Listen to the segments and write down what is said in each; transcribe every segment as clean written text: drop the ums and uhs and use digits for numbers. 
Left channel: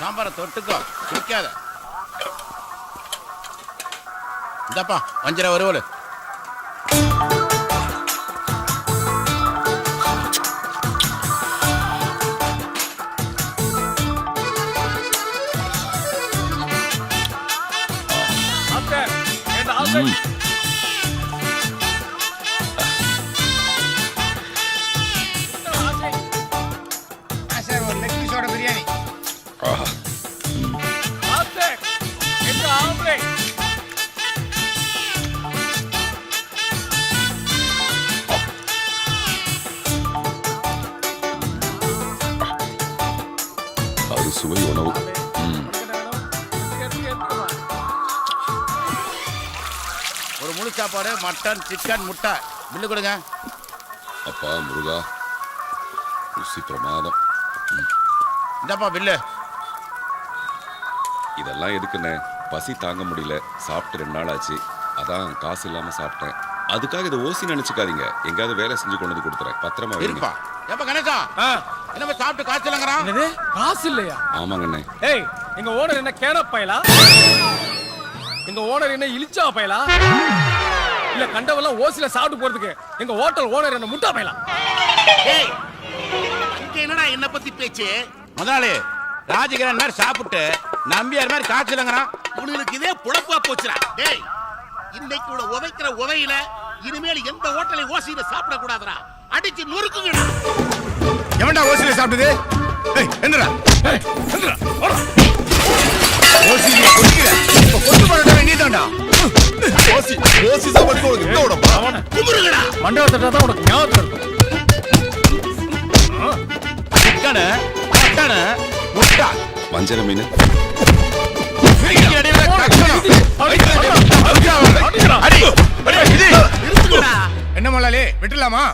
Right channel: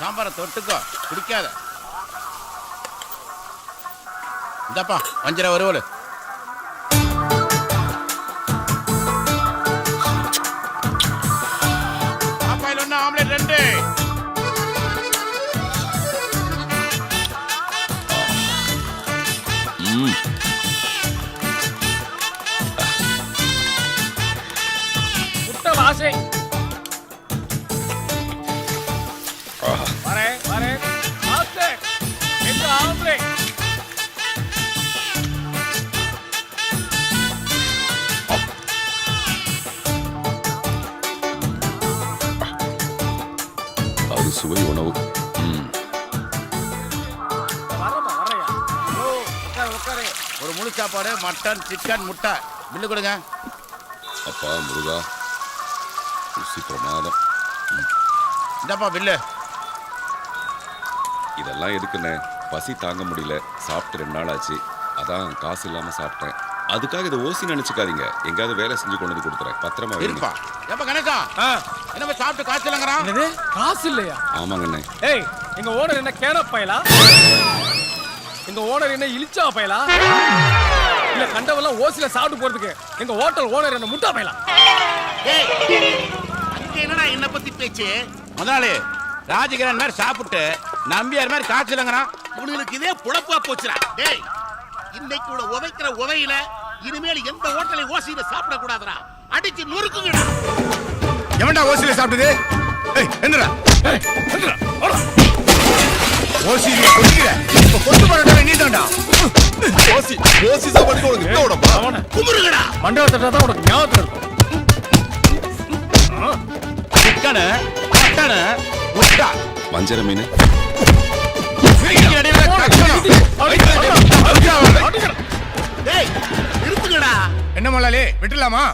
சாம்பாரை தொட்டுக்கோ, குடிக்காத. இந்தப்பா வஞ்சர வருவல். சுவை உணவு. ஒரு முழு சாப்பாடு, மட்டன், சிக்கன், முட்டை. பில்லு கொடுங்க. அப்பா முருகா, ருசி பிரமாதம். இந்தப்பா பில்லு. இதெல்லாம் எதுக்குண்ணே? பசி தாங்க முடியல, சாப்பிட்டு 2 நாள் ஆச்சு. அதான் காசு இல்லாம சாப்பிட்டேன். அதுக்காக இதை ஓசி நினைச்சுக்காதீங்க. எங்காவது வேலை செஞ்சு கொண்டு வந்து கொடுத்துறேன். பத்திரமா இருப்பா. எப்ப கணக்கா என்ன சாப்பிட்டு காசு இல்லங்கறான்? என்னது காசு இல்லையா? ஆமாங்கண்ணே. ஏய், எங்க ஓனர் என்ன கேன பயலா? எங்க ஓனர் என்ன இலிச்சா பயலா? இல்ல கண்டவெல்லாம் ஓசில சாப்பிட்டு போறதுக்கு எங்க ஹோட்டல் ஓனர் என்ன முட்டா பயலா? ஏய், அங்க என்னடா என்ன பத்தி பேச்சு? முதலாளி ராஜகிரண் மாதிரி சாப்பிட்டு நம்பியார் மாதிரி காசு இல்லங்கறான். உங்களுக்கு இதே புளப்பா போச்சுடா. டேய், இன்னைக்கு உதைக்கிற உதையில இனிமேல் எந்த ஹோட்டலை ஓசியில சாப்பிட கூடாதுடா. அடிச்சு நொறுக்குங்கடா. எவன்டா ஓசியில சாப்பிட்டது? ஏய் எந்திரா. ஏய் எந்திரா. ஓடா. ஓசியில குடிக்கிற. இப்ப கொண்டு போறடா நீதான்டா. ஓசி சாப்பாடுக்கு உனக்கு என்ன உடம்பா? குமுறுங்கடா. மண்டபத்தட்ட தான் உனக்கு ஞாபகம் இருக்கும். சிக்கன், மட்டன், முட்டை. வஞ்சர மீன். என்ன மல்லாலே விட்டுலாமா?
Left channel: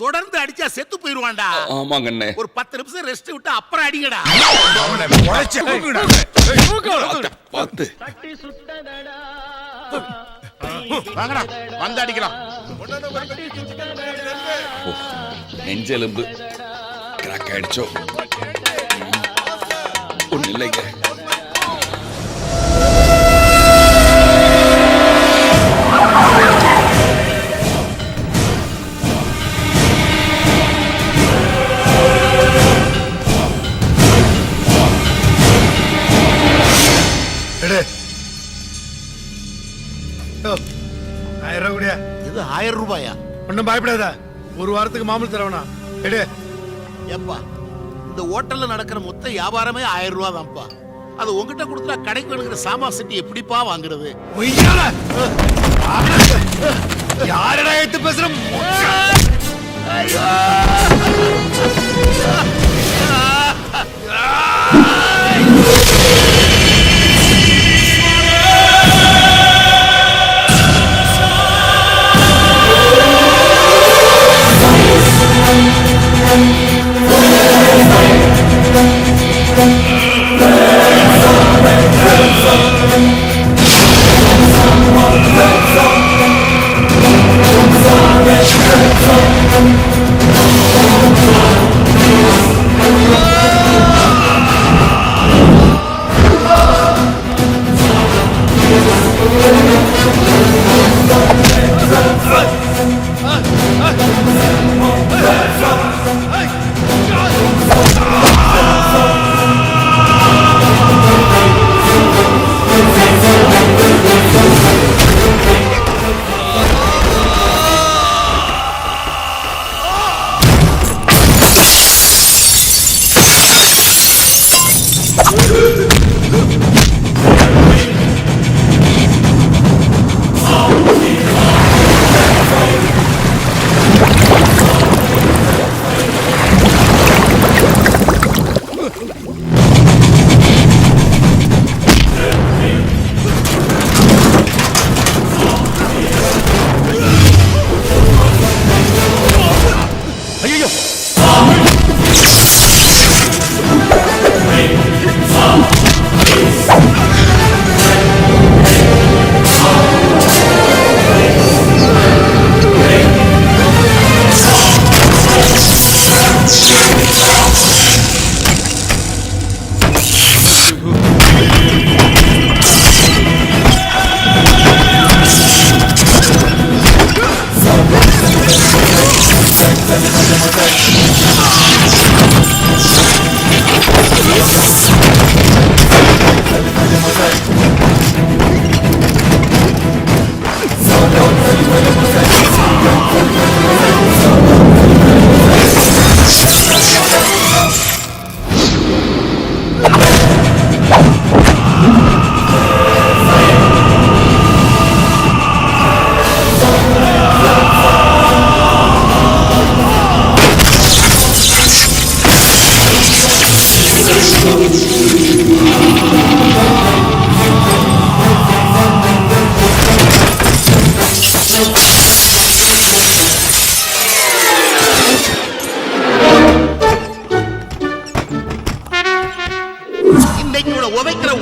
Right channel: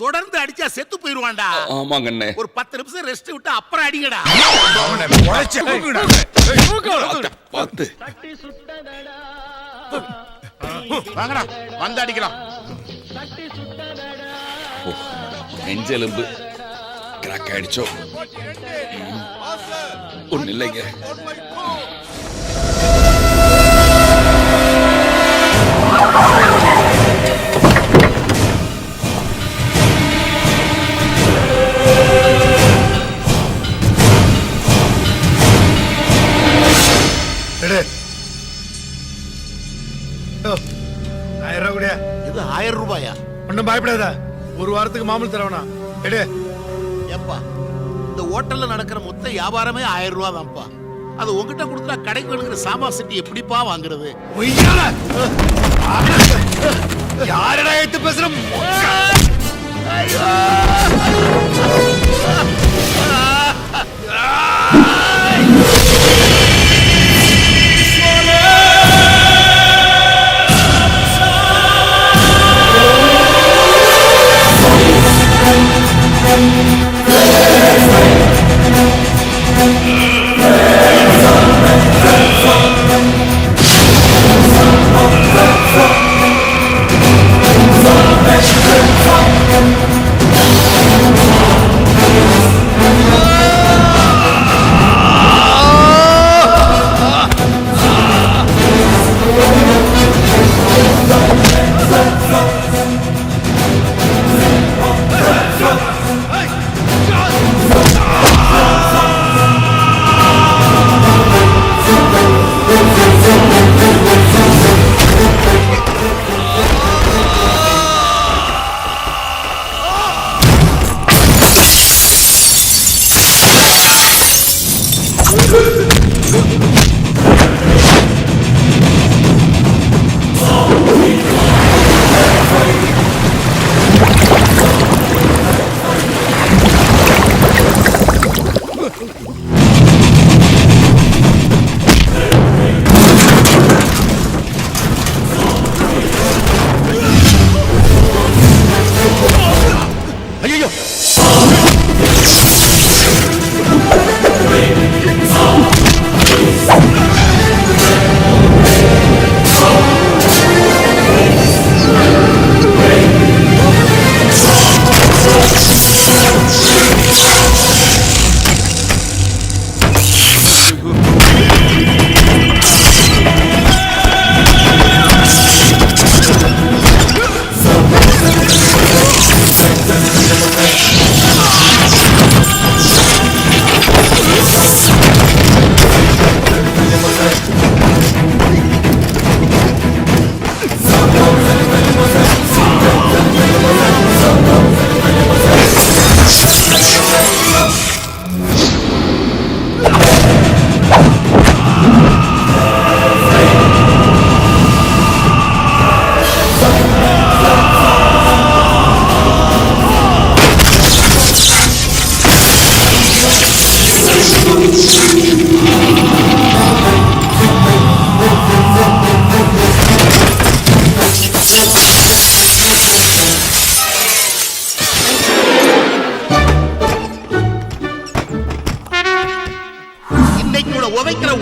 தொடர்ந்து அடிச்சா செத்து போயிருவான்டா. ஆமாங்கண்ணே. ஒரு 10 நிமிஷம் ரெஸ்ட் விட்டு அப்புறம் அடிங்கடா. அவனை உடைச்சு கூப்பிடுடா. பாத்து. வாங்கடா வந்து அடிக்கலாம். நெஞ்செலும்பு கிராக் ஆயிடுச்சோ? ஒண்ணு இல்லைங்க. இது 1000 ரூபாயா? ஒன்னும் பயப்படாத. ஒரு வாரத்துக்கு மாமூல் தரவனா எடு. ஏப்பா, இந்த ஹோட்டல்ல நடக்கிற மொத்த வியாபாரமே 1000 ரூபா தான்ப்பா. அது உங்ககிட்ட கொடுத்தா கடைக்கு வேணுங்கிற சாமான் செட்டி எப்படிப்பா வாங்குறது? யாரடா எடுத்து பேசுற? Let's go.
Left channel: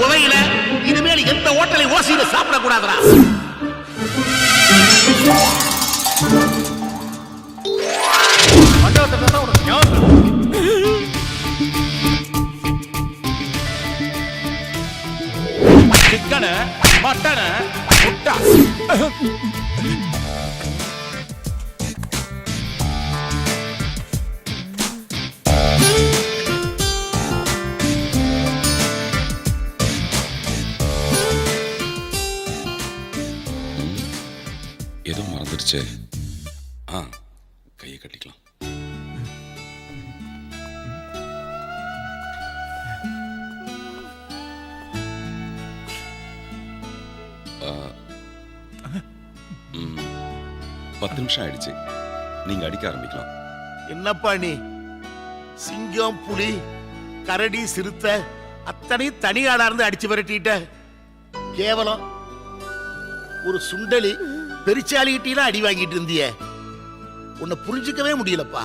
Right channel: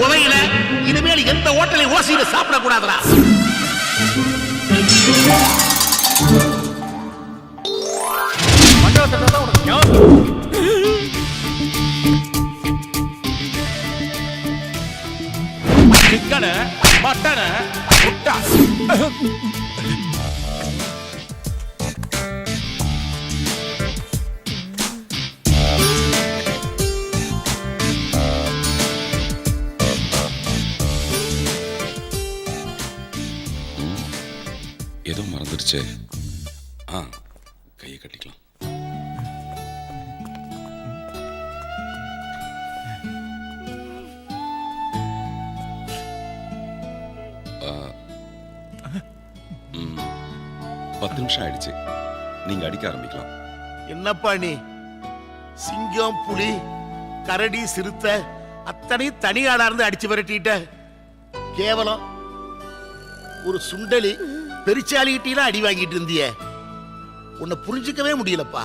உதையில இனிமேல் எந்த ஹோட்டலை ஓசியில சாப்பிடக்கூடாதுடா. மண்டபத்தை தான் உனக்கு ஞாபகம் இருக்கு. சிக்கனு மட்டனு முட்டை. ஏதோ மறந்துடுச்சே. கையை கட்டிக்கலாம். ம், 10 நிமிஷம் ஆயிடுச்சு. நீங்க அடிக்க ஆரம்பிக்கலாம். என்னப்பா நீ சிங்கம் புலி கரடி சிறுத்தை அத்தனை தனியாளா இருந்து அடிச்சு விரட்டிட்ட. கேவலம் ஒரு சுண்டலி பெருச்சாலிகிட்டீங்க அடி வாங்கிட்டு இருந்திய. உன்னை புரிஞ்சுக்கவே முடியலப்பா.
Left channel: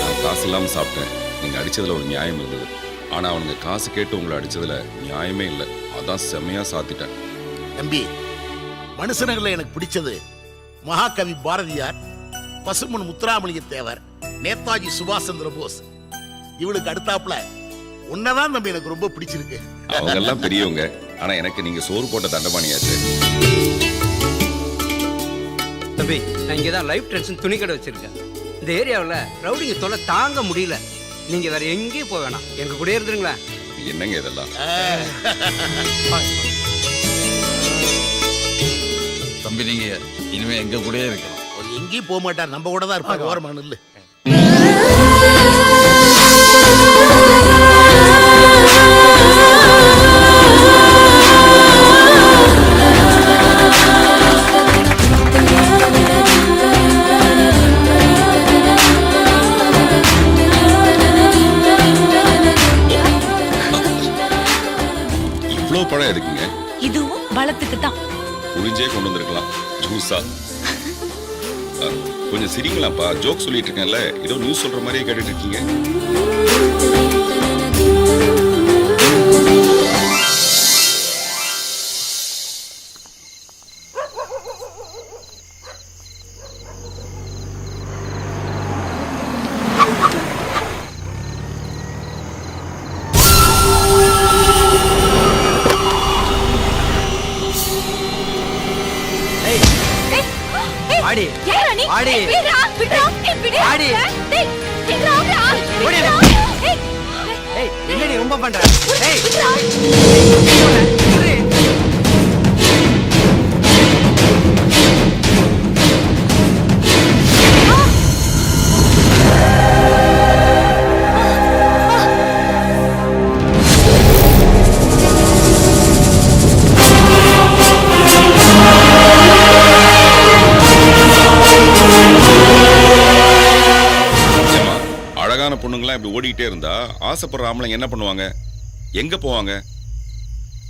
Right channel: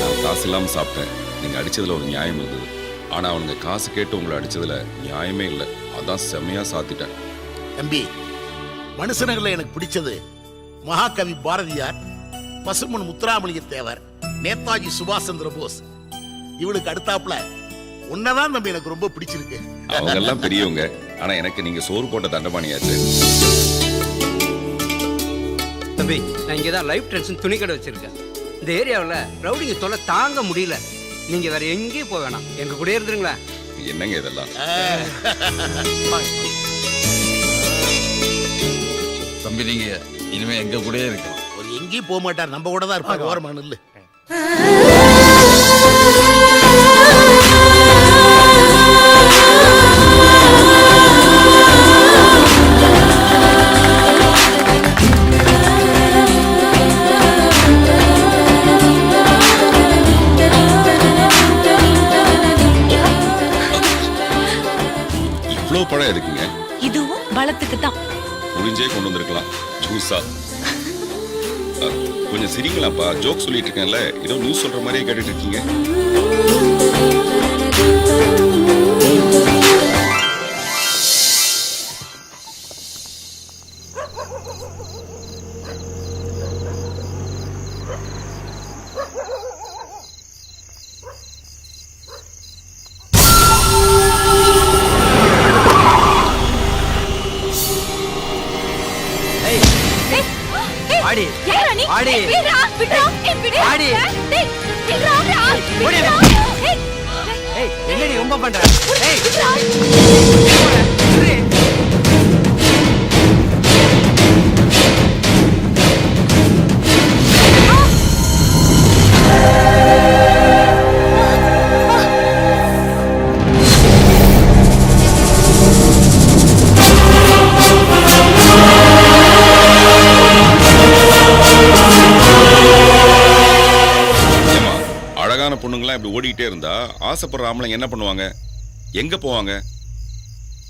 நான் காசு இல்லாம சாப்பிட்டேன். நீங்க அடிச்சதுல ஒரு நியாயம் இருந்தது. ஆனா அவனுங்க காசு கேட்டு உங்களை அடிச்சதுல நியாயமே இல்லை. அதான் செம்மையா சாத்திட்டேன். தம்பி, மனுஷனங்கள எனக்கு பிடிச்சது மகாகவி பாரதியார், பசுமன் முத்துராமலிங்க தேவர், நேதாஜி சுபாஷ் சந்திர போஸ். இவளுக்கு அடுத்தாப்புல உன்னதான் தம்பி எனக்கு ரொம்ப பிடிச்சிருக்கு. அவங்க எல்லாம் பெரியவங்க. ஆனா எனக்கு நீங்க சோறு போட்ட தண்டபாணியாச்சு. தம்பி, நான் இங்கே தான் லைஃப் டென்ஷன் துணி கடை வச்சிருக்கேன். இந்த ஏரியாவில் ரவுடிங்க தொல்லை தாங்க முடியல. நீங்க வேற எங்கேயும் போக வேணாம், எங்க கூட இருந்துருங்களேன். என்னங்க இதெல்லாம்? தம்பி, நீங்க இனிமே எங்க கூடயே இருக்கணும். ஒரு எங்கேயும் போக மாட்டார், நம்ம கூட தான் இருப்பார். ஓரமா நில்லு. இவ்வளவு பழம் எதுக்குங்க? இதுவும் பலத்துக்கு தான். புளிஞ்சே கொண்டு வந்திருக்கலாம், ஜூஸா. கொஞ்சம் சிரிங்களாப்பா. ஜோக் சொல்லிட்டு இருக்கேன்ல, ஏதோ நியூஸ் சொல்ற மாதிரியே கேட்டுட்டு இருக்கீங்க. ஆடி ஏய் ஆடி விடுடா விடுடா ஏய் விடு ஆடி டேய் விடுடா ஓடி விடுடா ஏய் ஏய் என்னடி ரொம்ப பண்ற? ஏய் விடுடா விடு. அழகான பொண்ணுங்களாம் இப்படி ஓடிக்கிட்டே இருந்தா ஆசைப்படுற ஆம்பளைங்க என்ன பண்ணுவாங்க? எங்க போவாங்க?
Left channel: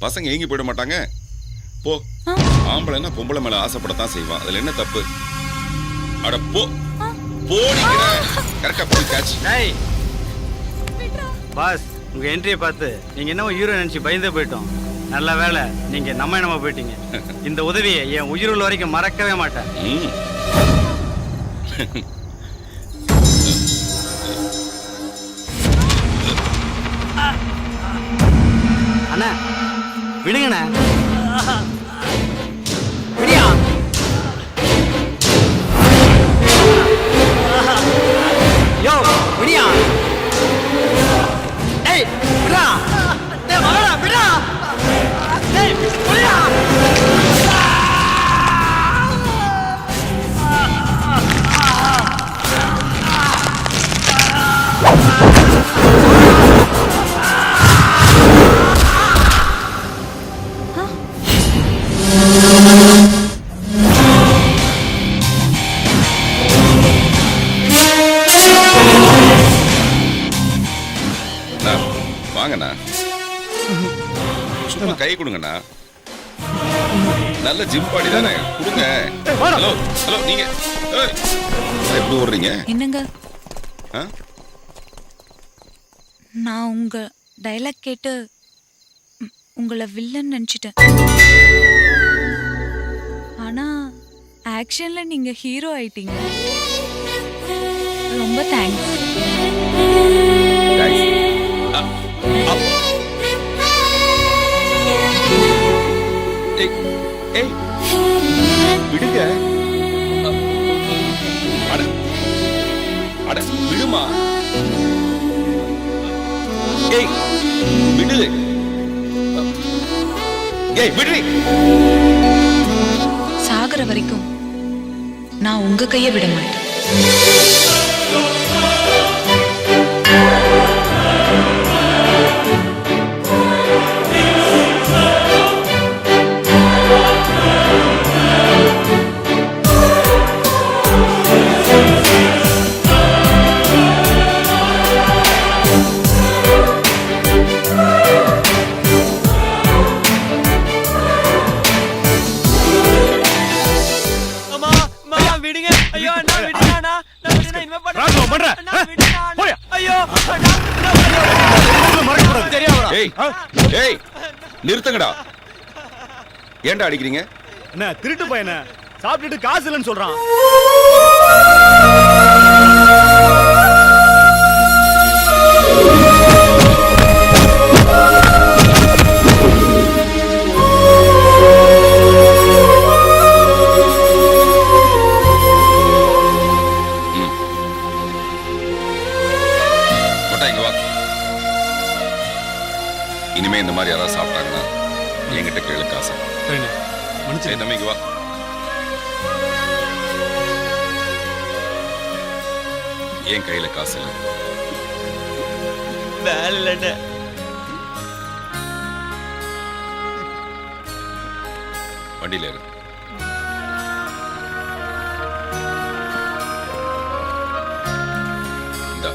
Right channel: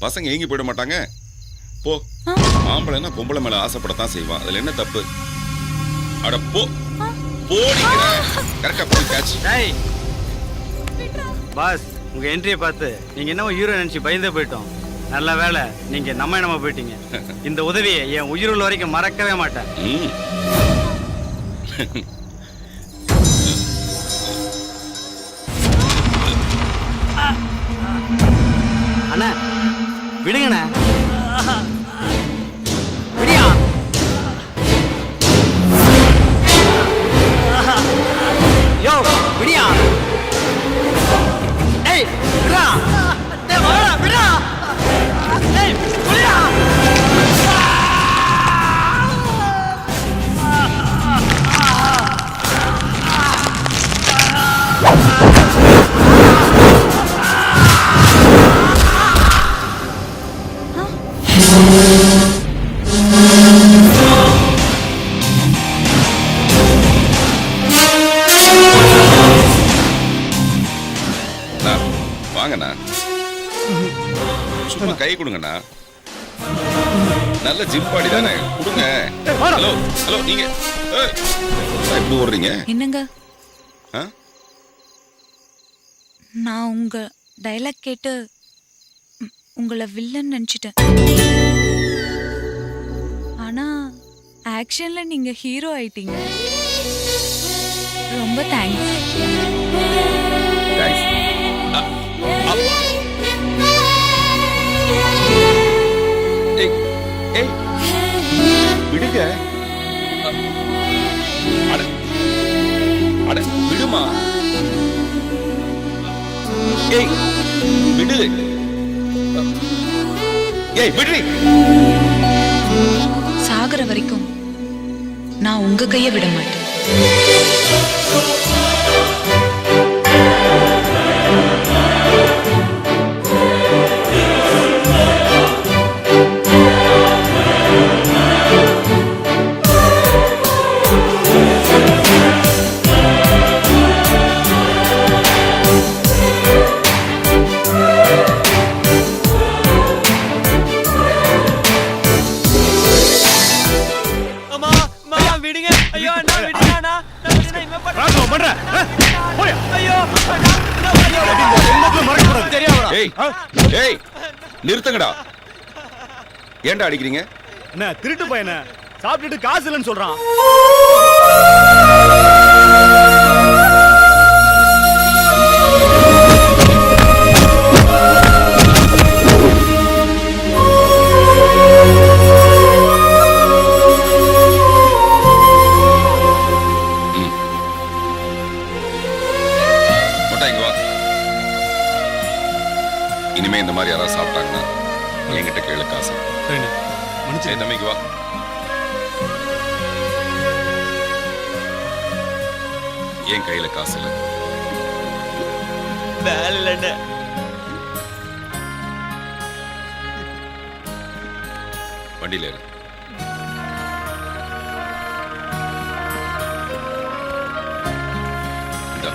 பசங்க எங்கி போயிட மாட்டாங்க. போ. ஆம்பளைன்னா பொம்பளை மேல ஆசைப்படத்தான் செய்வான். அதுல என்ன தப்பு? அட போ. போடிக்கிற. கரெக்டா போய் கேட்ச். டேய் பாஸ், உங்க என்ட்ரியை பார்த்து நீங்க என்ன ஹீரோ நினைச்சு பயந்தே போயிட்டோம். நல்ல வேலை நீங்க நம்ம என்னமா போயிட்டீங்க. இந்த உதவியை என் உயிர் உள்ள வரைக்கும் மறக்கவே மாட்டேன். அண்ணா விடுங்கண்ணா. விடியா யோ விடியா. டேய் விடா. டேய் மகனா விடா. டேய் விடா. வாங்கண்ணா, சும்மா கை கொடுங்கண்ணா. நல்ல ஜிம் பாடி தானே, கொடுங்க. ஹலோ ஹலோ, நீங்க எப்படி ஓடுறீங்க? என்னங்க, நான் உங்க டயலாக் கேட்டு உங்களை வில்லன் நினைச்சிட்டேன். ஆனா ஆக்ஷன்ல நீங்க ஹீரோ ஆயிட்டீங்க. ரொம்ப தேங்க்ஸ். ஏய் விடுங்க. அட அட விடுமா. ஏய் விடு. ஏய் விடு. சாகர வரைக்கும் நான் உங்க கைய விட மாட்டேன். ஏய் நிறுத்துங்கடா. ஏன்டா அடிக்கிறீங்க? என்ன திருட்டு பையன சாப்பிட்டுட்டு காசு இல்லைன்னு சொல்றான். இங்க வா. இனிமே இந்த மாதிரி யாராவது சாப்பிட்டாங்கன்னா என்கிட்ட கேளு காசு. மன்னிச்சு தம்பிக்கு வா. என் கையில காசு இல்ல. வண்டியில இரு. இந்தா.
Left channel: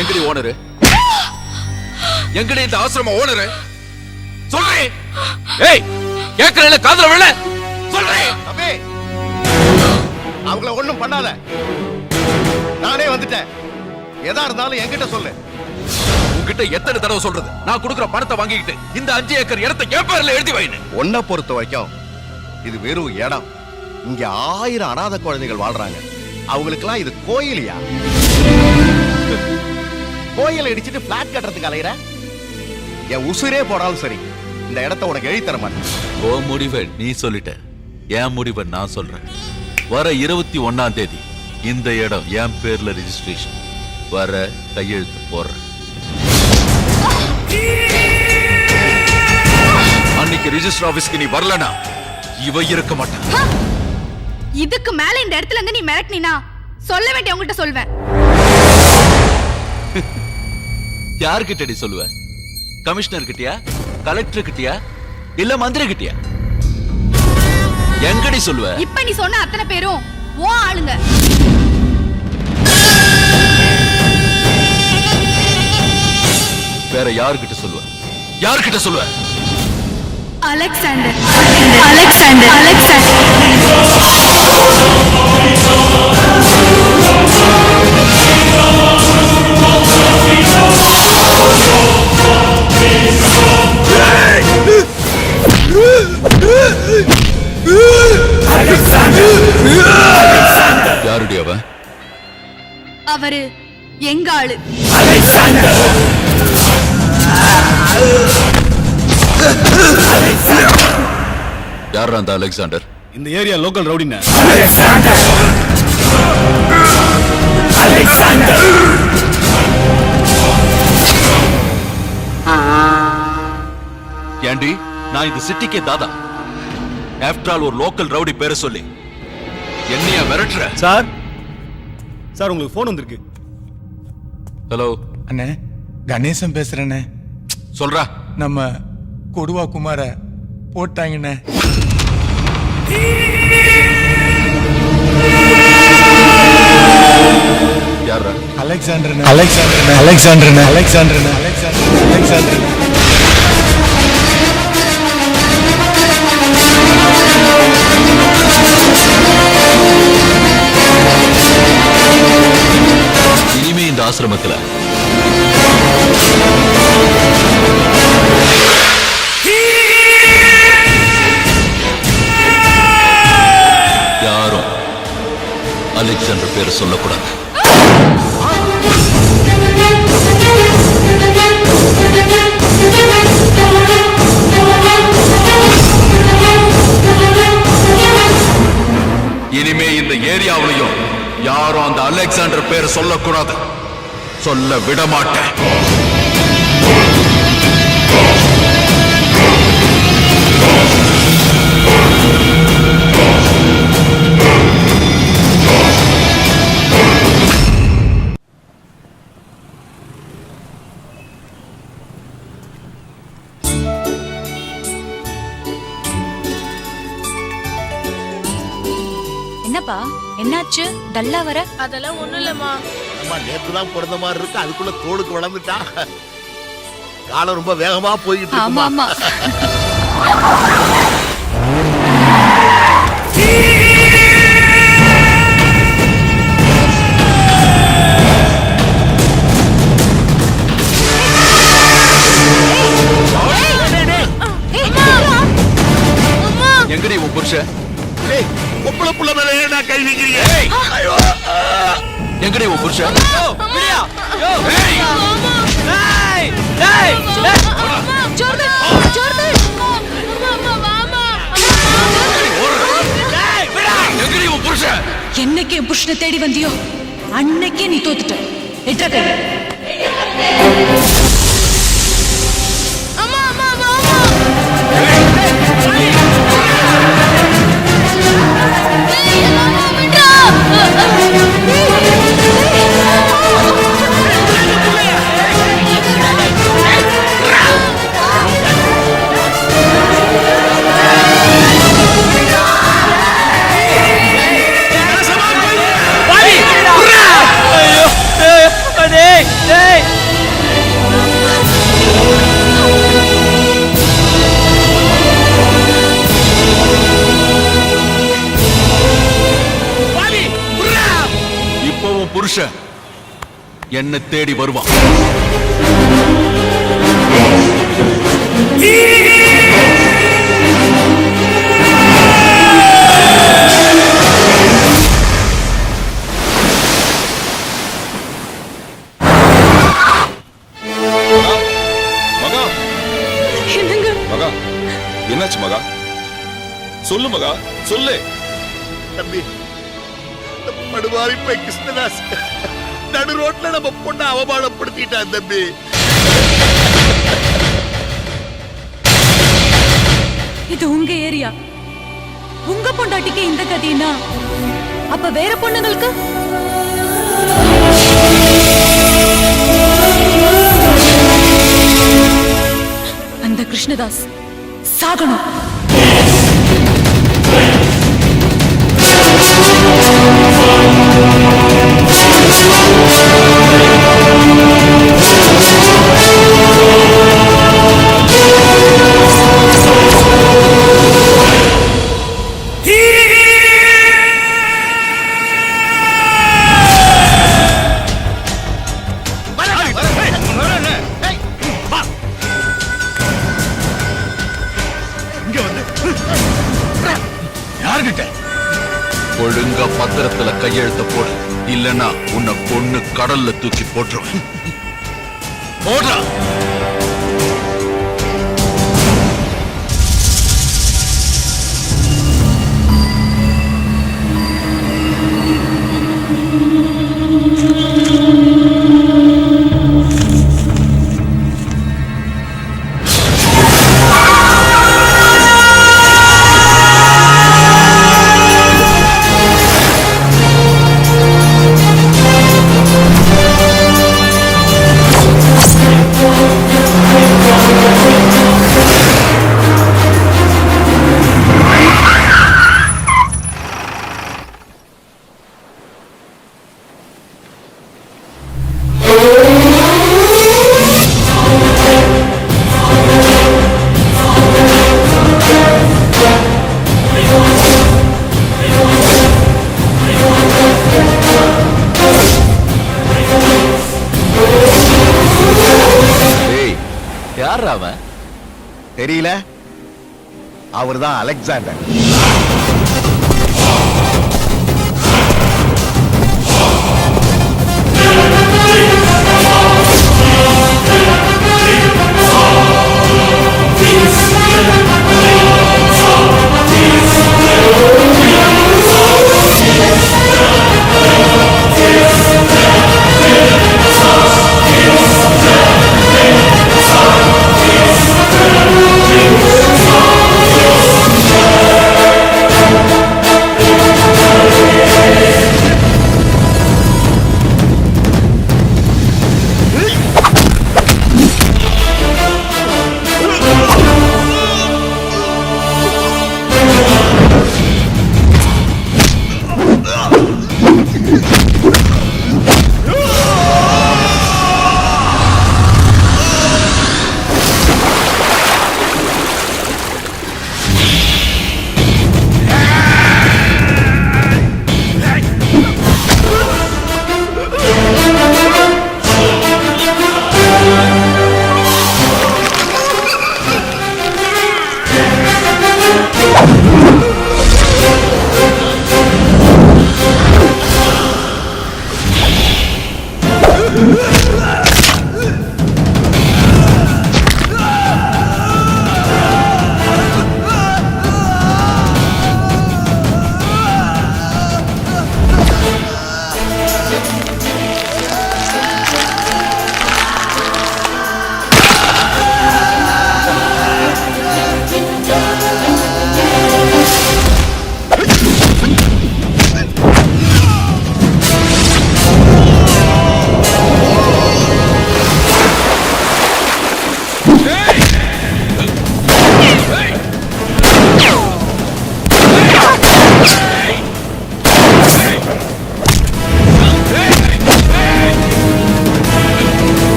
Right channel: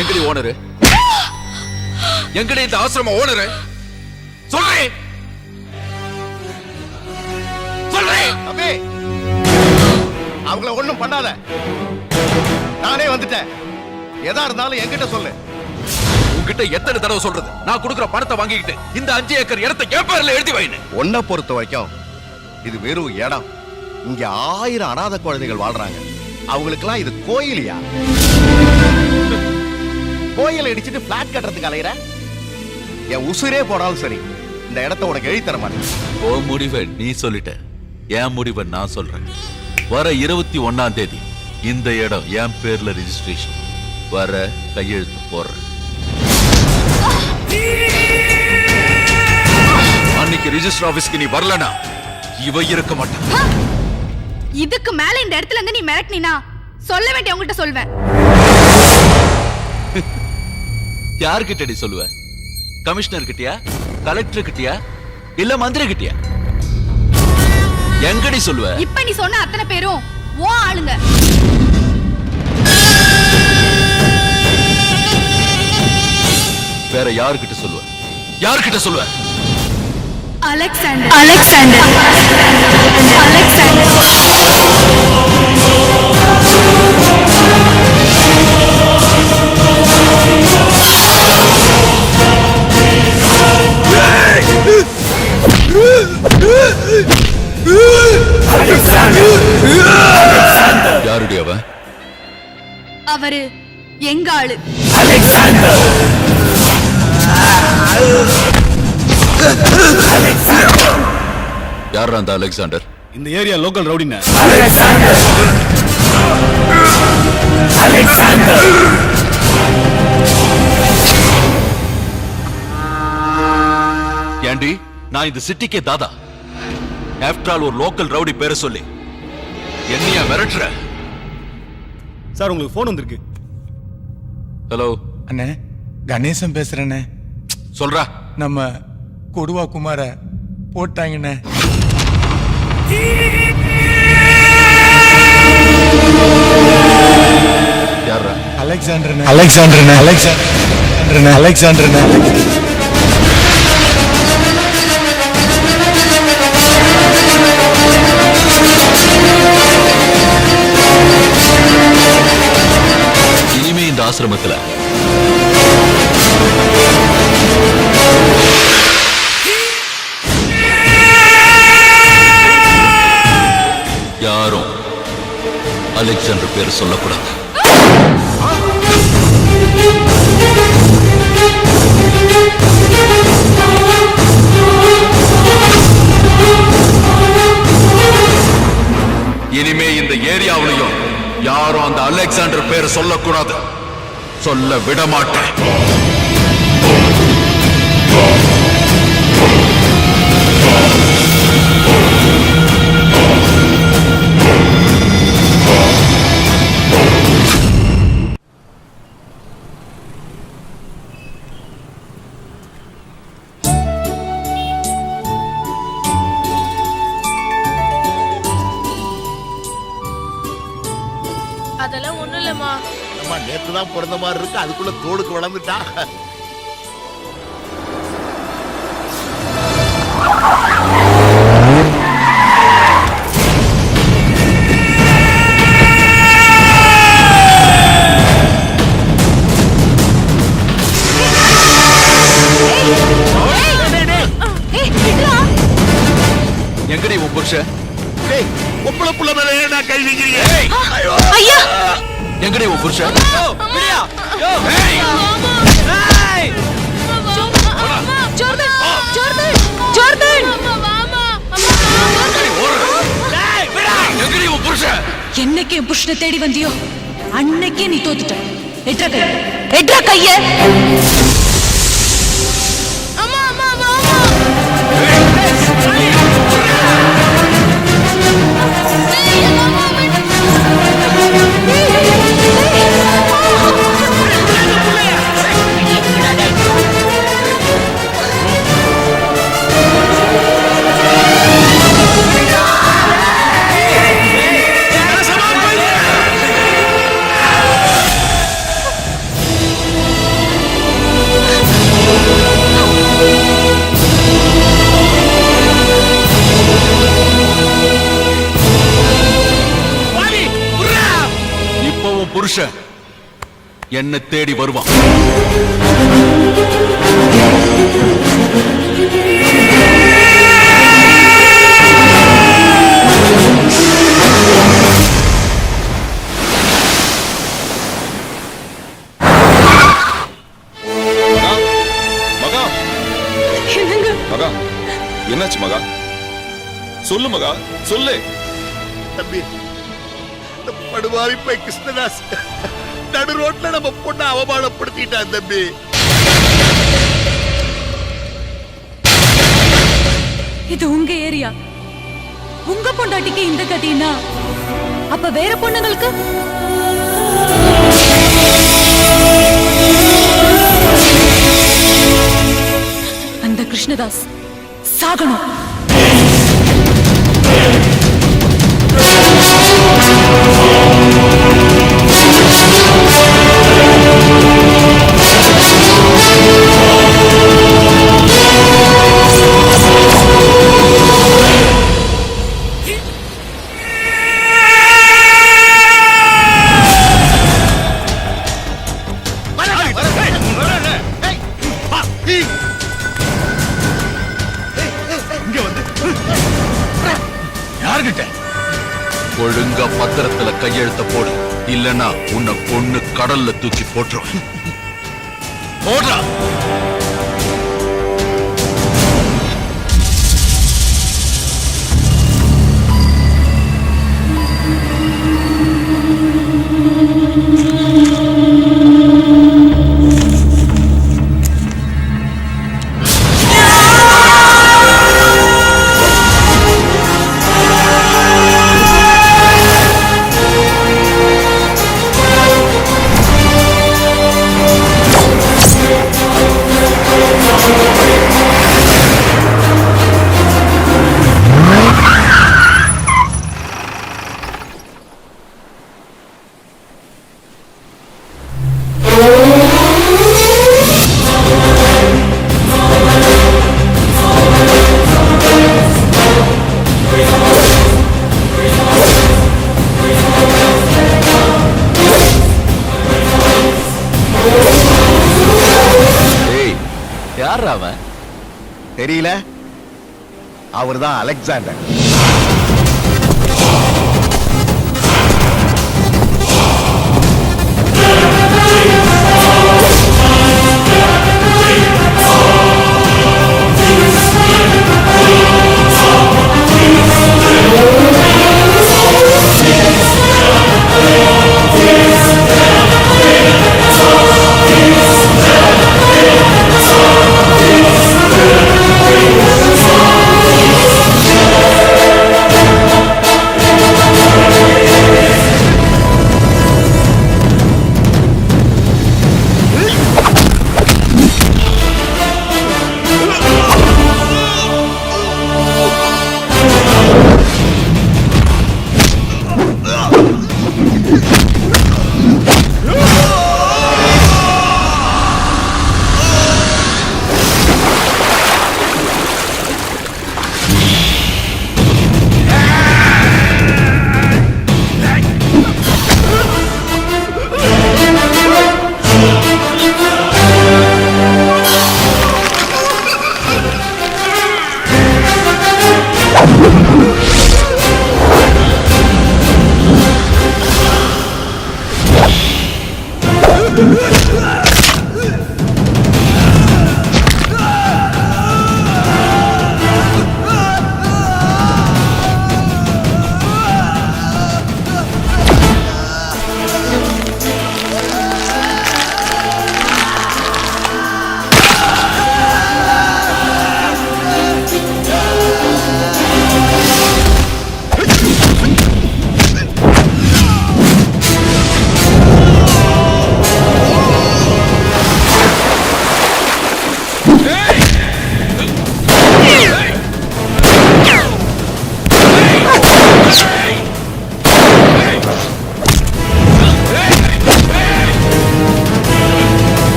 எங்கடி ஓனரு? எங்கடி இந்த ஆசிரம ஓனரு? சொல்றேன். ஏய் கேக்குறேன், காதுல விழ சொல்றேன். தம்பி அவங்கள ஒண்ணும் பண்ணாத. நானே வந்துட்டேன். எதா இருந்தாலும் என்கிட்ட சொல்லு. உன்கிட்ட எத்தனை தடவை சொல்றது? நான் கொடுக்குற பணத்தை வாங்கிக்கிட்டு இந்த 5 ஏக்கர் இடத்தை என் பேர்ல எழுதி வைன்னு. ஒன்ன பொறுத்த வரைக்கும் இது வெறும் இடம். இங்க 1000 அனாதை குழந்தைகள் வாழ்றாங்க. அவங்களுக்கெல்லாம் இது கோயிலியா? கோயிலை இடிச்சிட்டு பிளாட் கட்டுறதுக்கு அலையிற? என் உசுரே போனாலும் சரி இந்த இடத்தை உனக்கு எழுதி தர மாட்டேன். ஓ முடிவை நீ சொல்லிட்ட, என் முடிவை நான் சொல்றேன். வர 21ஆம் தேதி இந்த இடம் என் பேர்ல ரெஜிஸ்ட்ரேஷன். வர கையெழுத்து போடுறேன். அன்னைக்கு ரிஜிஸ்டர் ஆபீஸ்க்கு நீ வரலனா இவ இருக்க மாட்டான். இதுக்கு மேல இந்த இடத்துல இருந்து நீ மிரட்டினா சொல்ல வேண்டிய உங்ககிட்ட சொல்வேன். யார்கிட்டடி சொல்லுவ? கமிஷனர் கிட்டயா, கலெக்டர் கிட்டயா, இல்ல மந்திரி கிட்டயா? எங்கடி சொல்லுவ? இப்ப நீ சொன்ன அத்தனை பேரும் ஓ ஆளுங்க. வேற யார்கிட்ட சொல்லுவ? யார்கிட்ட சொல்லுவ? அலெக்சாண்டர் அலெக்சாண்டர் அலெக்சாண்டர் அலெக்சாண்டர் யாருடைய அவன்? அவரு எங்க ஆளு. யாரா அந்த அலெக்சாண்டர்? இந்த ஏரியா லோக்கல் ரவுடின. ஏண்டி நான் இந்த சிட்டிக்கே தாதா. ஆஃப்டர் ஆல் ஒரு லோக்கல் ரவுடி பேரை சொல்லி என்னையா மிரட்டுற? சார் சார் உங்களுக்கு போன் வந்திருக்கு. ஹலோ அண்ணே, கணேசன் பேசுறேண்ணே. சொல்றா. நம்ம கொடுவா குமார போட்டாங்கண்ணே. அலெக்சாண்டர்னே அலெக்சாண்டர்னே அலெக்சாண்டர்னே அலெக்சாண்டர்னே அலெக்சாண்டர்னே அலெக்சாண்டர் இனிமே இந்த ஆசிரமத்துல யாரும் அலெக்சாண்டர் பேர் சொல்லக்கூடாது. இனிமே இந்த ஏரியாவிலையும் யாரும் அந்த அலெக்சாண்டர் பேரை சொல்லக்கூடாது. சொல்ல விட மாட்டேன். என்னப்பா என்னாச்சு டல்லா வர? அதெல்லாம் ஒண்ணும் இல்லம்மா. நம்ம நேத்து தான் பிறந்த மாதிரி இருக்கு, அதுக்குள்ள தோளுக்கு வளர்ந்துட்டா. காலம் ரொம்ப வேகமா போயிட்டு ஆமா ஆமா. எங்கடி உன் புருஷன்? ஒப்பள புள்ள மேல ஏன்டா கை வைக்கிறீங்க? எங்கடி உன் புருஷன்? எங்கடி உன் புருஷன்? என்னைக்கு என் புருஷனை தேடி வந்தியோ அன்னைக்கே நீ தோத்துட்ட. எட்ரா கைய, எட்ரா கைய. அம்மா அம்மா அம்மா இப்பவும் புருஷன் என்ன தேடி வருவான். மகா என்னங்க மகா என்னாச்சு மகா? சொல்லு மகா சொல்லு. தம்பி, இந்த படுவாவி போய் கிருஷ்ணதாஸ் நடு ரோட்ல நம்ம பொண்ணை அவமானப்படுத்திட்டான் தம்பி. இது உங்க ஏரியா, உங்க பொண்டாட்டிக்கு இந்த கதினா அப்ப வேற பொண்ணுங்களுக்கு? அந்த கிருஷ்ணதாஸ் சாகணும். யார்கிட்ட? ஒழுங்கா பத்திரத்துல கையெழுத்த போடு, இல்லனா உன்னை கொன்னு கடல்ல தூக்கி போட்டுருவேன். போடுறா. யார் அவன்? தெரியல, அவர்தான் அலெக்சாண்டர்.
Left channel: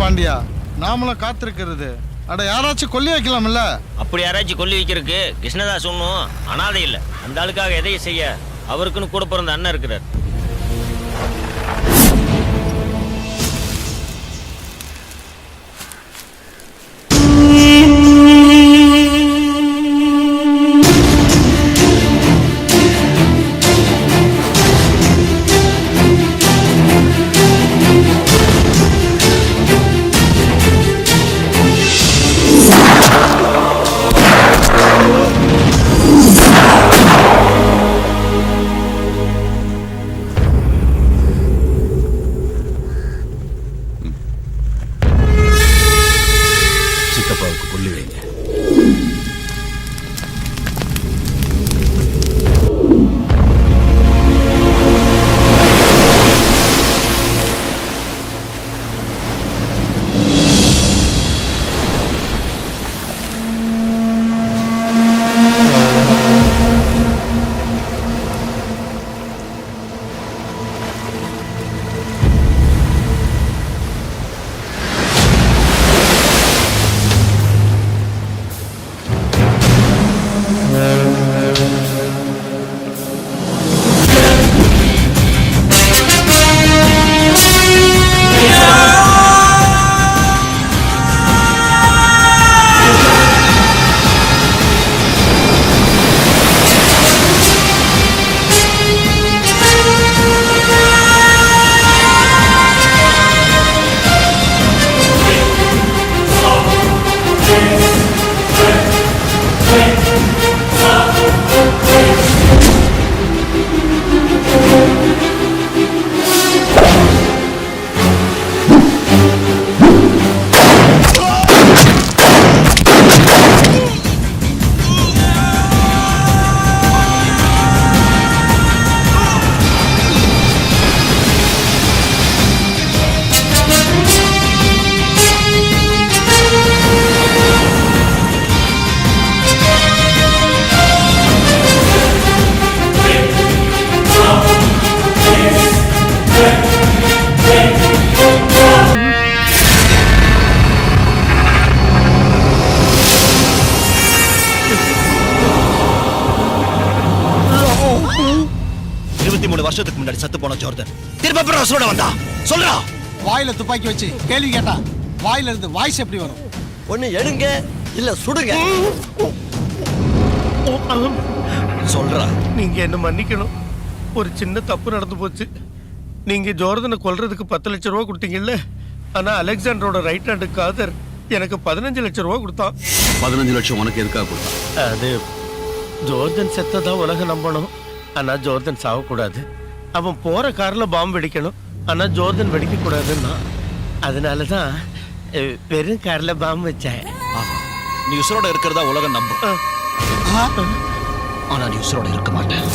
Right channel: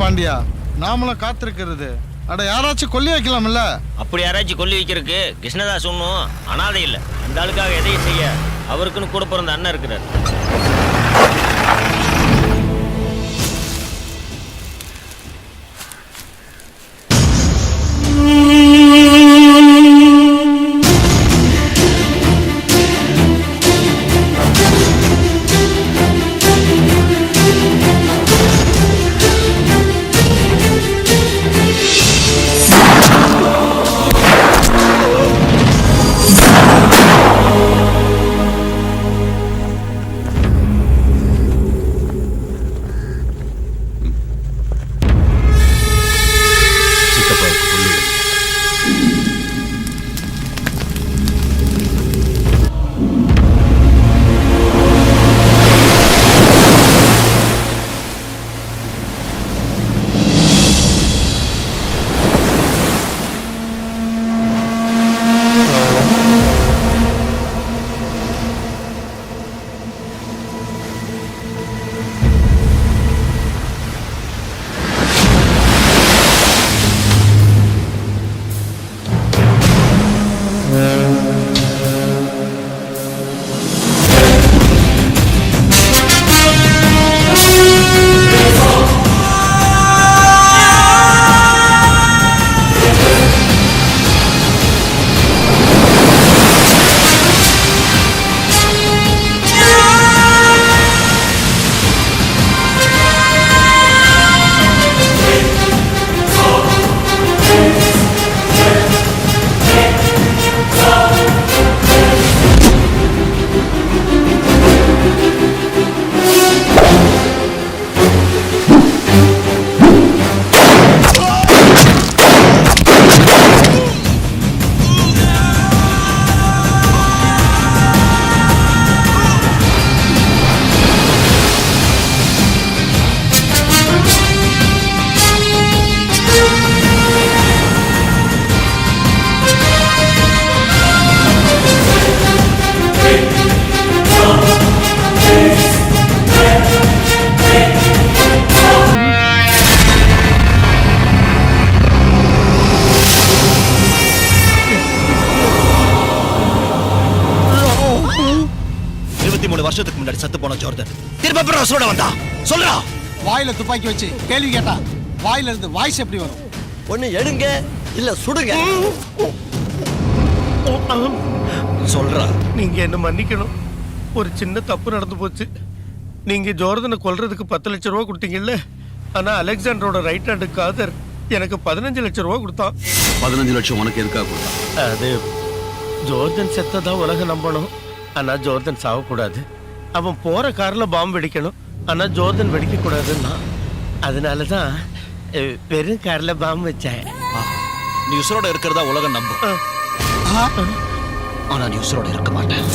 பாண்டியா, நாமளும் காத்திருக்கிறது. அட, யாராச்சும் கொல்லி வைக்கலாம்ல? அப்படி யாராச்சும் கொல்லி வைக்கிறதுக்கு கிருஷ்ணதாஸ் ஒன்றும் அனாதை இல்லை. அந்த ஆளுக்காக எதையும் செய்ய அவருக்குன்னு கூட பிறந்த அண்ணன் இருக்கிறார். வருஷத்துக்கு முன்னாடி சத்து போன ஜோர்டன் திரும்ப அப்புறம் உசுரோட வந்தா சொல்றா. வாயில துப்பாக்கி வச்சு கேள்வி கேட்டா வாயில இருந்து வாய்ஸ் எப்படி வரும்? ஒண்ணு எடுங்க இல்ல சுடுங்க. சொல்றா. நீங்க என்ன மன்னிக்கணும். ஒரு சின்ன தப்பு நடந்து போச்சு. நீங்க ஜோர்தனை கொல்றதுக்கு 10 லட்சம் ரூபா கொடுத்தீங்கல்ல, ஆனா அலெக்சாண்டரோட ரைட் ஹேண்டு காதர் எனக்கு 15 லட்சம் ரூபா கொடுத்தான். 15 லட்சம் உனக்கு எதுக்காக கொடுத்தான்? அது ஜோர்தன் செத்ததா உலகம் நம்பணும், ஆனா ஜோர்தன் சாகக்கூடாது. அவன் போற கார்ல பாம்பு வெடிக்கணும், ஆனா ஜோர்தன் வெடிக்க கூடாதுன்னா அதனாலதான் வெறும் கார்ல பாம்பு வச்சேன். நீ உசுரோட இருக்கிறதா உலகம் நம்பும், ஆனா நீ உசுரோட இருக்க மாட்டேன்.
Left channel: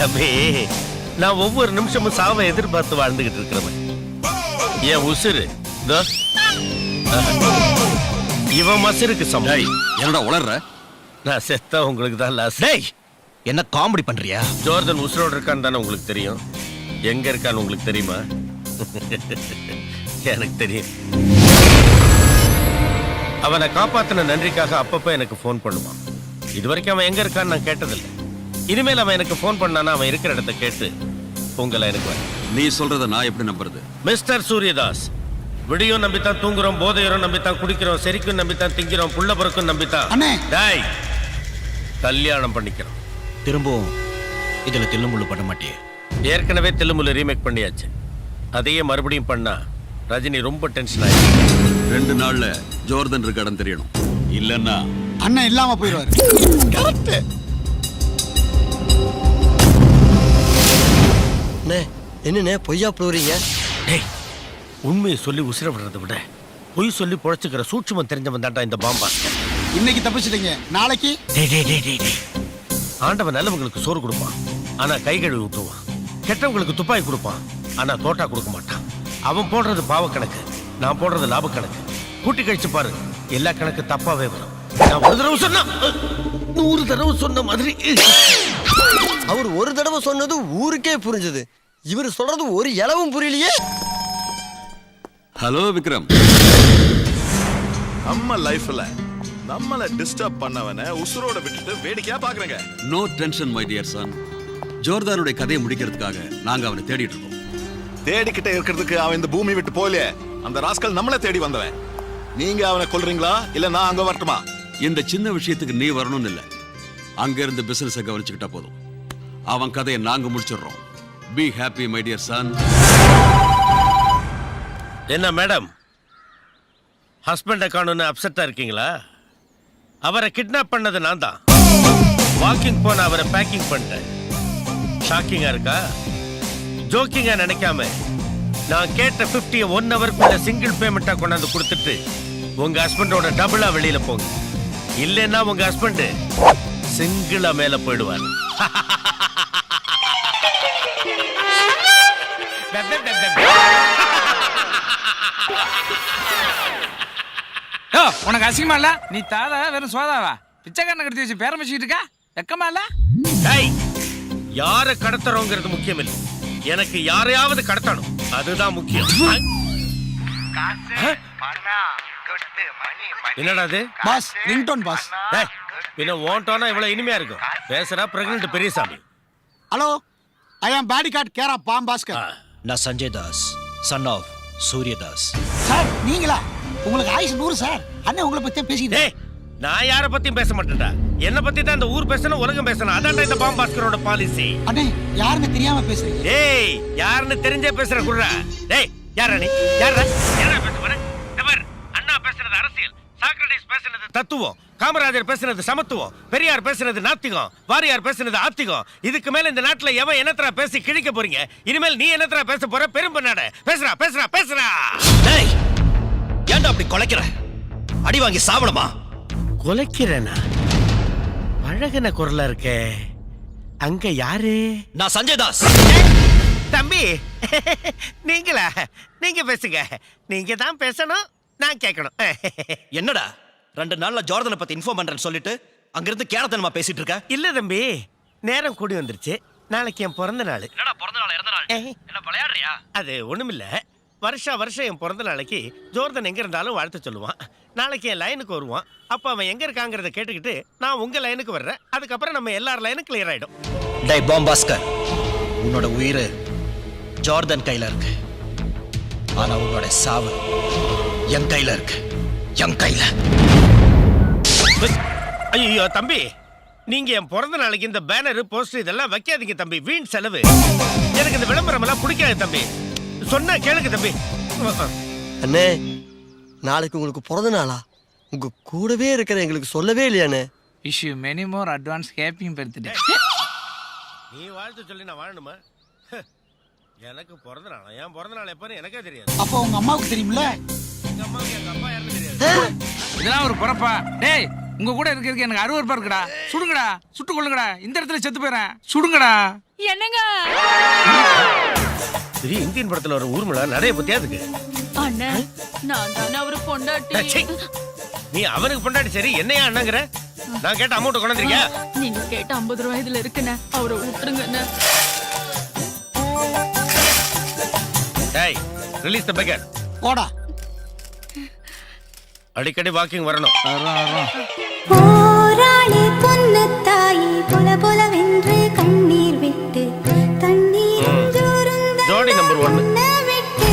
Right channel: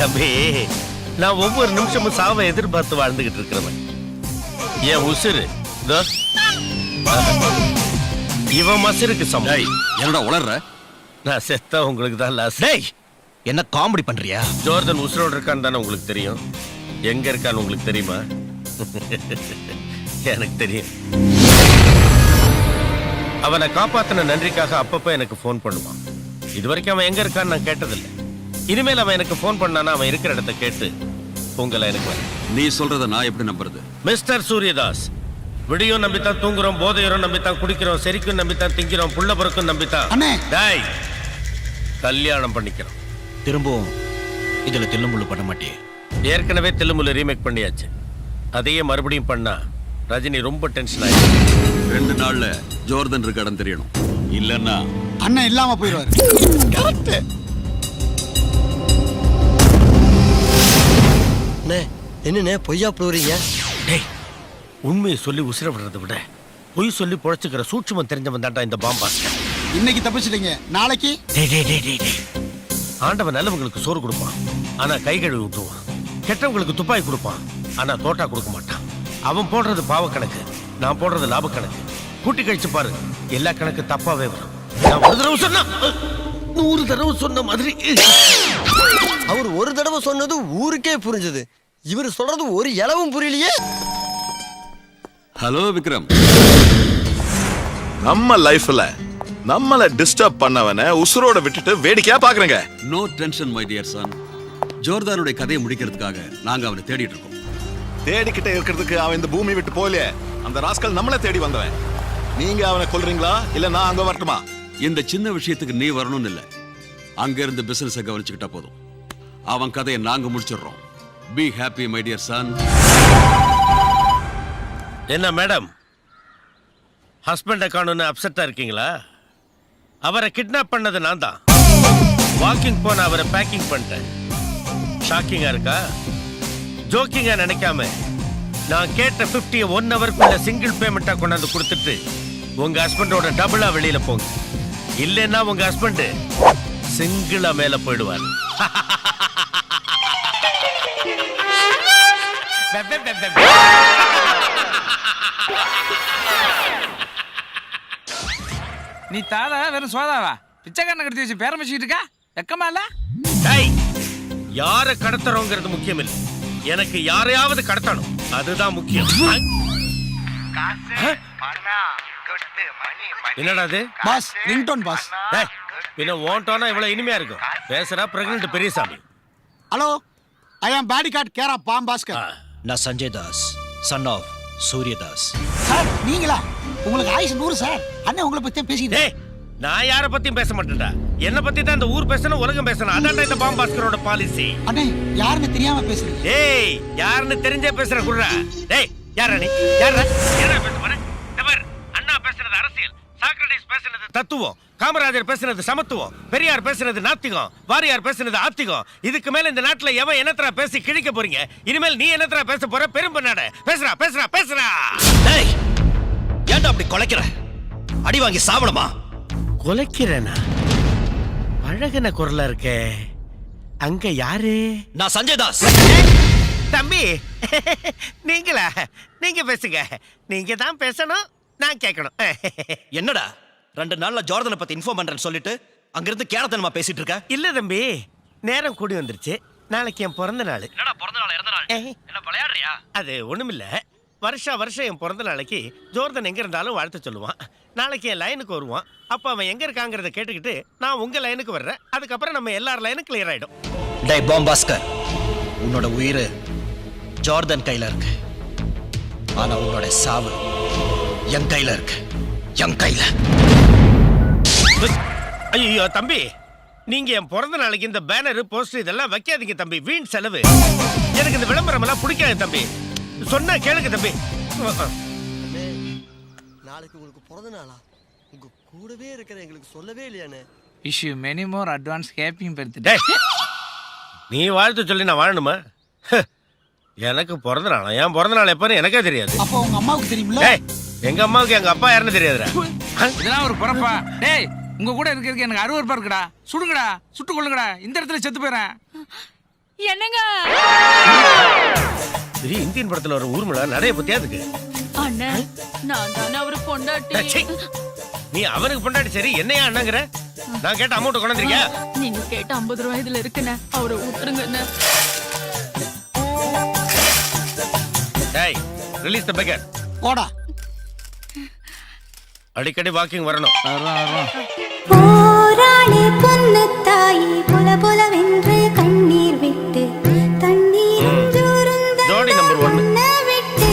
தம்பி, நான் ஒவ்வொரு நிமிஷமும் சாவை எதிர்பார்த்து வாழ்ந்துகிட்டு இருக்கிறவன். என் உசுரு இதோ, இவன் மசுருக்கு சமம். என்னடா உளர்ற? நான் செத்தா உங்களுக்கு தான் லாஸ். டேய், என்ன காமெடி பண்றியா? ஜோர்டன் உசுரோடு இருக்கான்னு தானே உங்களுக்கு தெரியும். எங்க இருக்கான்னு உங்களுக்கு தெரியுமா? எனக்கு தெரியும். அவனை காப்பாத்தின நன்றிக்காக அப்பப்ப எனக்கு ஃபோன் பண்ணுவான். இதுவரைக்கும் அவன் எங்க இருக்கான்னு நான் கேட்டதில்லை. இனிமேல் அவன் எனக்கு ஃபோன் பண்ணானா அவன் இருக்கிற இடத்த கேட்டு உங்களை எனக்கு வர. நீ சொல்றத நான் எப்படி நம்புறது? மிஸ்டர் சூரியதாஸ், விடியும் நம்பித்தான் தூங்குறோம், போதையரும் நம்பித்தான் குடிக்கிறோம், செரிக்கும் நம்பித்தான் திங்கிறோம், புள்ள பிறக்கும் நம்பித்தான் டேய் கல்யாணம் பண்ணிக்கிறோம். திரும்பவும் இதுல தில்லுமுள்ளு பண்ண மாட்டியே? ஏற்கனவே தில்லுமுள்ளு ரீமேக் பண்ணியாச்சு. அதையே மறுபடியும் பண்ணா ரஜினி ரொம்ப டென்ஷன் ஆயிடுச்சு. 2 நாள்ல ஜோர்டன் இருக்க இடம் தெரியணும், இல்லன்னா அண்ணன் இல்லாம போயிடுவாரு. என்னண்ணே பொய்யா புழுறீங்க? டேய், உண்மையை சொல்லி உசிர விடுறதை விட பொய் சொல்லி பொழைச்சுக்கிற சூட்சுமம் தெரிஞ்சவன் தாண்டா இந்த பாம்பாஸ்கர். இன்னைக்கு தப்பிச்சிட்டீங்க, நாளைக்கு ஆண்டவன் நல்லவங்களுக்கு சோறு கொடுப்பான், ஆனா கை கழுவி விட்டுருவான். கெட்டவங்களுக்கு துப்பாக்கி கொடுப்பான், ஆனா தோட்டா கொடுக்க மாட்டான். அவன் போடுறது பாவ கணக்கு, நான் போடுறது லாப கணக்கு. கூட்டி கழிச்சு பாரு, எல்லா கணக்கு தப்பாவே வரும். நான் ஒரு தடவை சொன்னா 100 தடவை சொன்ன மாதிரி. அவர் ஒரு தடவை சொன்னது ஊருக்கே புரிஞ்சது, இவர் சொல்றது ஒரு இளவும் புரியலையே. ஹலோ விக்ரம். நம்ம லைஃப்ல நம்மள டிஸ்டர்ப் பண்ணவன உசுரோட விட்டுட்டு வேடிக்கையா பாக்குறேங்க. No tension my dear son. ஜோர்தானுடைய கதையை முடிக்கிறதுக்காக நாங்க அவனை தேடிட்டு இருக்கோம். தேடிக்கிட்டே இருக்கிறதுக்கு அவன் இந்த பூமி விட்டு போலே. அந்த ராஸ்கல் நம்மள தேடி வந்தவன். நீங்க அவனை கொல்றீங்களா இல்ல நான் அங்க வரட்டுமா? இந்த சின்ன விஷயத்துக்கு நீ வரணும்னு இல்ல, அங்க இருந்து பிசினஸ் கவனிச்சுக்கிட்டா போதும். அவன் கதையை நாங்க முடிச்சிடுறோம். Be happy my dear son. என்ன மேடம், ஹஸ்பண்டை காணும்னு அப்செட்டா இருக்கீங்களா? அவரை கிட்னாப் பண்ணது நான் தான். வாக்கிங் போன அவரை பேக்கிங் பண்ணிட்டேன். ஷாக்கிங்கா இருக்கா? ஜோக்கிங்கா நினைக்காம நான் கேட்ட 50 1 ஹவருக்குள்ள சிங்கிள் பேமெண்டா கொண்டாந்து கொடுத்துட்டு உங்க ஹஸ்பண்டோட டபுளா வெளியில போங்க. இல்லைன்னா உங்க ஹஸ்பண்ட் சிங்கிளா மேல போயிடுவார். உனக்கு அசிங்கமா இல்ல? நீ தாதா வெறும் சோதாவா? பிச்சைக்காரனை கட்டி வச்சு பேரம் வச்சுக்கிட்டு இருக்கா? வெக்கமா இல்ல? யார கடத்துறோங்கிறது முக்கியம் இல்லை, எனக்கு யாரையாவது கடத்தணும், அதுதான் முக்கியம். என்னடா அது? Boss, ringtone boss. பின்ன ஓன்டோனா இவ்வளவு இனிமையா இருக்கும். பேசுறா பிரெக்னன்ட் பெரியசாமி. ஹலோ, ஐ ஆம் பாடிகார்ட் கேர் ஆஃப் பாம்பாஸ்கர். நான் Sanjay Das, son of Suryadas. Sir நீங்களா? உங்களுக்கு ஆயுசு 100 சார். அண்ணன் உங்களை பத்தி பேசிக்கிட்டே. நான் யார பத்தியும் பேச மாட்டேன்டா. என்ன பத்தி தான் இந்த ஊர் பேசணும், உலகம் பேசணும். அதான்டா இந்த பாம்பாஸ்கரோட பாலிசி. அண்ணே, யாருன்னு தெரியாம பேசுறீங்க. டேய், யாருன்னு தெரிஞ்சே பேசுற குர்ரா. டேய், யாரா நீ? யாரா? என்ன பேச போற? தவர், அண்ணா பேசுறது அரசியல், சாக்ரட்டிஸ் பேசுறது தத்துவம், காமராஜர் பேசுறது சமத்துவம், பெரியார் பேசுறது நாத்திகம், வாரியார் பேசுறது ஆத்திகம். இதுக்கு மேல இந்த நாட்டுல எவன் என்னத்தரா பேசி கிழிக்க போறீங்க? இனிமேல் நீ என்னத்தரா பேச போற? பெரும்பண்ணாட பேசுறா பேசுறா பேசுறா. டேய், ஏன்டா அப்படி கொலைக்கிற? அடி வாங்கி சாவணுமா? கொலைக்கிறேனா? அழகன குரலா இருக்கே. அங்க யாரு? நான் சஞ்சய் தாஸ். தம்பி, நீங்களா? நீங்க பேசுங்க. நீங்க தான் பேசணும், நான் கேட்கணும். என்னடா 2 நாள்ல ஜோர்தனை பத்தி இன்ஃபார்ம் பண்றேன்னு சொல்லிட்டு அங்கிருந்து கேரத்தனமா பேசிட்டு இருக்க? இல்ல தம்பி, நேரம் கூடி வந்துருச்சு. நாளைக்கு என் பிறந்த நாள். என்னடா பிறந்த நாள் இறந்த நாள்? என்ன விளையாடுறியா? அது ஒண்ணுமில்ல, வருஷம் என் பிறந்த நாளைக்கு ஜோர்தன் எங்க இருந்தாலும் வாழ்த்து சொல்லுவான். நாளைக்கு என் லைனுக்கு வருவான். அப்ப அவன் எங்க இருக்காங்கிறத கேட்டுக்கிட்டு நான் உங்க லைனுக்கு வர்றேன். அதுக்கப்புறம் நம்ம எல்லார் லைனும் கிளியர் ஆயிடும். டே பாம்பாஸ்கர், உன்னோட உயிர் ஜார்தன் கையில இருக்கு. ஆனா உன்னோட சாவு என் கையில இருக்கு. என் கையில. ஐயோ தம்பி, நீங்க என் பிறந்த நாளைக்கு இந்த பேனர் போஸ்டர் இதெல்லாம் வைக்காதீங்க தம்பி. வீண் செலவு. எனக்கு இந்த விளம்பரம் எல்லாம் பிடிக்காது தம்பி. சொன்னா கேளுங்க தம்பி. அண்ணே, நாளைக்கு உங்களுக்கு பிறந்த நாளா? உங்க கூடவே இருக்கிற எங்களுக்கு சொல்லவே இல்லையாண்ணே. Wish you many more advance happy birthday. நீ வாழ்த்து சொல்லி நான் வாழணுமா? எனக்கு பிறந்த நாளா? என் பிறந்த நாள் எப்பன்னு எனக்கே தெரியாது. அப்போ உங்க அம்மாவுக்கு தெரியுமில்ல? எங்க அம்மாவுக்கு எங்க அப்பா யாருன்னு தெரியாது. இதெல்லாம் ஒரு பொறப்பா? டேய், உங்க கூட இருக்கிறதுக்கு எனக்கு அருவருப்பா இருக்குடா. சுடுங்கடா, சுட்டு கொள்ளுங்கடா. இந்த இடத்துல செத்து போயிறேன். சுடுங்கடா. என்னங்க பெரிய இந்தியன் படத்துல ஒரு ஊர்மிளா நிறைய பத்தியா இருக்கு. அண்ணே, நான் தானே அவரு பொண்டாட்டி. நீ அவனுக்கு பொண்டாட்டி சரி, என்னையா அண்ணாங்கிற? நான் கேட்ட அமௌண்ட் கொண்டாந்துருக்கியா? நீங்க கேட்ட 50 ரூபாய் இதுல இருக்குண்ணே. அவரை விட்டுருங்கண்ணே. டேய், ரிலீஸ் தி பெக்கர். போடா. அடிக்கடி வாக்கிங் வரணும். போராளி பொன்னு தாயி பொல பொலவென்று கண்ணீர் விட்டு தண்ணீர் ஜோடி நம்பர் 1. விட்டு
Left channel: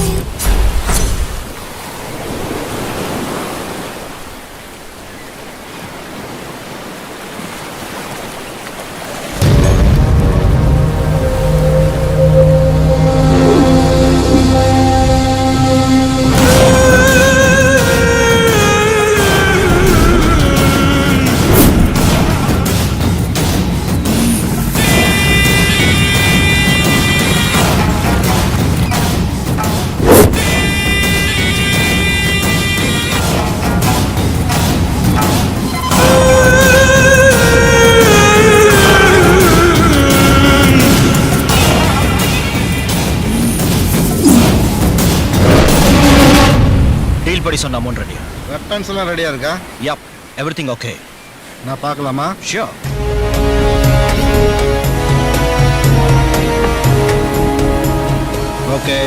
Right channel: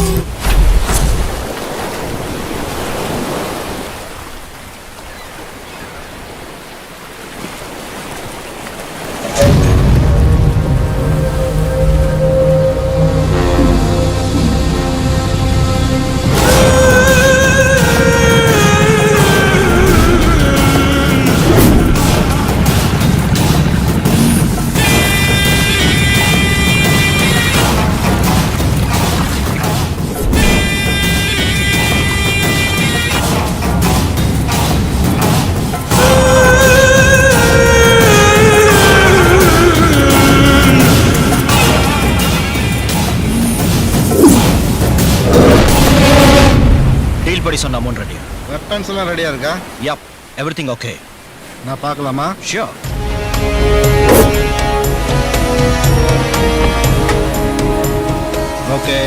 டீல் படி சொன்ன அமௌண்ட் ரெடி. வெப்பன்ஸ் எல்லாம் ரெடியா இருக்கா? Yup, everything okay. நான் பார்க்கலாமா? Sure. Okay.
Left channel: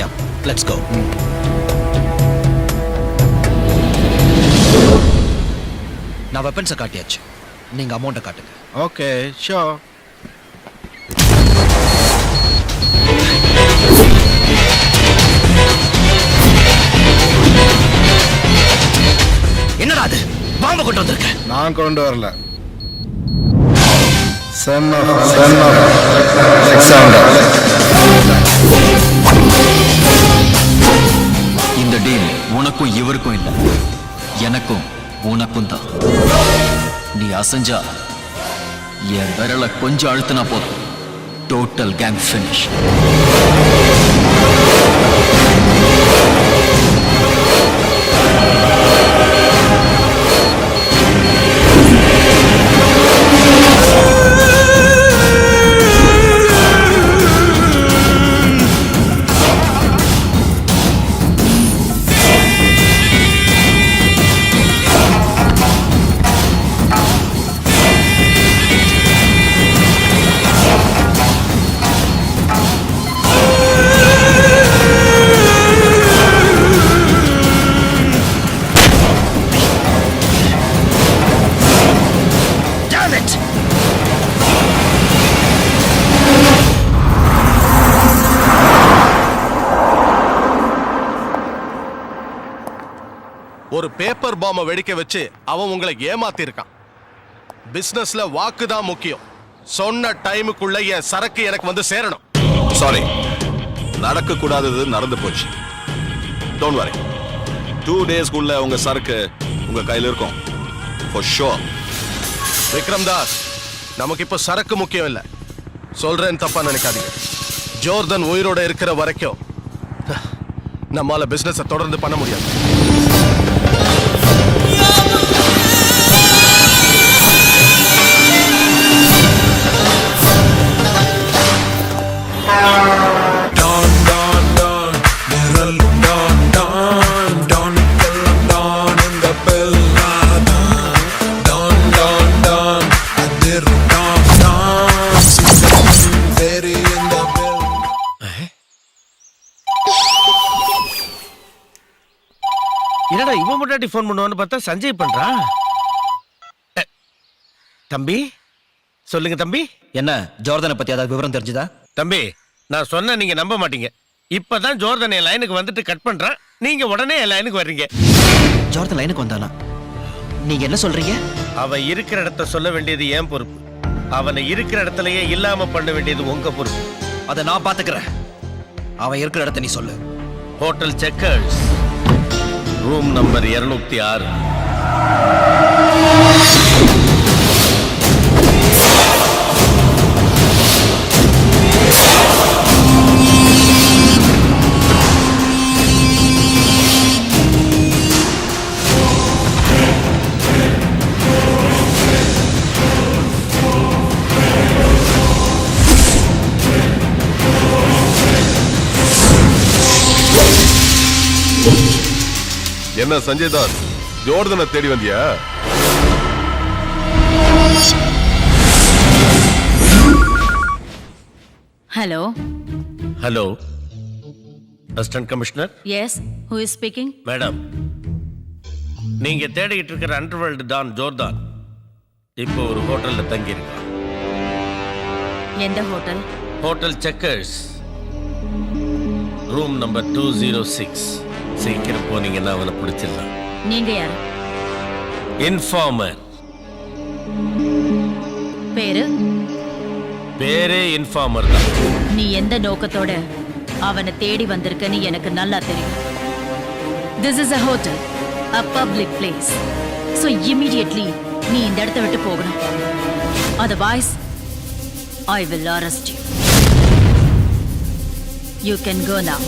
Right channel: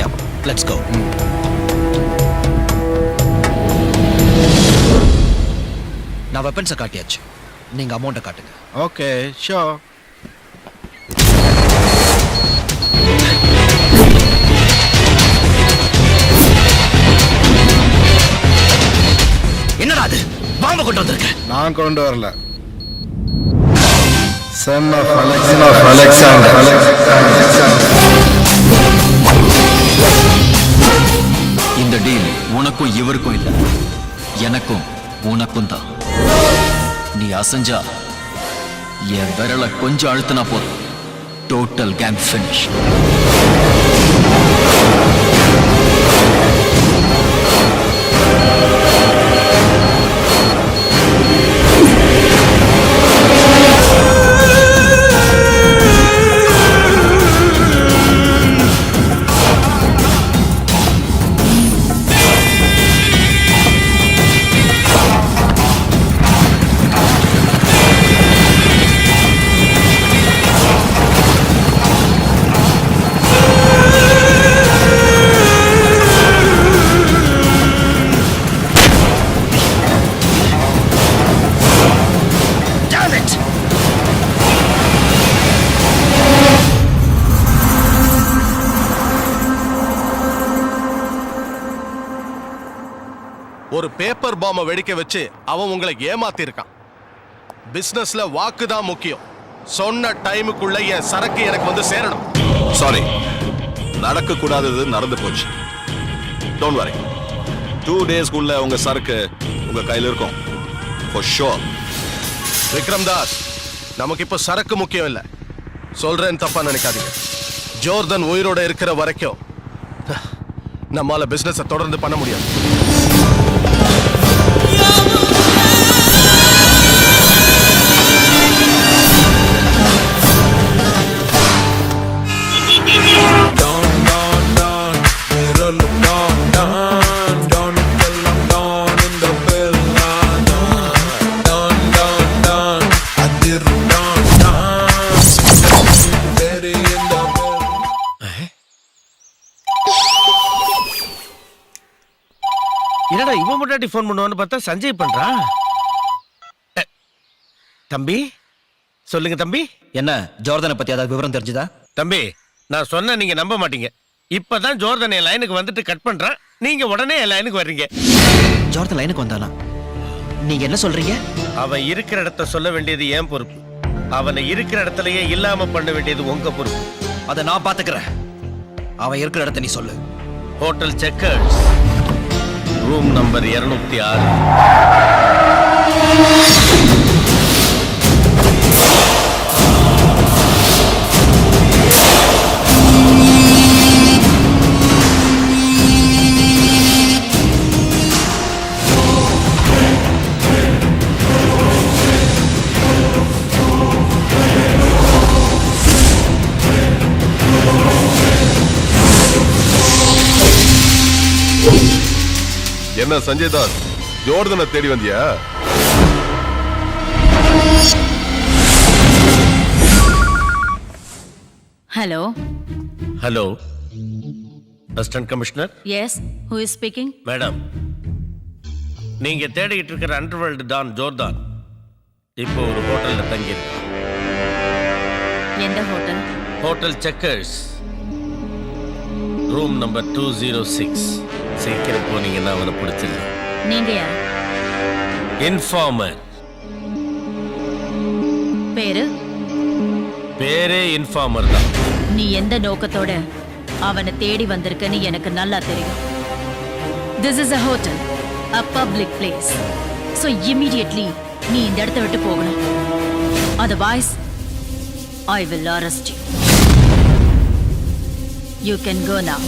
Yup, let's go. நான் வெப்பன்ஸை காட்டியாச்சு. நீங்க அமௌண்ட்டை காட்டுங்க. Okay, sure. என்னடா அது? பாம்பை கொண்டு வந்திருக்க? நான் கொண்டு வரல. Son of Alexander. இந்த டீல் உனக்கும் இவருக்கும் இல்ல, எனக்கும் உனக்கும் தான். நீ அசஞ்சா என் விரலை கொஞ்சம் அழுத்தினா போதும், டோட்டல் கேங் ஃபினிஷ். ஒரு பேப்பர் பாம்பை வெடிக்க வச்சு அவன் உங்களை ஏமாத்தி இருக்கான். பிசினஸ்ல வாக்கு தான் முக்கியம். சொன்ன டைமுக்குள்ள என் சரக்கு எனக்கு வந்து சேரணும். சாரி, நடக்க கூடாதது நடந்து போச்சு. டோன்ட் வரி, 2 டேஸ்க்குள்ள உங்க சரக்கு உங்க கையில இருக்கும். For sure. விக்ரம் தாஸ், நமக்கு இப்ப சரக்கு முக்கியம் இல்ல. சொல்றேன், தப்பா நினைக்காதீங்க. ஜோர்தன் உயிரோட இருக்கிற வரைக்கும் நம்மால பிசினஸ் தொடர்ந்து பண்ண முடியாது. இவன் முன்னாடி ஃபோன் பண்ணுவான்னு பார்த்தா சஞ்சய் பண்றான். தம்பி சொல்லுங்க தம்பி. என்ன ஜோர்தனை பத்தி ஏதாவது விவரம் தெரிஞ்சுதா? தம்பி நான் சொன்ன நீங்க நம்ப மாட்டீங்க. இப்பதான் ஜோர்தன் என் லைனுக்கு வந்துட்டு கட் பண்றான், நீங்க உடனே என் லைனுக்கு வர்றீங்க. ஜோர்தன் லைனுக்கு வந்தானா? நீங்க என்ன சொல்றீங்க? அவன் இருக்கிற இடத்த சொல்ல வேண்டியது என் பொறுப்பு, அவனை இருக்கிற இடத்துலயே இல்லாம பண்ண வேண்டியது உங்க பொறுப்பு. அதை நான் பாத்துக்கிறேன். அவன் இருக்கிற இடத்த நீ சொல்லு. Hotel Checkers, room number 206. என்ன சஞ்சய் தாஸ், ஜோர்தனை தேடி வந்தியா? Hello hello, assistant commissioner. Yes, who is speaking? Madam, நீங்க தேடிட்டு இருக்கிற அண்டர்வேர்ல்டு டான் ஜோர்தான் இப்போ ஒரு ஹோட்டல்ல தங்கி இருக்கான். எந்த hotel? Hotel Checkers, room number 206. சீக்கிரம் போனீங்கன்னா அவனை பிடிச்சிடலாம். நீங்க யார்? இன்ஃபார்மர். பேரு? பேரே இன்ஃபார்மர் தான். நீ எந்த நோக்கத்தோட அவனை தேடி வந்திருக்கன்னு எனக்கு நல்லா தெரியும். This is a hotel, a public place. So immediately நீ இந்த இடத்தை விட்டு போகணும். Otherwise, I will arrest you. You can go now.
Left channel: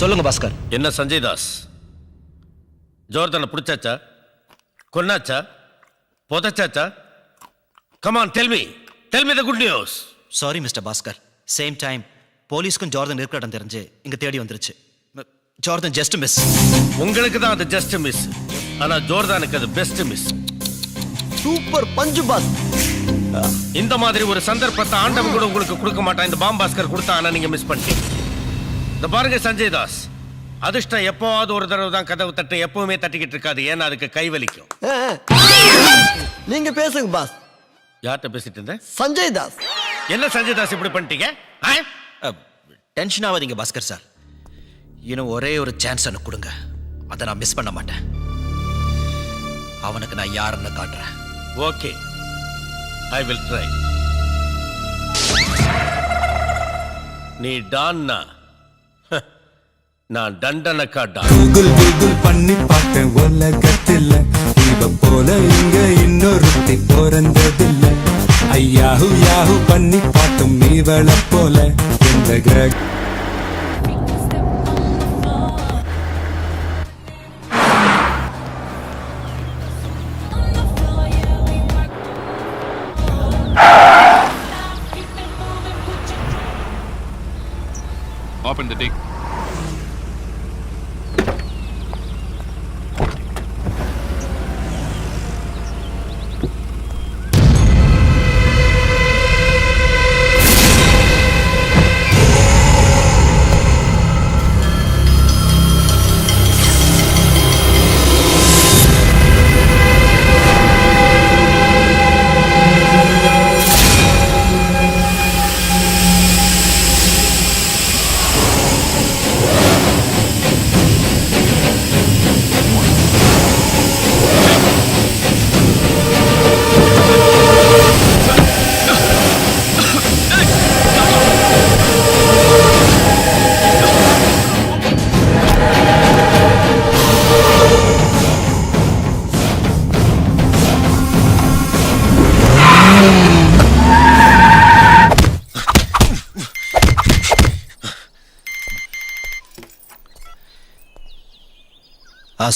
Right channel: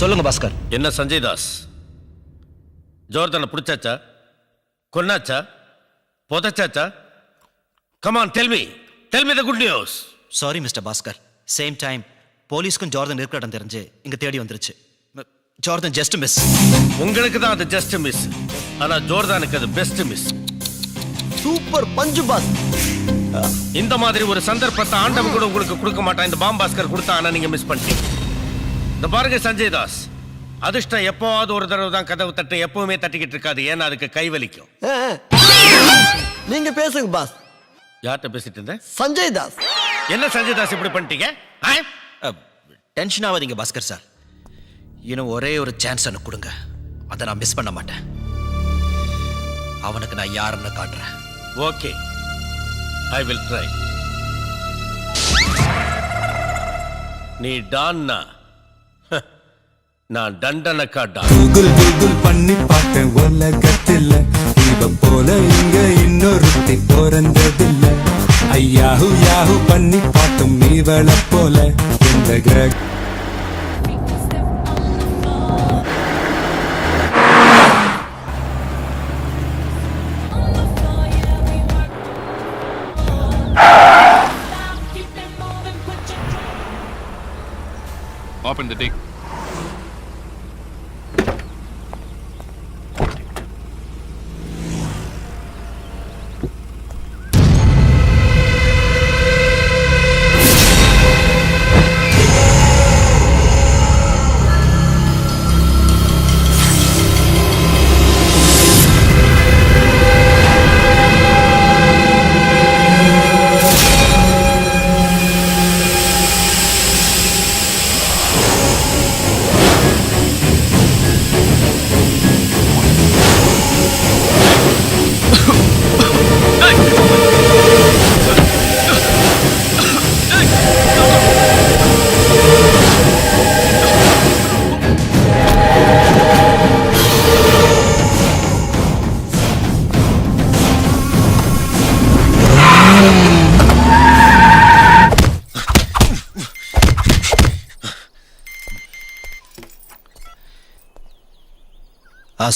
சொல்லுங்க பாஸ்கர். என்ன சஞ்சய் தாஸ், ஜோர்தனை பிடிச்சாச்சா, கொன்னாச்சா, புதைச்சாச்சா? Come on, tell me the good news. Sorry mister Bhaskar. Same time போலீஸ்க்கும் ஜார்டன் இருக்கிற இடம் தெரிஞ்சு இங்க தேடி வந்துருச்சு. Jordan just miss. உங்களுக்கு தான் அது ஜஸ்ட் மிஸ், ஆனா ஜோர்தானுக்கு அது best miss. Super punch boss. இந்த மாதிரி ஒரு சந்தர்ப்பத்தை ஆண்டவன் கூட உங்களுக்கு கொடுக்க மாட்டான். இந்த பாம் பாஸ்கர் கொடுத்தா, ஆனா நீங்க மிஸ் பண்ணிட்டீங்க. இந்த பாருங்க சஞ்சய் தாஸ், அதிர்ஷ்டம் எப்போவாவது ஒரு தடவை தான் கதவு தட்டு, எப்பவுமே தட்டிக்கிட்டு இருக்காது. ஏன்னா அதுக்கு கை வலிக்கும். நீங்க பேசுங்க பாஸ். யார்கிட்ட பேசிட்டு இருந்த? சஞ்சய் தாஸ். என்ன சஞ்சய் தாஸ் இப்படி பண்ணிட்டீங்க? டென்ஷன் ஆகாதீங்க பாஸ்கர் சார். இன்னும் ஒரே ஒரு சான்ஸ் எனக்கு கொடுங்க, அதை நான் மிஸ் பண்ண மாட்டேன். அவனுக்கு நான் யாருன்னு காட்டுறேன். Okay, I will try. நீ டான்னா, நான் தண்டனக்கா டான். கூகுள் பண்ணி பார்த்தேன் உலகத்தில் இவ போல இங்க இன்னொருத்தி பிறந்ததில்ல. ஐயாஹு யாஹு பண்ணி பார்த்தோம் இவளை போல இந்த கிரக. Open the dick.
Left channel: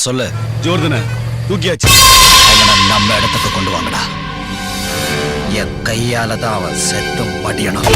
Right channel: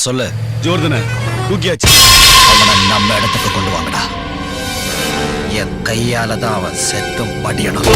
சொல்லு. ஜோர்தனை தூக்கியாச்சு. அவனை நம்ம இடத்துக்கு கொண்டு வாங்கடா. என் கையால தான் அவன் செத்து மடியணும்.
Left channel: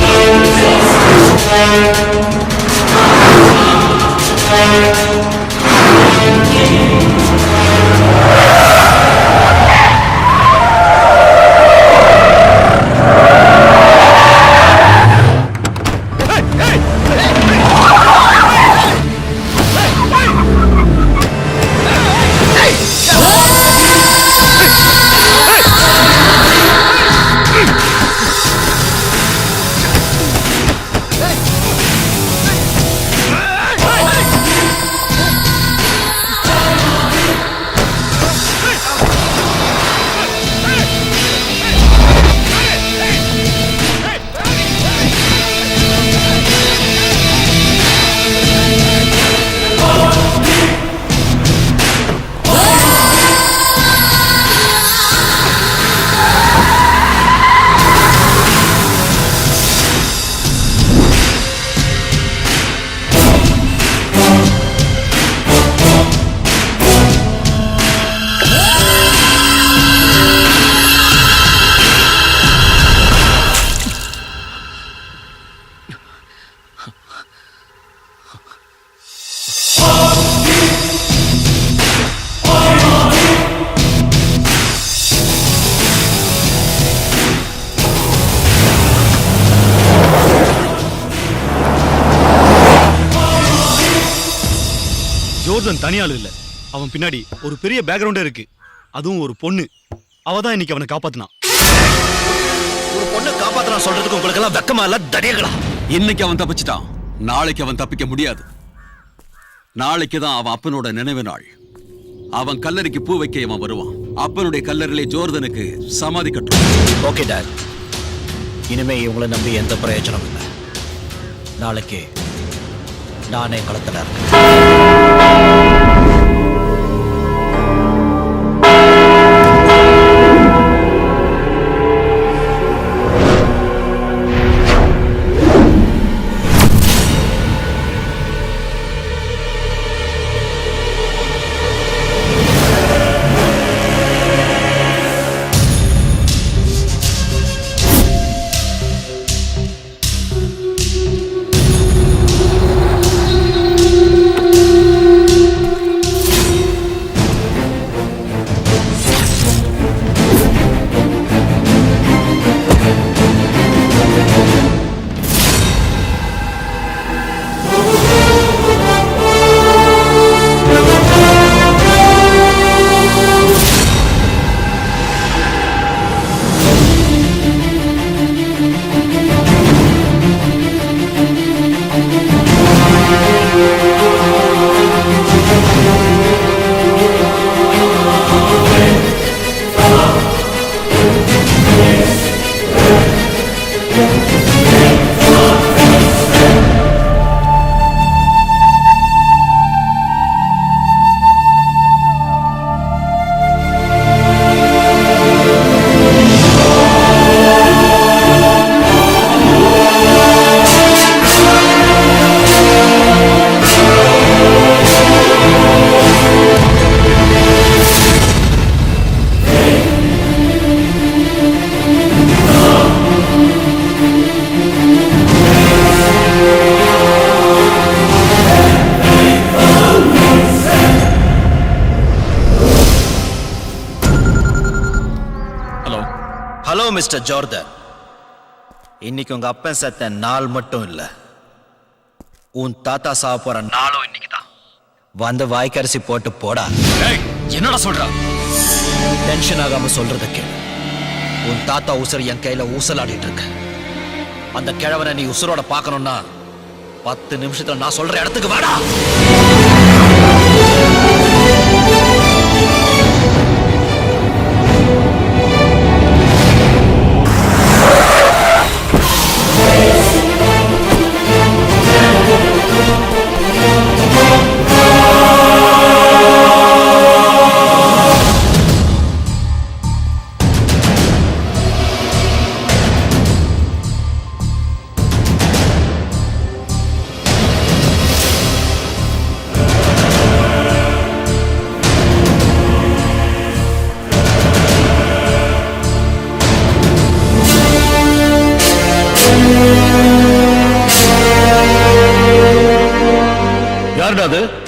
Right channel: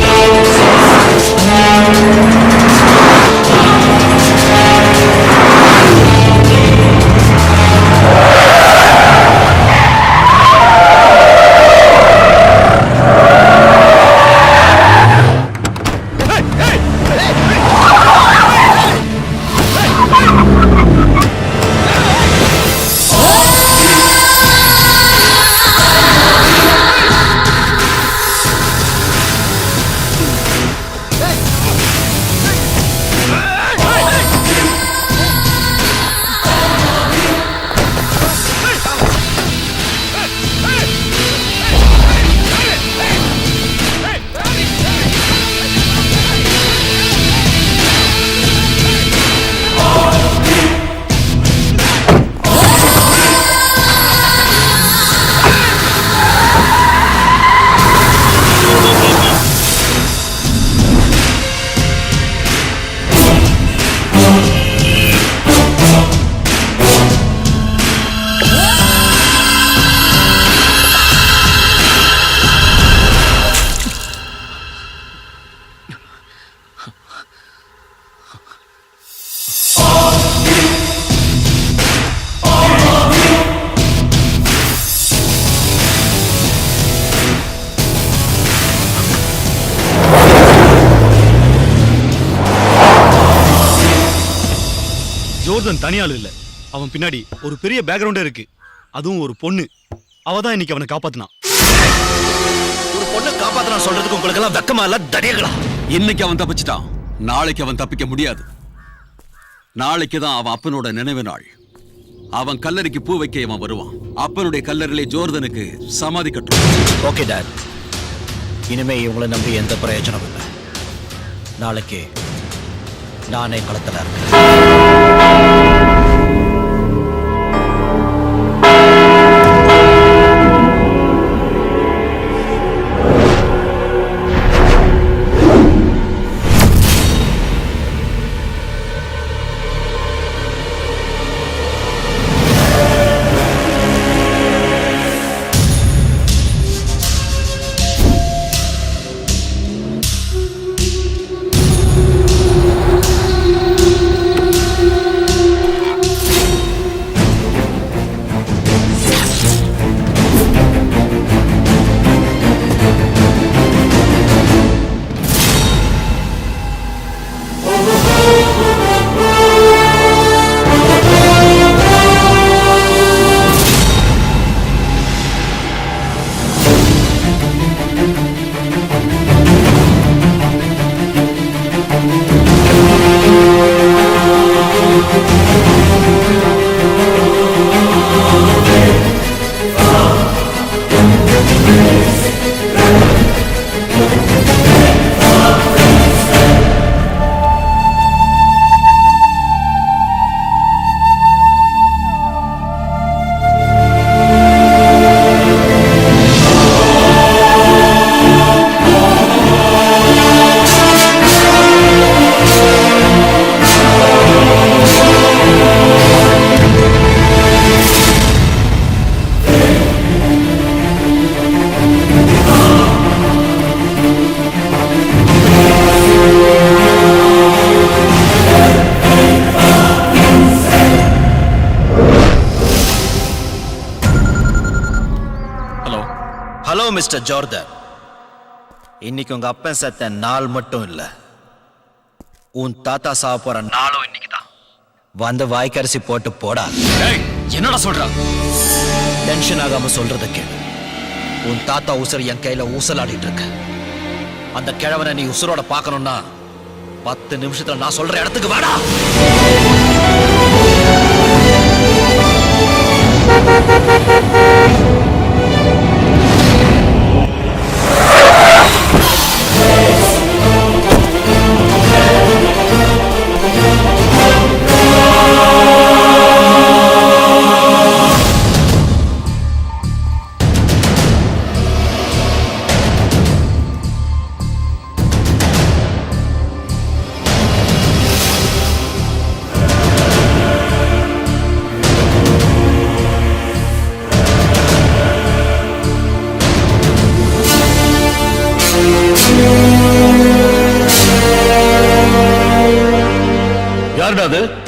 ஜோர்டன் தனியாள் இல்ல, அவன் பின்னாடி ஒரு பெரிய பேக்ரவுண்டே இருக்கு. அதுவும் ஒரு பொண்ணு. அவ தான் இன்னைக்கு அவனை காப்பாத்தினான். ஒரு பொண்ணு காப்பாத்தலாம் சொல்றதுக்கு உங்களுக்கு எல்லாம் வெக்கமா இல்ல தடியங்களா? இன்னைக்கு அவன் தப்பிச்சிட்டான், நாளைக்கு அவன் தப்பிக்க முடியாது. நாளைக்கு தான் அவன் அப்பனோட நினைவு நாள். அவன் கல்லறைக்கு பூ வைக்க அவன் வருவான். அப்பனுடைய கல்லறையிலே ஜோர்தனுக்கு சமாதி கட்டும். ஓகே டாட், இனிமே இவங்களை நம்பி எந்த பிரயோஜனம் இல்லை. நாளைக்கு நானே களத்துல இருக்கேன். ஹலோ மிஸ்டர் ஜோர்டன், இன்னைக்கு உங்க அப்பன் செத்த நாள் மட்டும் இல்ல, உன் தாத்தா சாவ போற நாளும் இன்னைக்கு தான். வந்து வாய்க்கரிசி போட்டு போடா. என்னடா சொல்ற? டென்ஷன் ஆகாம சொல்றத கேளு. உன் தாத்தா உசுர் என் கையில ஊசலாடிட்டு இருக்கு. அந்த கிழவனை நீ உசுரோட பார்க்கணும்னா 10 நிமிஷத்துல நான் சொல்ற இடத்துக்கு வாடா.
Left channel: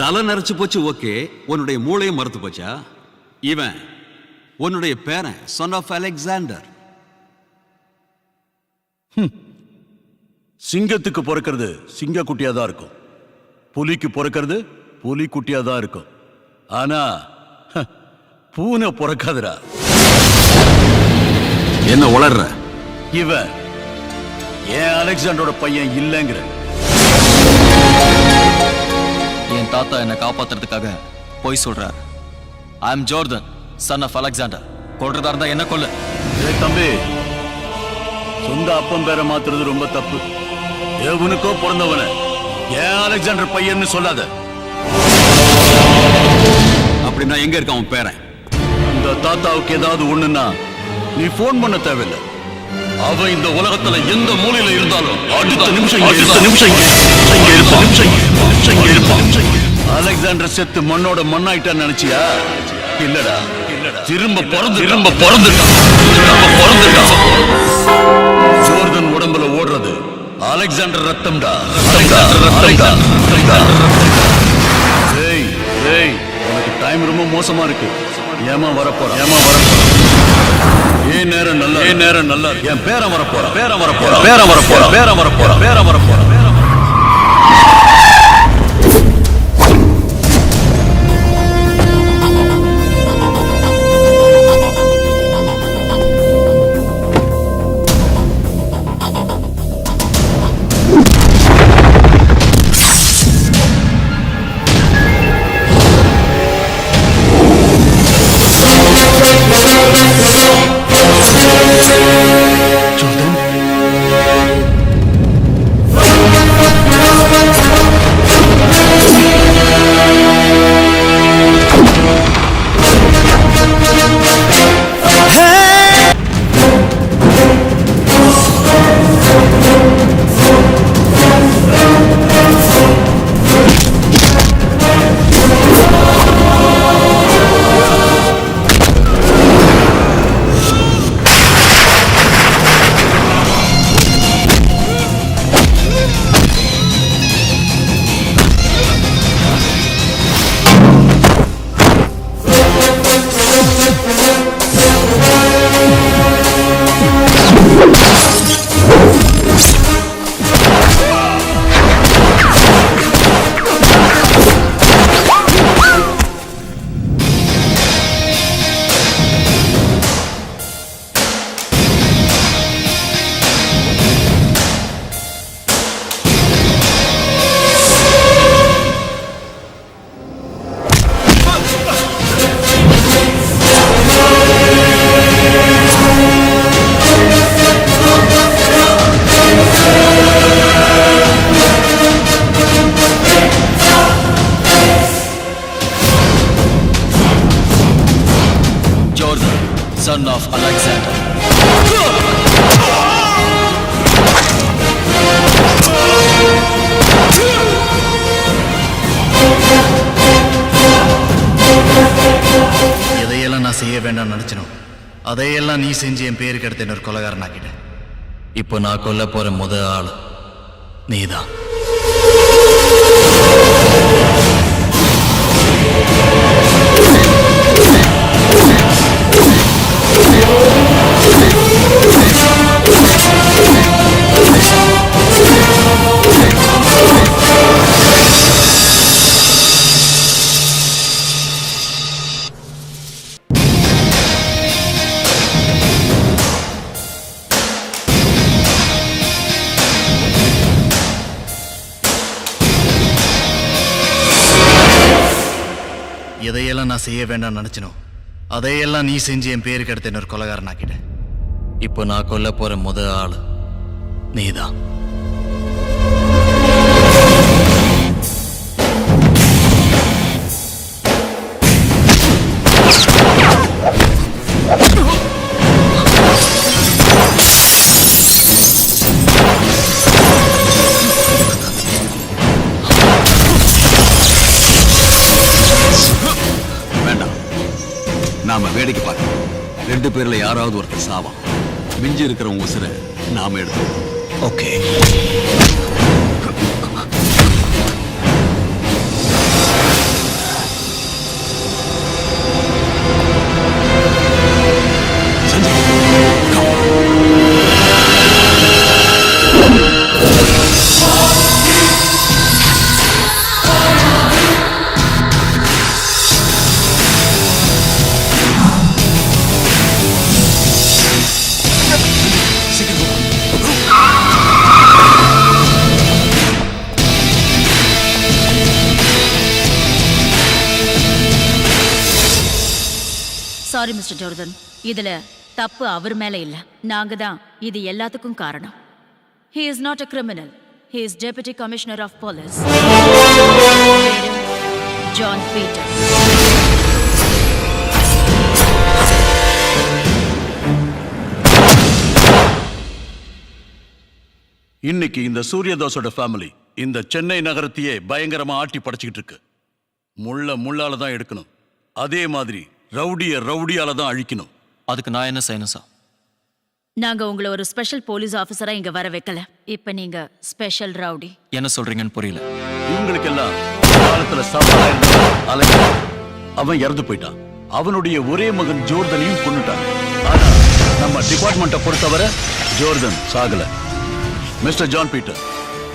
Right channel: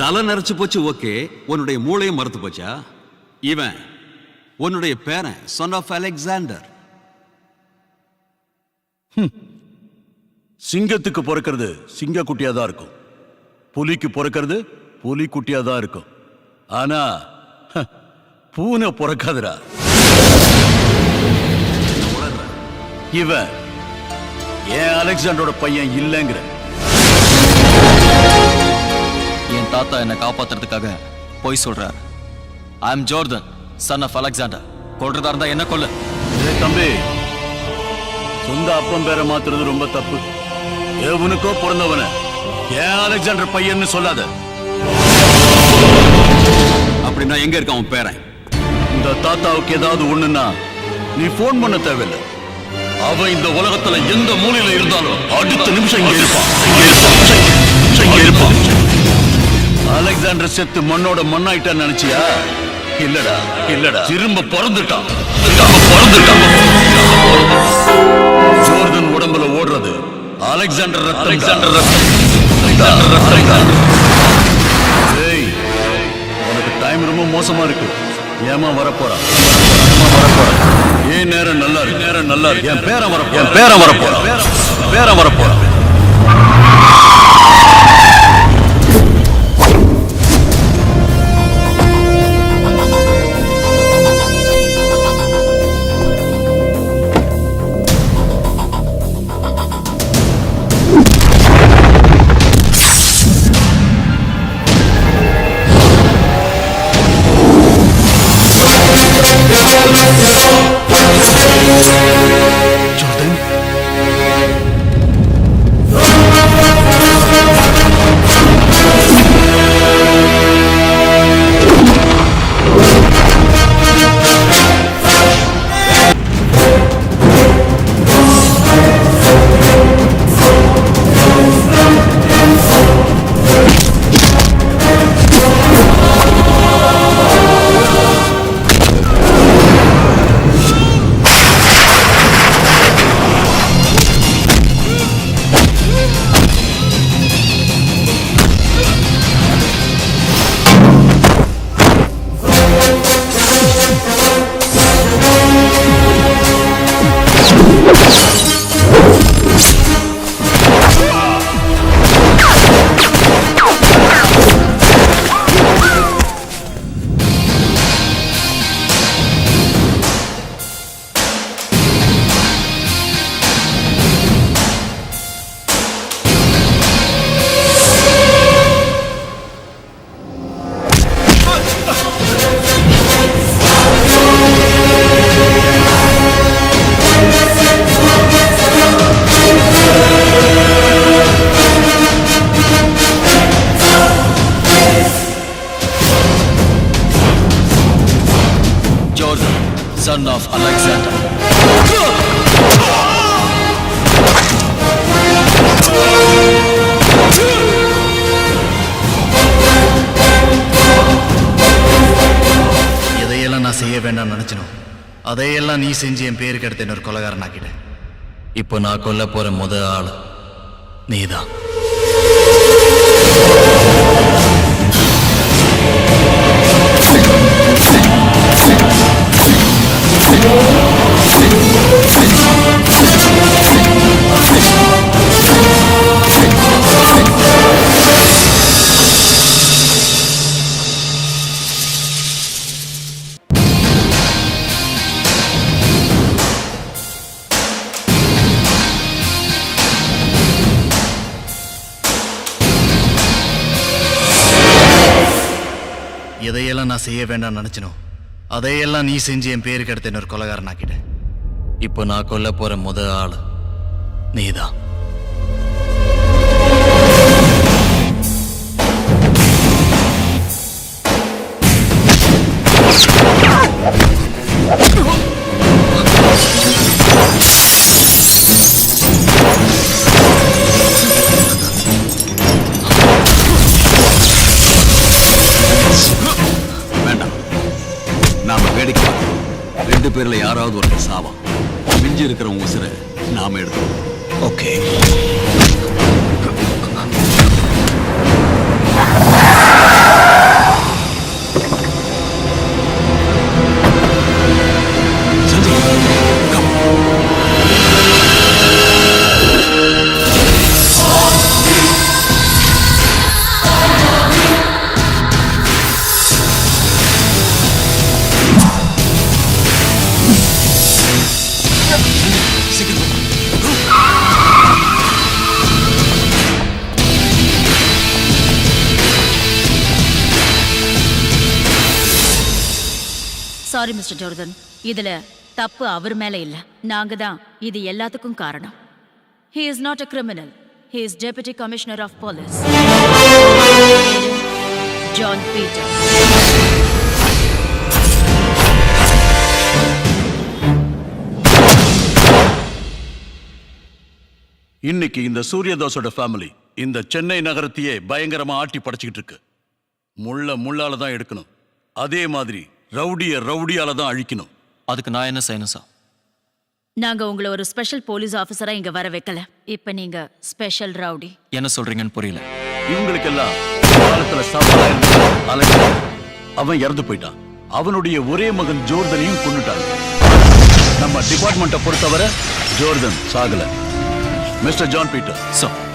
தலை நரைச்சு போச்சு. ஓகே, உன்னுடைய மூளையும் மறுத்து போச்சா? இவன் உன்னுடைய பேரன், சன் ஆஃப் அலெக்சாண்டர். சிங்கத்துக்கு பிறக்கிறது சிங்க குட்டியா தான் இருக்கும், புலிக்கு பிறக்கிறது புலி குட்டியா தான் இருக்கும். ஆனா பூனை பிறக்காதுடா. என்ன உளர்ற? இவன் ஏன் அலெக்சாண்டரோட பையன் இல்லைங்கிற. என் தாத்தா என்னை காப்பாத்துறதுக்காக போய் சொல்றார். ஐ அம் ஜோர்டன், சன் ஆஃப் அலெக்சாண்டர். கொல்றதா இருந்தா என்ன கொல்லு. தம்பி, சொந்த அப்பன் பேரை மாத்துறது ரொம்ப தப்பு. எவனுக்கோ பிறந்தவன ஏன் அலெக்சாண்டர் பையன்னு சொல்லாத. அப்படின்னா எங்க இருக்க அவன் பேரன்? இந்த தாத்தாவுக்கு ஏதாவது ஒண்ணுன்னா நீ போன் பண்ண தேவையில்லை. அவன் இந்த உலகத்துல எந்த மூலையில இருந்தாலும் அடுத்த நிமிஷம் அலெக்சாண்டர் செத்து மண்ணோட மண்ணாயிட்டான்னு நினைச்சியா? இல்லடா இல்லடா, திரும்ப பிறந்துட்டான். ஜோர்டன் உடம்புல ஓடுறது அலெக்சாண்டர் ரத்தம். உனக்கு டைம் ரொம்ப மோசமா இருக்கு. ஏமா வரப்போறான்? ஏன் நேரம் நல்லா இருக்கு. என் பேரன் வரப்போறான். son of Alexander. எதையெல்லாம் நான் செய்ய வேண்டாம்னு நினைச்சனோ அதையெல்லாம் நீ செஞ்சு என் பேருக்கு எடுத்து இன்னொரு கொலைகாரன் ஆக்கிட்டேன். இப்போ நான் கொல்ல போற முதல் ஆள் நீதான். எதையெல்லாம் நான் செய்ய வேண்டாம்னு நினைச்சனோ அதையெல்லாம் நீ செஞ்சு என் பேருக்கு எடுத்து இன்னொரு கொலைகாரன் ஆக்கிட்டேன். இப்போ நான் கொல்ல போற முதல் ஆள் நீதான். வேண்டாம், நாம வேடிக்கை பார்க்கணும். 2 பேர்ல யாராவது ஒருத்தர் சாவான். மிஞ்சி இருக்கிறவங்க உசுரை நாம எடுத்துக்கணும். ஓகே. சாரி மிஸ்டர் ஜோர்தன், இதுல தப்பு அவர் மேல இல்ல, நாங்க தான் இது எல்லாத்துக்கும் காரணம். He is not a criminal. He is Deputy Commissioner of Police. பேரு ஜான் பீட்டர். இன்னைக்கு இந்த சூரியதாஸோட ஃபேமிலி இந்த சென்னை நகரத்தையே பயங்கரமா ஆட்டி படைச்சுக்கிட்டு இருக்கு. முள்ளால தான் எடுக்கணும், அதே மாதிரி ரவுடியால தான் அழிக்கணும். அதுக்கு நான் என்ன செய்யணும் சார்? நாங்க உங்களை ஒரு ஸ்பெஷல் போலீஸ் ஆபீசரா இங்க வர வைக்கல. இப்ப நீங்க ஸ்பெஷல் ரவுடி. என்ன சொல்றீங்கன்னு புரியல. இவங்களுக்கெல்லாம் காலத்துல சவாலா இருந்த அலெக்சாண்டர் அவன் இறந்து போயிட்டான். அவனுடைய ஒரே மகன் ஜோர்தனையும் கொன்னுட்டாங்க. நம்ம டிபார்ட்மெண்ட்டை பொறுத்தவரை ஜோர்தன் சாகல. மிஸ்டர் ஜான் பீட்டர்,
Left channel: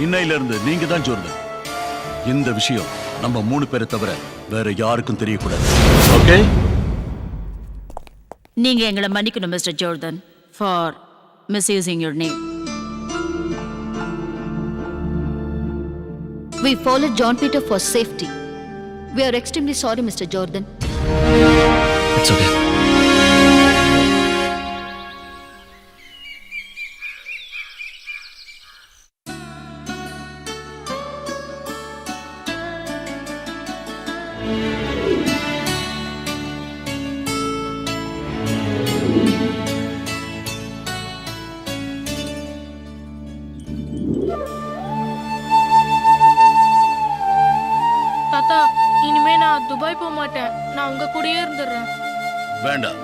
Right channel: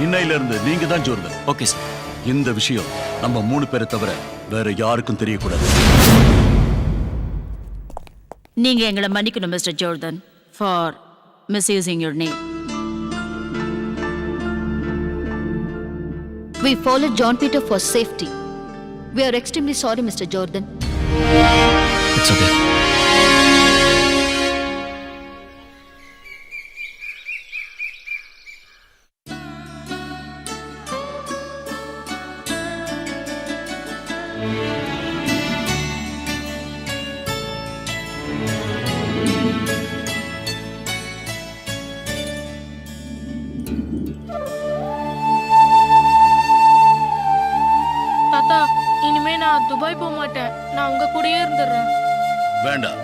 இன்னையில இருந்து நீங்க தான் ஜோர்தன். Okay sir. இந்த விஷயம் நம்ம 3 பேரை தவிர வேற யாருக்கும் தெரியக்கூடாது. ஓகே? நீங்க எங்களை மன்னிக்கணும் mister Jordan for misusing your name. We followed John Peter for safety. We are extremely sorry, Mr. Jordan. It's okay. தாத்தா, இனிமே நான் துபாய் போக மாட்டேன். நான் உங்க கூடயே இருந்துடுறேன். வேண்டாம்,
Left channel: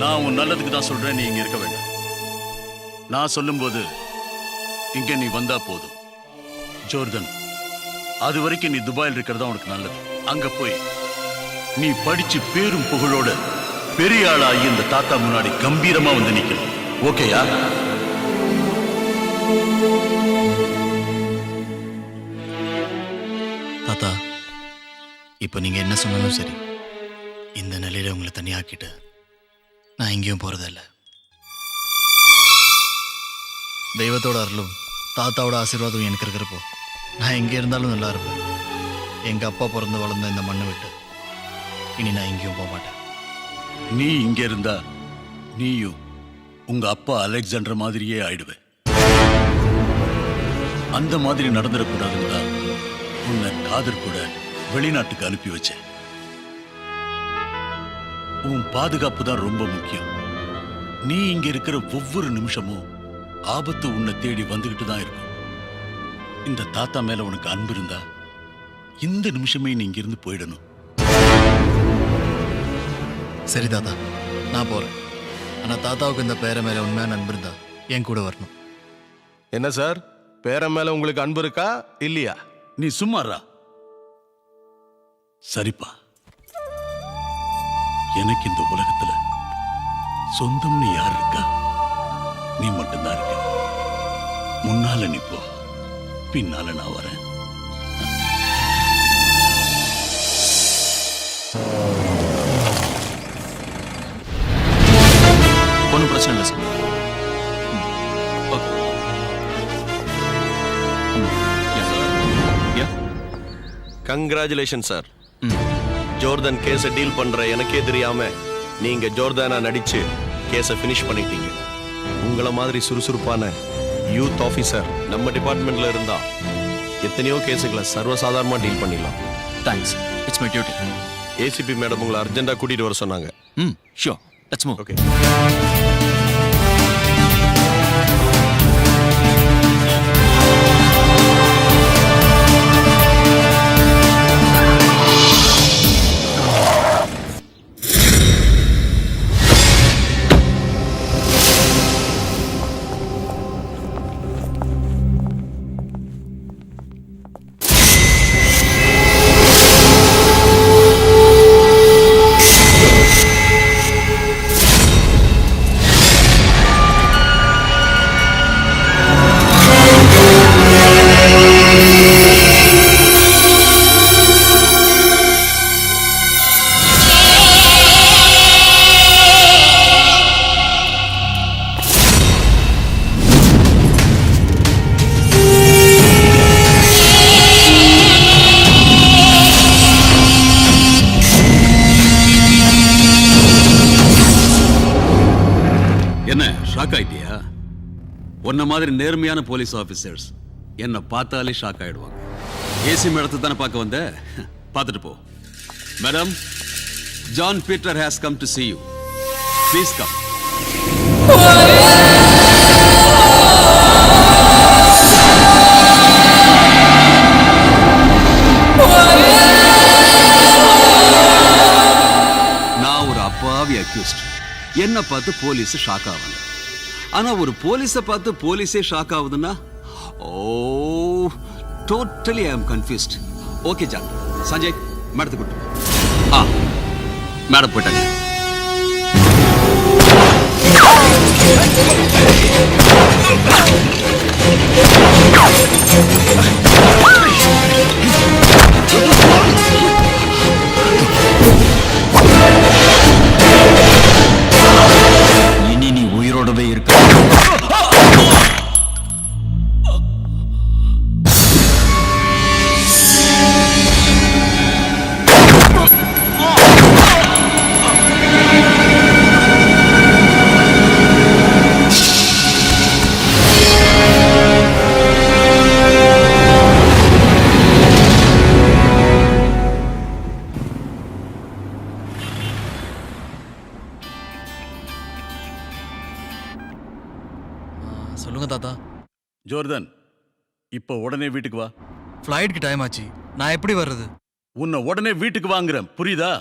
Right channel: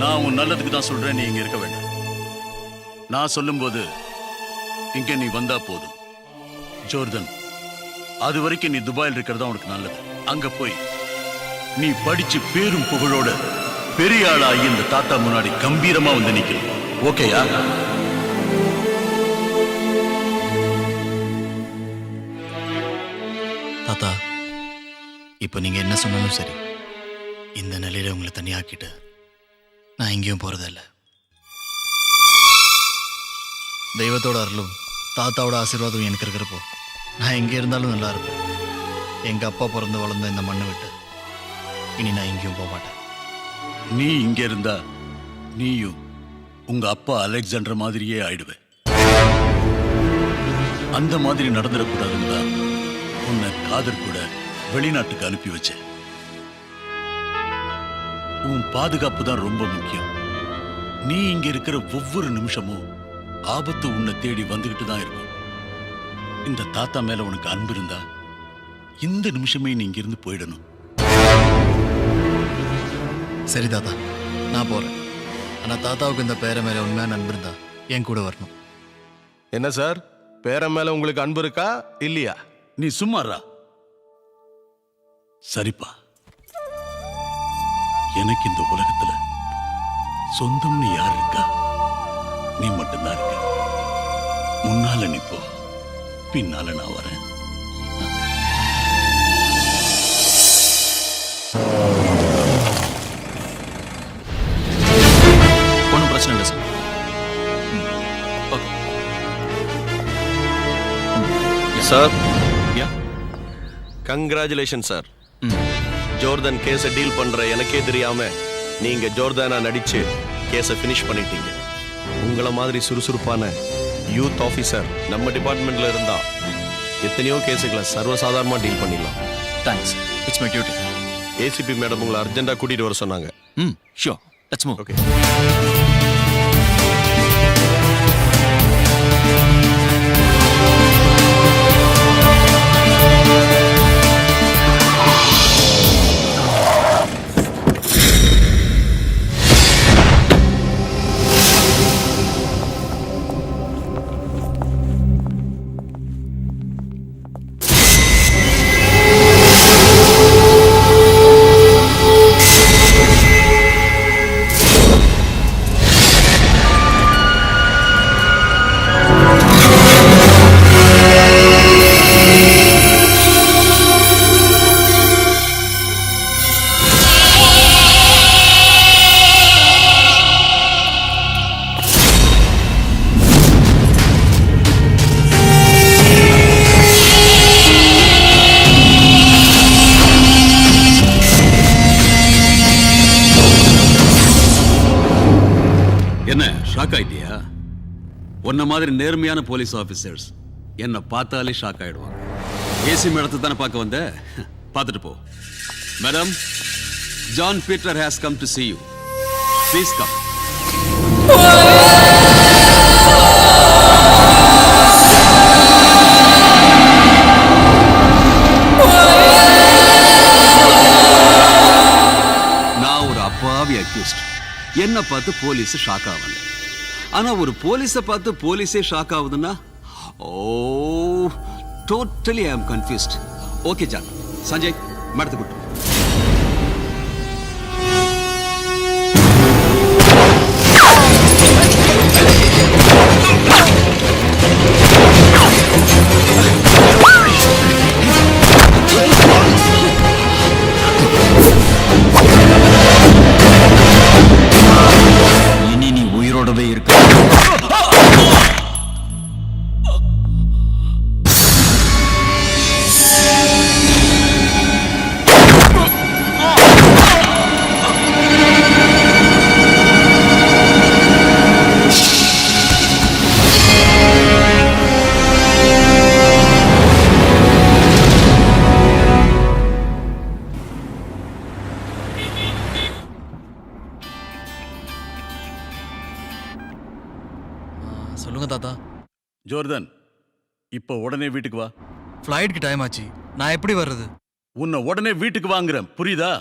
நான் உன் நல்லதுக்கு தான் சொல்றேன். நீ இங்க இருக்க வேண்டாம். நான் சொல்லும்போது இங்க நீ வந்தா போதும். ஜோர்தன், அது வரைக்கும் நீ துபாயில் இருக்கிறதா உனக்கு நல்லது. அங்க போய் நீ படிச்சு பேரும் புகழோட பெரிய ஆளாகி இந்த தாத்தா முன்னாடி கம்பீரமா வந்து நிக்கணும். ஓகேயா? தாத்தா, இப்போ நீங்க என்ன சொன்னாலும் சரி, இந்த நிலையில உங்களை தனியாக்கிட்டு நான் எங்கேயும் போறதில்ல. தெய்வத்தோட அருளும் தாத்தாவோட ஆசீர்வாதம் எனக்கு இருக்கிறப்போ நான் எங்கே இருந்தாலும் நல்லா இருப்பேன். எங்க அப்பா பிறந்து வளர்ந்த இந்த மண்ணை விட்டு இனி நான் எங்கேயும் போக மாட்டேன். நீ இங்க இருந்தா நீயும் உங்க அப்பா அலெக்சாண்டர் மாதிரியே ஆயிடுவேன். அந்த மாதிரி நடந்துடக்கூடாதுன்னு தான் உன்னை காதர் கூட வெளிநாட்டுக்கு அனுப்பி வச்சேன். உன் பாதுகாப்பு தான் ரொம்ப முக்கியம். நீ இங்க இருக்கிற ஒவ்வொரு நிமிஷமும் ஆபத்து உன்னை தேடி வந்துகிட்டு தான் இருக்கும். இந்த தாத்தா மேல உனக்கு அன்பு இருந்தா இந்த நிமிஷமே நீ இங்கிருந்து போயிடணும். சரி தாத்தா, நான் போறேன். ஆனா தாத்தாவுக்கு இந்த பேரை மேல உண்மையான அன்பு இருந்தா என் கூட வரணும். என்ன சார், பேரன் மேல உங்களுக்கு அன்பு இருக்கா இல்லையா? நீ சும்மாறா. சரிப்பா, எனக்கு இந்த உலகத்துல சொந்தம்னு யார் இருக்கா? நீ மட்டும்தான் இருக்க. முன்னால நீ போ, பின்னால நான் வரேன். ஒன்றும் பிரச்சனை இல்லை sir. Sir, congratulation sir. Jordan கேஸை டீல் பண்ற எனக்கே தெரியாம நீங்க ஜோர்தானா நடிச்சு கேஸை ஃபினிஷ் பண்ணிட்டீங்க. உங்களை மாதிரி சுறுசுறுப்பான யூத் ஆஃபீஸர் நம்ம டிபார்ட்மெண்ட்ல இருந்தா எத்தனையோ கேஸுகளை சர்வசாதாரணமா டீல் பண்ணிடலாம். Thanks, it's my duty. ACP madam உங்களை அர்ஜென்ட்டா கூட்டிட்டு வர சொன்னாங்க. Sure, let's move. ஓகே. என்ன ஷாக் ஆயிட்டியா? உன்ன மாதிரி நேர்மையான போலீஸ் ஆபீசர்ஸ் என்ன பார்த்தாலே ஷாக் ஆயிடுவாங்க. ஏசி மேடத்தை தானே பார்க்க வந்த, பார்த்துட்டு போ. Madam, John Peter has come to see you. Please come. நான் ஒரு அப்பாவி அக்யூஸ்ட். என்ன பார்த்து போலீஸ் ஷாக் ஆகல. ஆனா ஒரு போலீஸை பார்த்து போலீஸே ஷாக் ஆகுதுன்னா, ஓ டோட்டலி ஐ அம் கன்ஃபியூஸ்ட். ஓகே ஜான், சஞ்சய் மேடத்தை கூட்டு. மேடம் போயிட்டாங்க. இனி நீ உயிரோடவே இருக்க. சொல்லுங்க தாத்தா. ஜோர்தான், இப்போ உடனே வீட்டுக்கு வா. ஃப்ளைட்டுக்கு டைம் ஆச்சு, நான் எப்படி வர்றது? உன்னை உடனே வீட்டுக்கு வாங்குறேன், புரியுதா?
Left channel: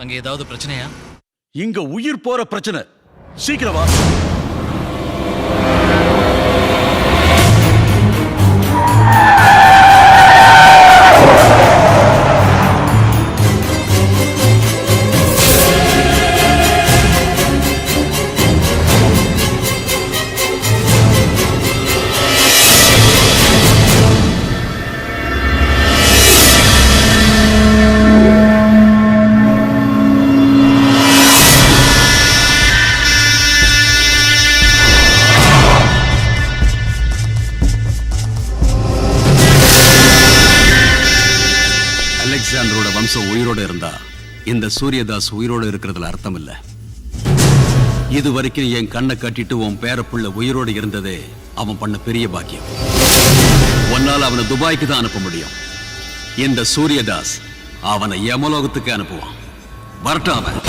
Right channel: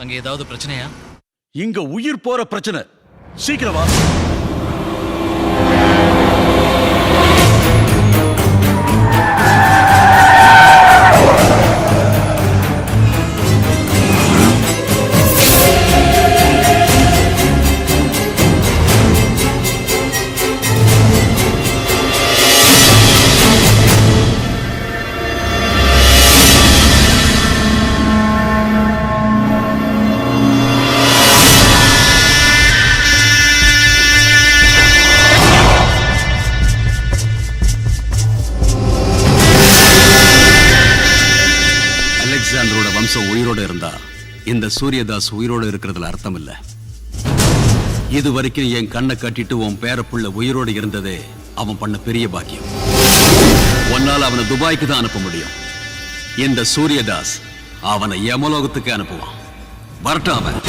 அங்க ஏதாவது பிரச்சனையா? இங்க உயிர் போற பிரச்சனை. சீக்கிரம் வா. அலெக்சாண்டரோட வம்சம் உயிரோட இருந்தா இந்த சூரியதாஸ் உயிரோட இருக்கிறதுல அர்த்தம் இல்ல. இது வரைக்கும் என் கண்ணை கட்டிட்டு உன் பேரப்புள்ள உயிரோட இருந்ததே அவன் பண்ண பெரிய பாக்கியம். ஒன்னால அவனை துபாய்க்கு தான் அனுப்ப முடியும். இந்த சூரியதாஸ் அவனை யமலோகத்துக்கு அனுப்புவான். வரட்டும் அவன்.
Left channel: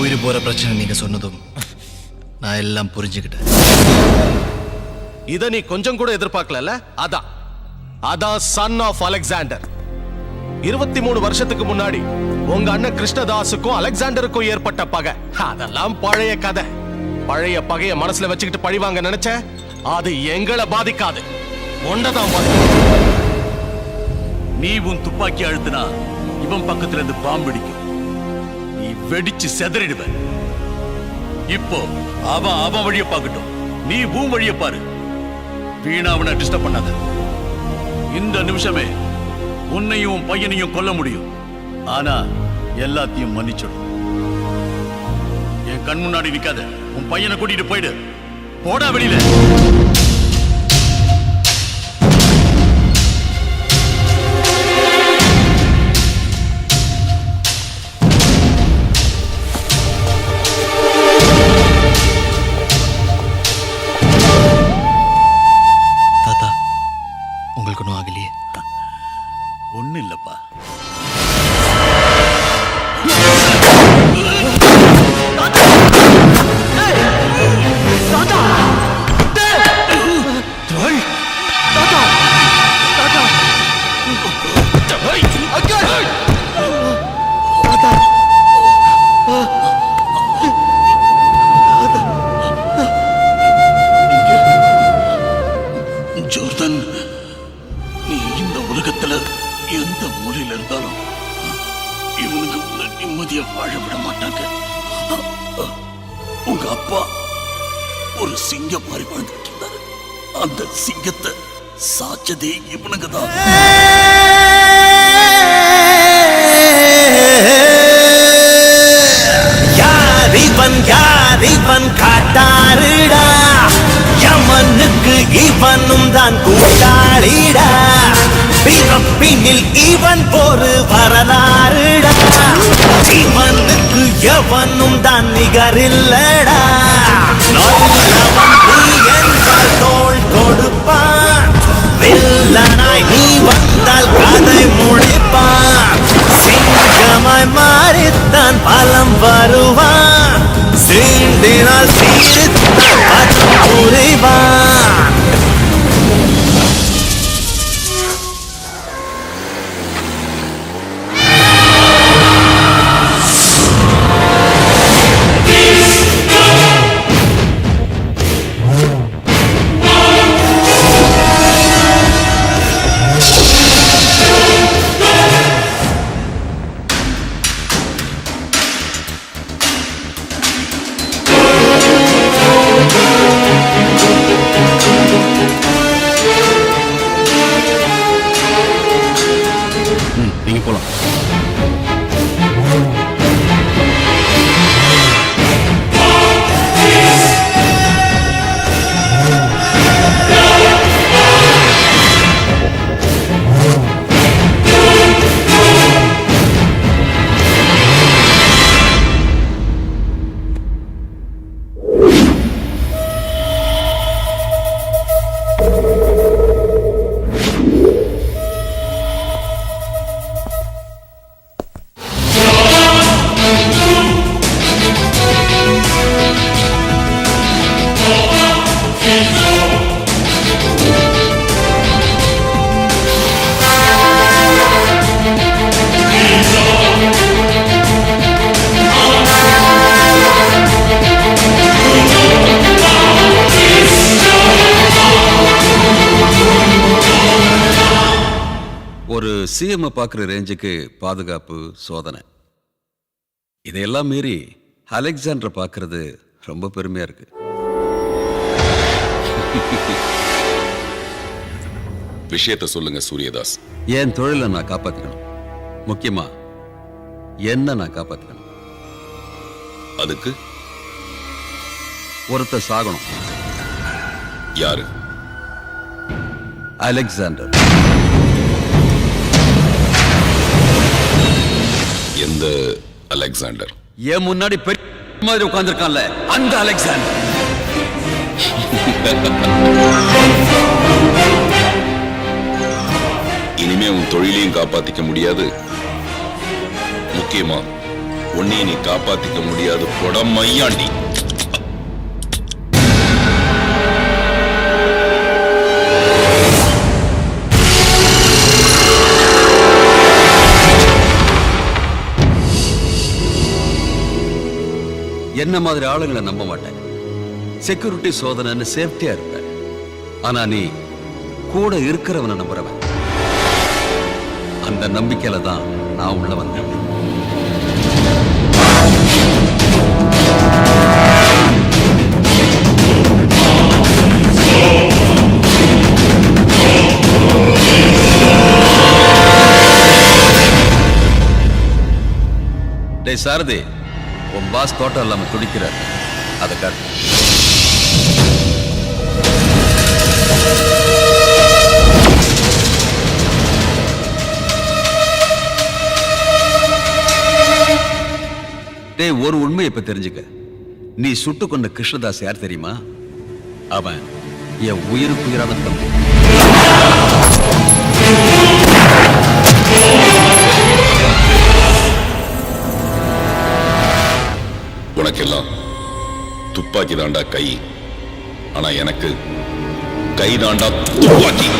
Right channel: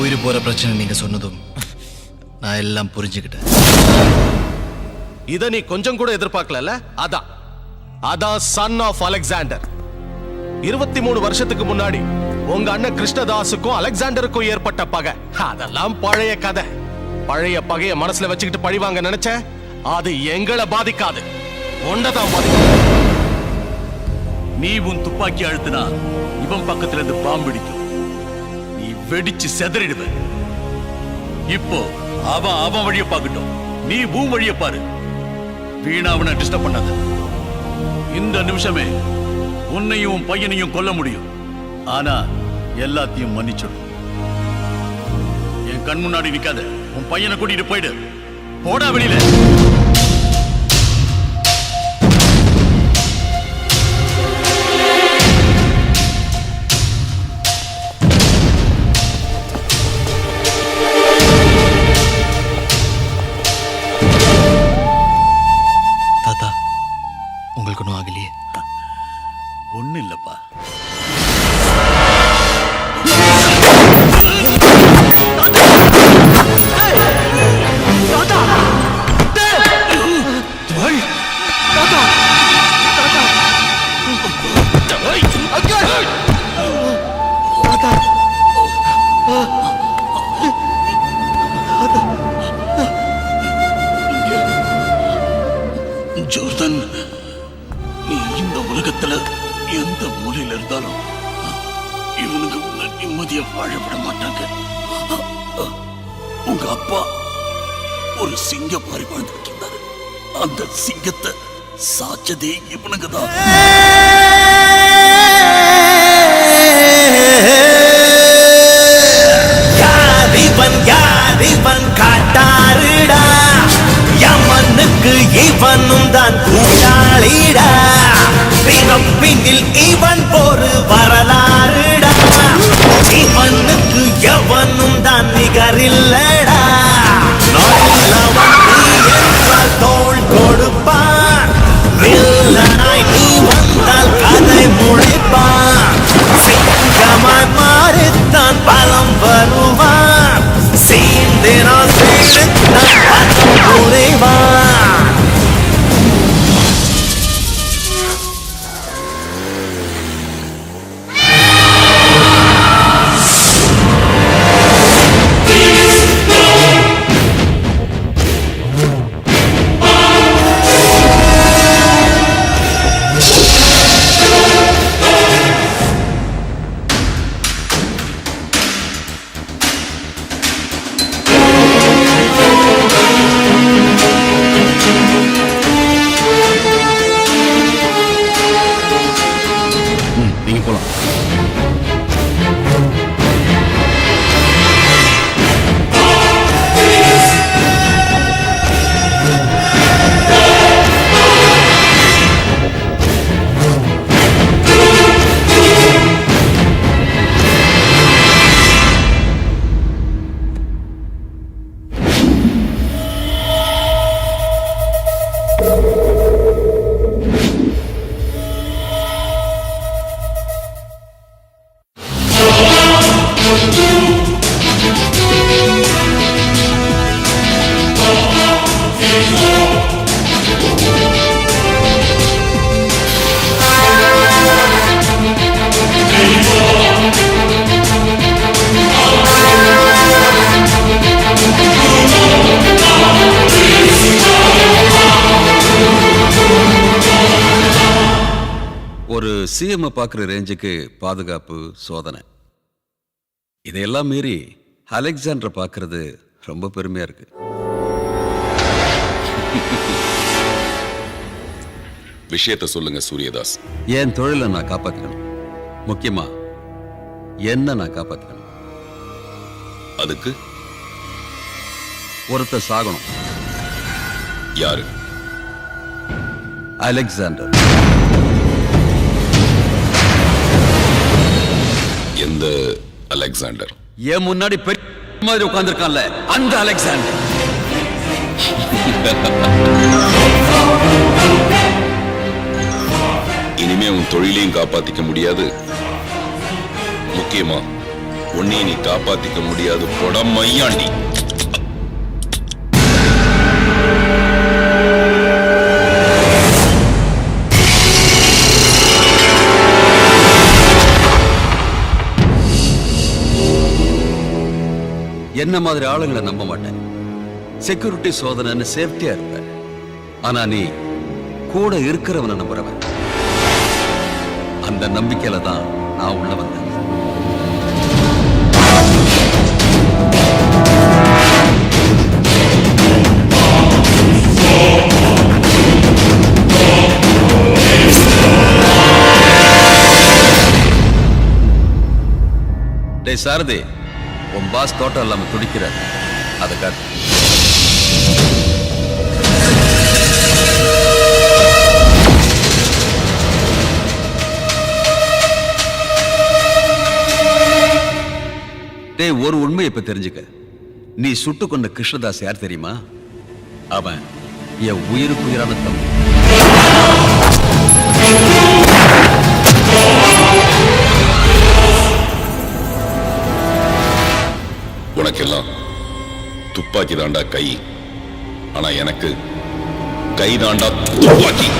உயிர் போற பிரச்சனை நீங்க சொன்னதும் நான் எல்லாம் புரிஞ்சுக்கிட்டேன். இத நீ கொஞ்சம் கூட எதிர்பார்க்கல. அதான் சன் ஆஃப் அலெக்சாண்டர். 23 வருஷத்துக்கு முன்னாடி உங்க அண்ணன் கிருஷ்ணதாஸுக்கும் அலெக்சாண்டருக்கும் ஏற்பட்ட பகை அதெல்லாம் பழைய கதை. பழைய பகைய மனசுல வச்சுக்கிட்டு பழிவாங்க நினைச்ச அது எங்களை பாதிக்காது, ஒன்னதான் பாதிக்கும். நீ உன் துப்பாக்கி அழுத்தினா இவன் பக்கத்துல இருந்து பாம்பிடிக்கும், நீ வெடிச்சு செதறிடுவ. இப்போ அவன் வழிய பார்க்கட்டும், நீ உன் வழிய பாரு. வீணா அவனை டிஸ்டர்ப் பண்ணாத. இந்த நிமிஷமே உன்னையும் உன் பையனையும் கொல்ல முடியும். ஆனா எல்லாத்தையும் மன்னிச்சிடும். என் கண் முன்னாடி நிக்காத, உன் பையனை கூட்டிட்டு போயிடு. போடா வெளியில. தாத்தா, உங்களுக்கு ஒன்றும் ஆகலையே? ஒண்ணு இல்லப்பா. ஜோர்தான், நீ இந்த உலகத்துல எந்த மூலையில இருந்தாலும் இவனுக்கு உன்னை நிம்மதியா வாழ விட மாட்டாங்க. உங்க அப்பா ஒரு சிங்கம் மாதிரி வாழ்ந்துட்டு இருந்தாரு. அந்த சிங்கத்தை சாச்சதே இவனுங்க தான். யாரிவன் காட்டாருடா, யமனுக்கு இவனும் தான் கூட்டாளிடா. பிறப்பினில் இவன் ஒரு வரலாறுடா, இவனுக்கு எவனும் தான் நிகரில்லடா. நல்லவன் நீ என்றால் தோள் கொடுப்பான், வில்லனாய் நீ வந்தால் கதை முடிப்பான். சிங்கமாய் மாறித்தான் பலம் வருவான், சீண்டினால் சீர்த்தான் புரிவான். நீங்க போலாம். ஒரு சிஎம் பார்க்குற ரேஞ்சுக்கு பாதுகாப்பு சோதனை இதையெல்லாம் மீறி அலெக்சாண்டரை பார்க்கறது ரொம்ப பெருமையா இருக்கு. விஷயத்த சொல்லுங்க சூரியதாஸ். என் தொழிலை நான் காப்பாத்திக்கணும், முக்கியமா என்ன நான் காப்பாத்திக்கணும். அதுக்கு ஒருத்தர் சாகணும். யாரு? அலெக்சாண்டர். எந்த அலெக்சாண்டர்? என் முன்னாடி பெரிய மாதிரி உட்கார்ந்திருக்கான்ல அந்த அலெக்சாண்டர். இனிமே உன் தொழிலையும் காப்பாத்திக்க முடியாது, முக்கியமா உன்னையும் நீ காப்பாத்திக்க முடியாது. பொடம் மையாண்டி. என்ன மாதிரி ஆளுங்களை நம்ப மாட்டேன். செக்யூரிட்டி சோதனைன்னு சேஃப்டியா இருப்ப. ஆனா நீ கூட இருக்கிறவனை நம்புறவன். அந்த நம்பிக்கையில தான் நான் உள்ள வந்தேன். டேய் சாரதி, உன் பாஸ் தோட்டம் இல்லாம துடிக்கிறார், அதை காட்டு. டேய், ஒரு உண்மை இப்ப தெரிஞ்சுக்க. நீ சுட்டு கொண்ட கிருஷ்ணதாஸ் யார் தெரியுமா? அவன் என் உயிருக்குயிரான தம்பி. உனக்கெல்லாம் துப்பாக்கி தாண்டா கை, ஆனா எனக்கு கை தாண்டா துப்பாக்கி.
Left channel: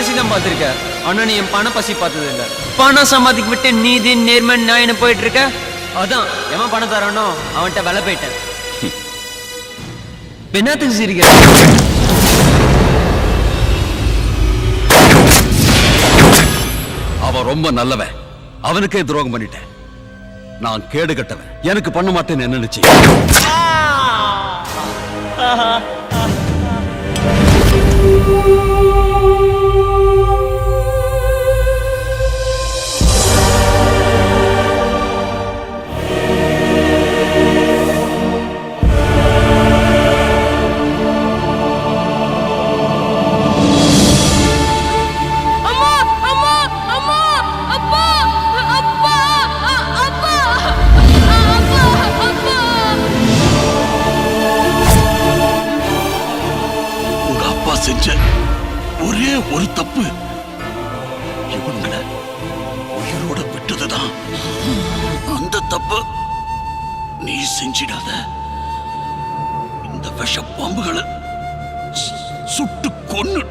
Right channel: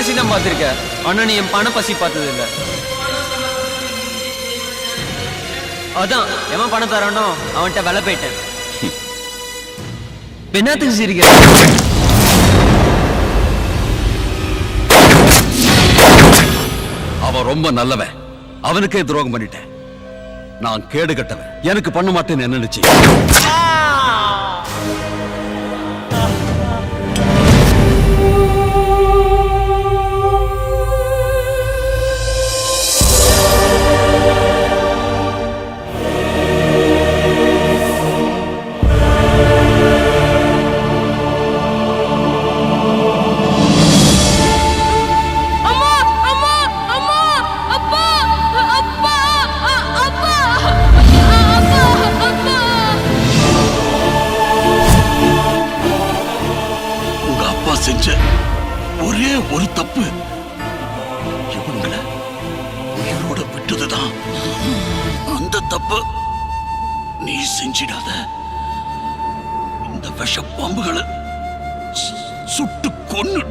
பசி தான் பார்த்திருக்க. ஆனா நீ என் பண பசி பார்த்தது இல்ல. பணம் சம்பாதிக்க விட்டு நீதி நேர்மை நியாயம் போயிட்டு இருக்க. அதான் எவன் பணம் தரானோ அவன்கிட்ட விலை போயிட்டேன். என்னத்துக்கு சிரிக்கிற? அவன் ரொம்ப நல்லவன். அவனுக்கே துரோகம் பண்ணிட்டேன். நான் கேடு கட்டவன். எனக்கு பண்ண மாட்டேன்னு என்ன நினைச்சு? செஞ்ச ஒரே ஒரு தப்பு இவங்களை உயிரோட விட்டதுதான். அந்த தப்பு நீ செஞ்சிடாத. இந்த விஷ பாம்புகளை சுட்டு கொன்னு.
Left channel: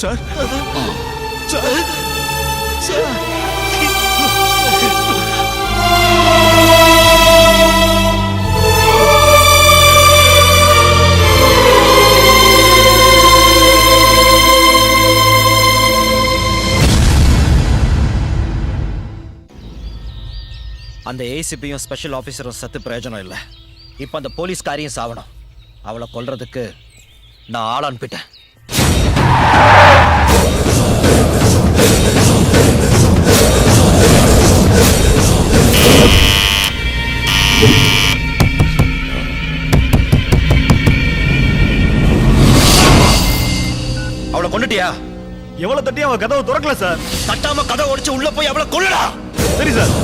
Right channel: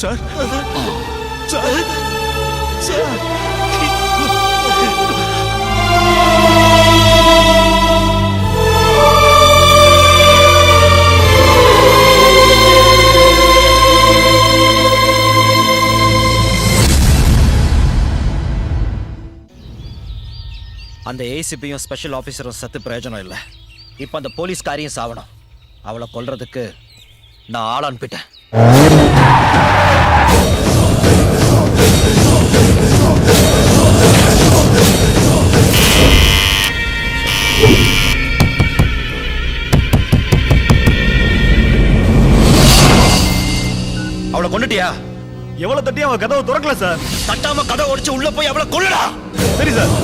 சார் சார் சார் அந்த ஏசிபியும் ஸ்பெஷல் ஆஃபீஸரும் சத்து பிரயோஜனம் இல்லை. இப்போ அந்த போலீஸ்காரியும் சாவணும். அவளை கொல்றதுக்கு நான் ஆள் அனுப்பிட்டேன். அவளை கொண்டுட்டியா? எவ்வளவு தட்டி அவன் கதவை திறக்கல சார். தட்டாம கதவை உடைச்சு உள்ள போய் அவளை கொல்லுடா. சரி சார்.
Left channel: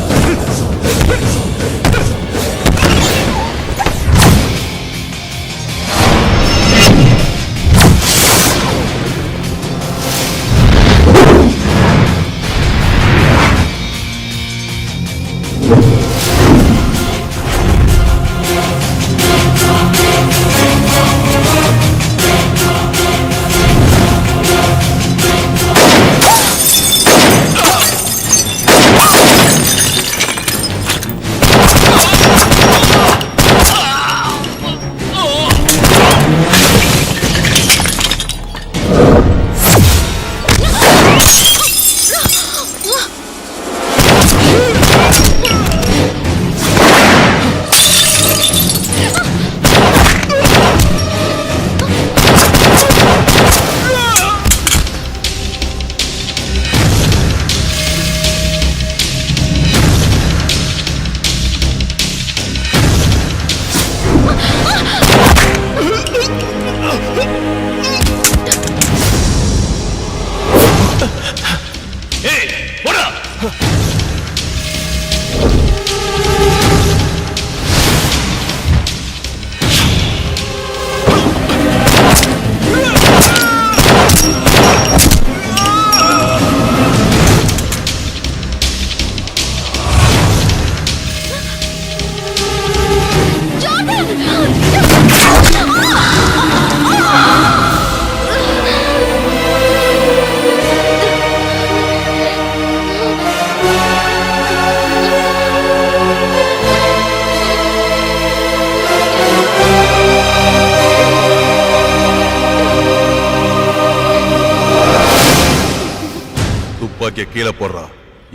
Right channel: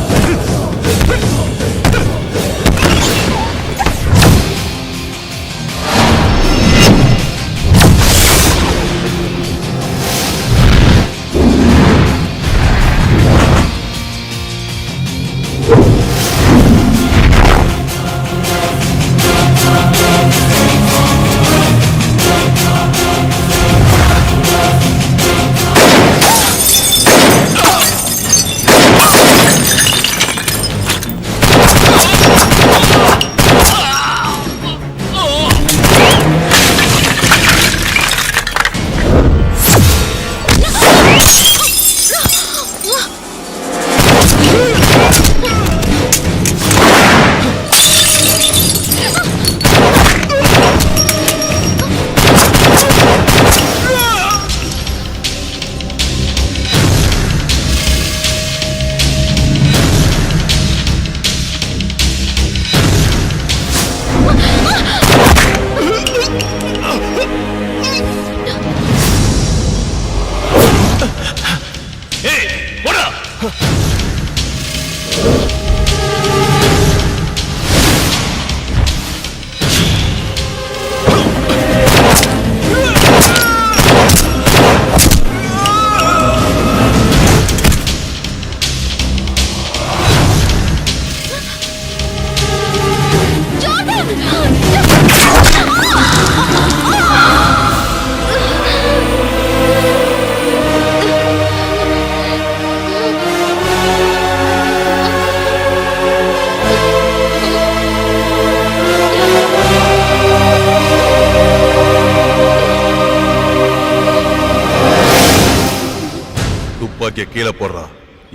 துப்பாக்கிய கீழே போடுறா,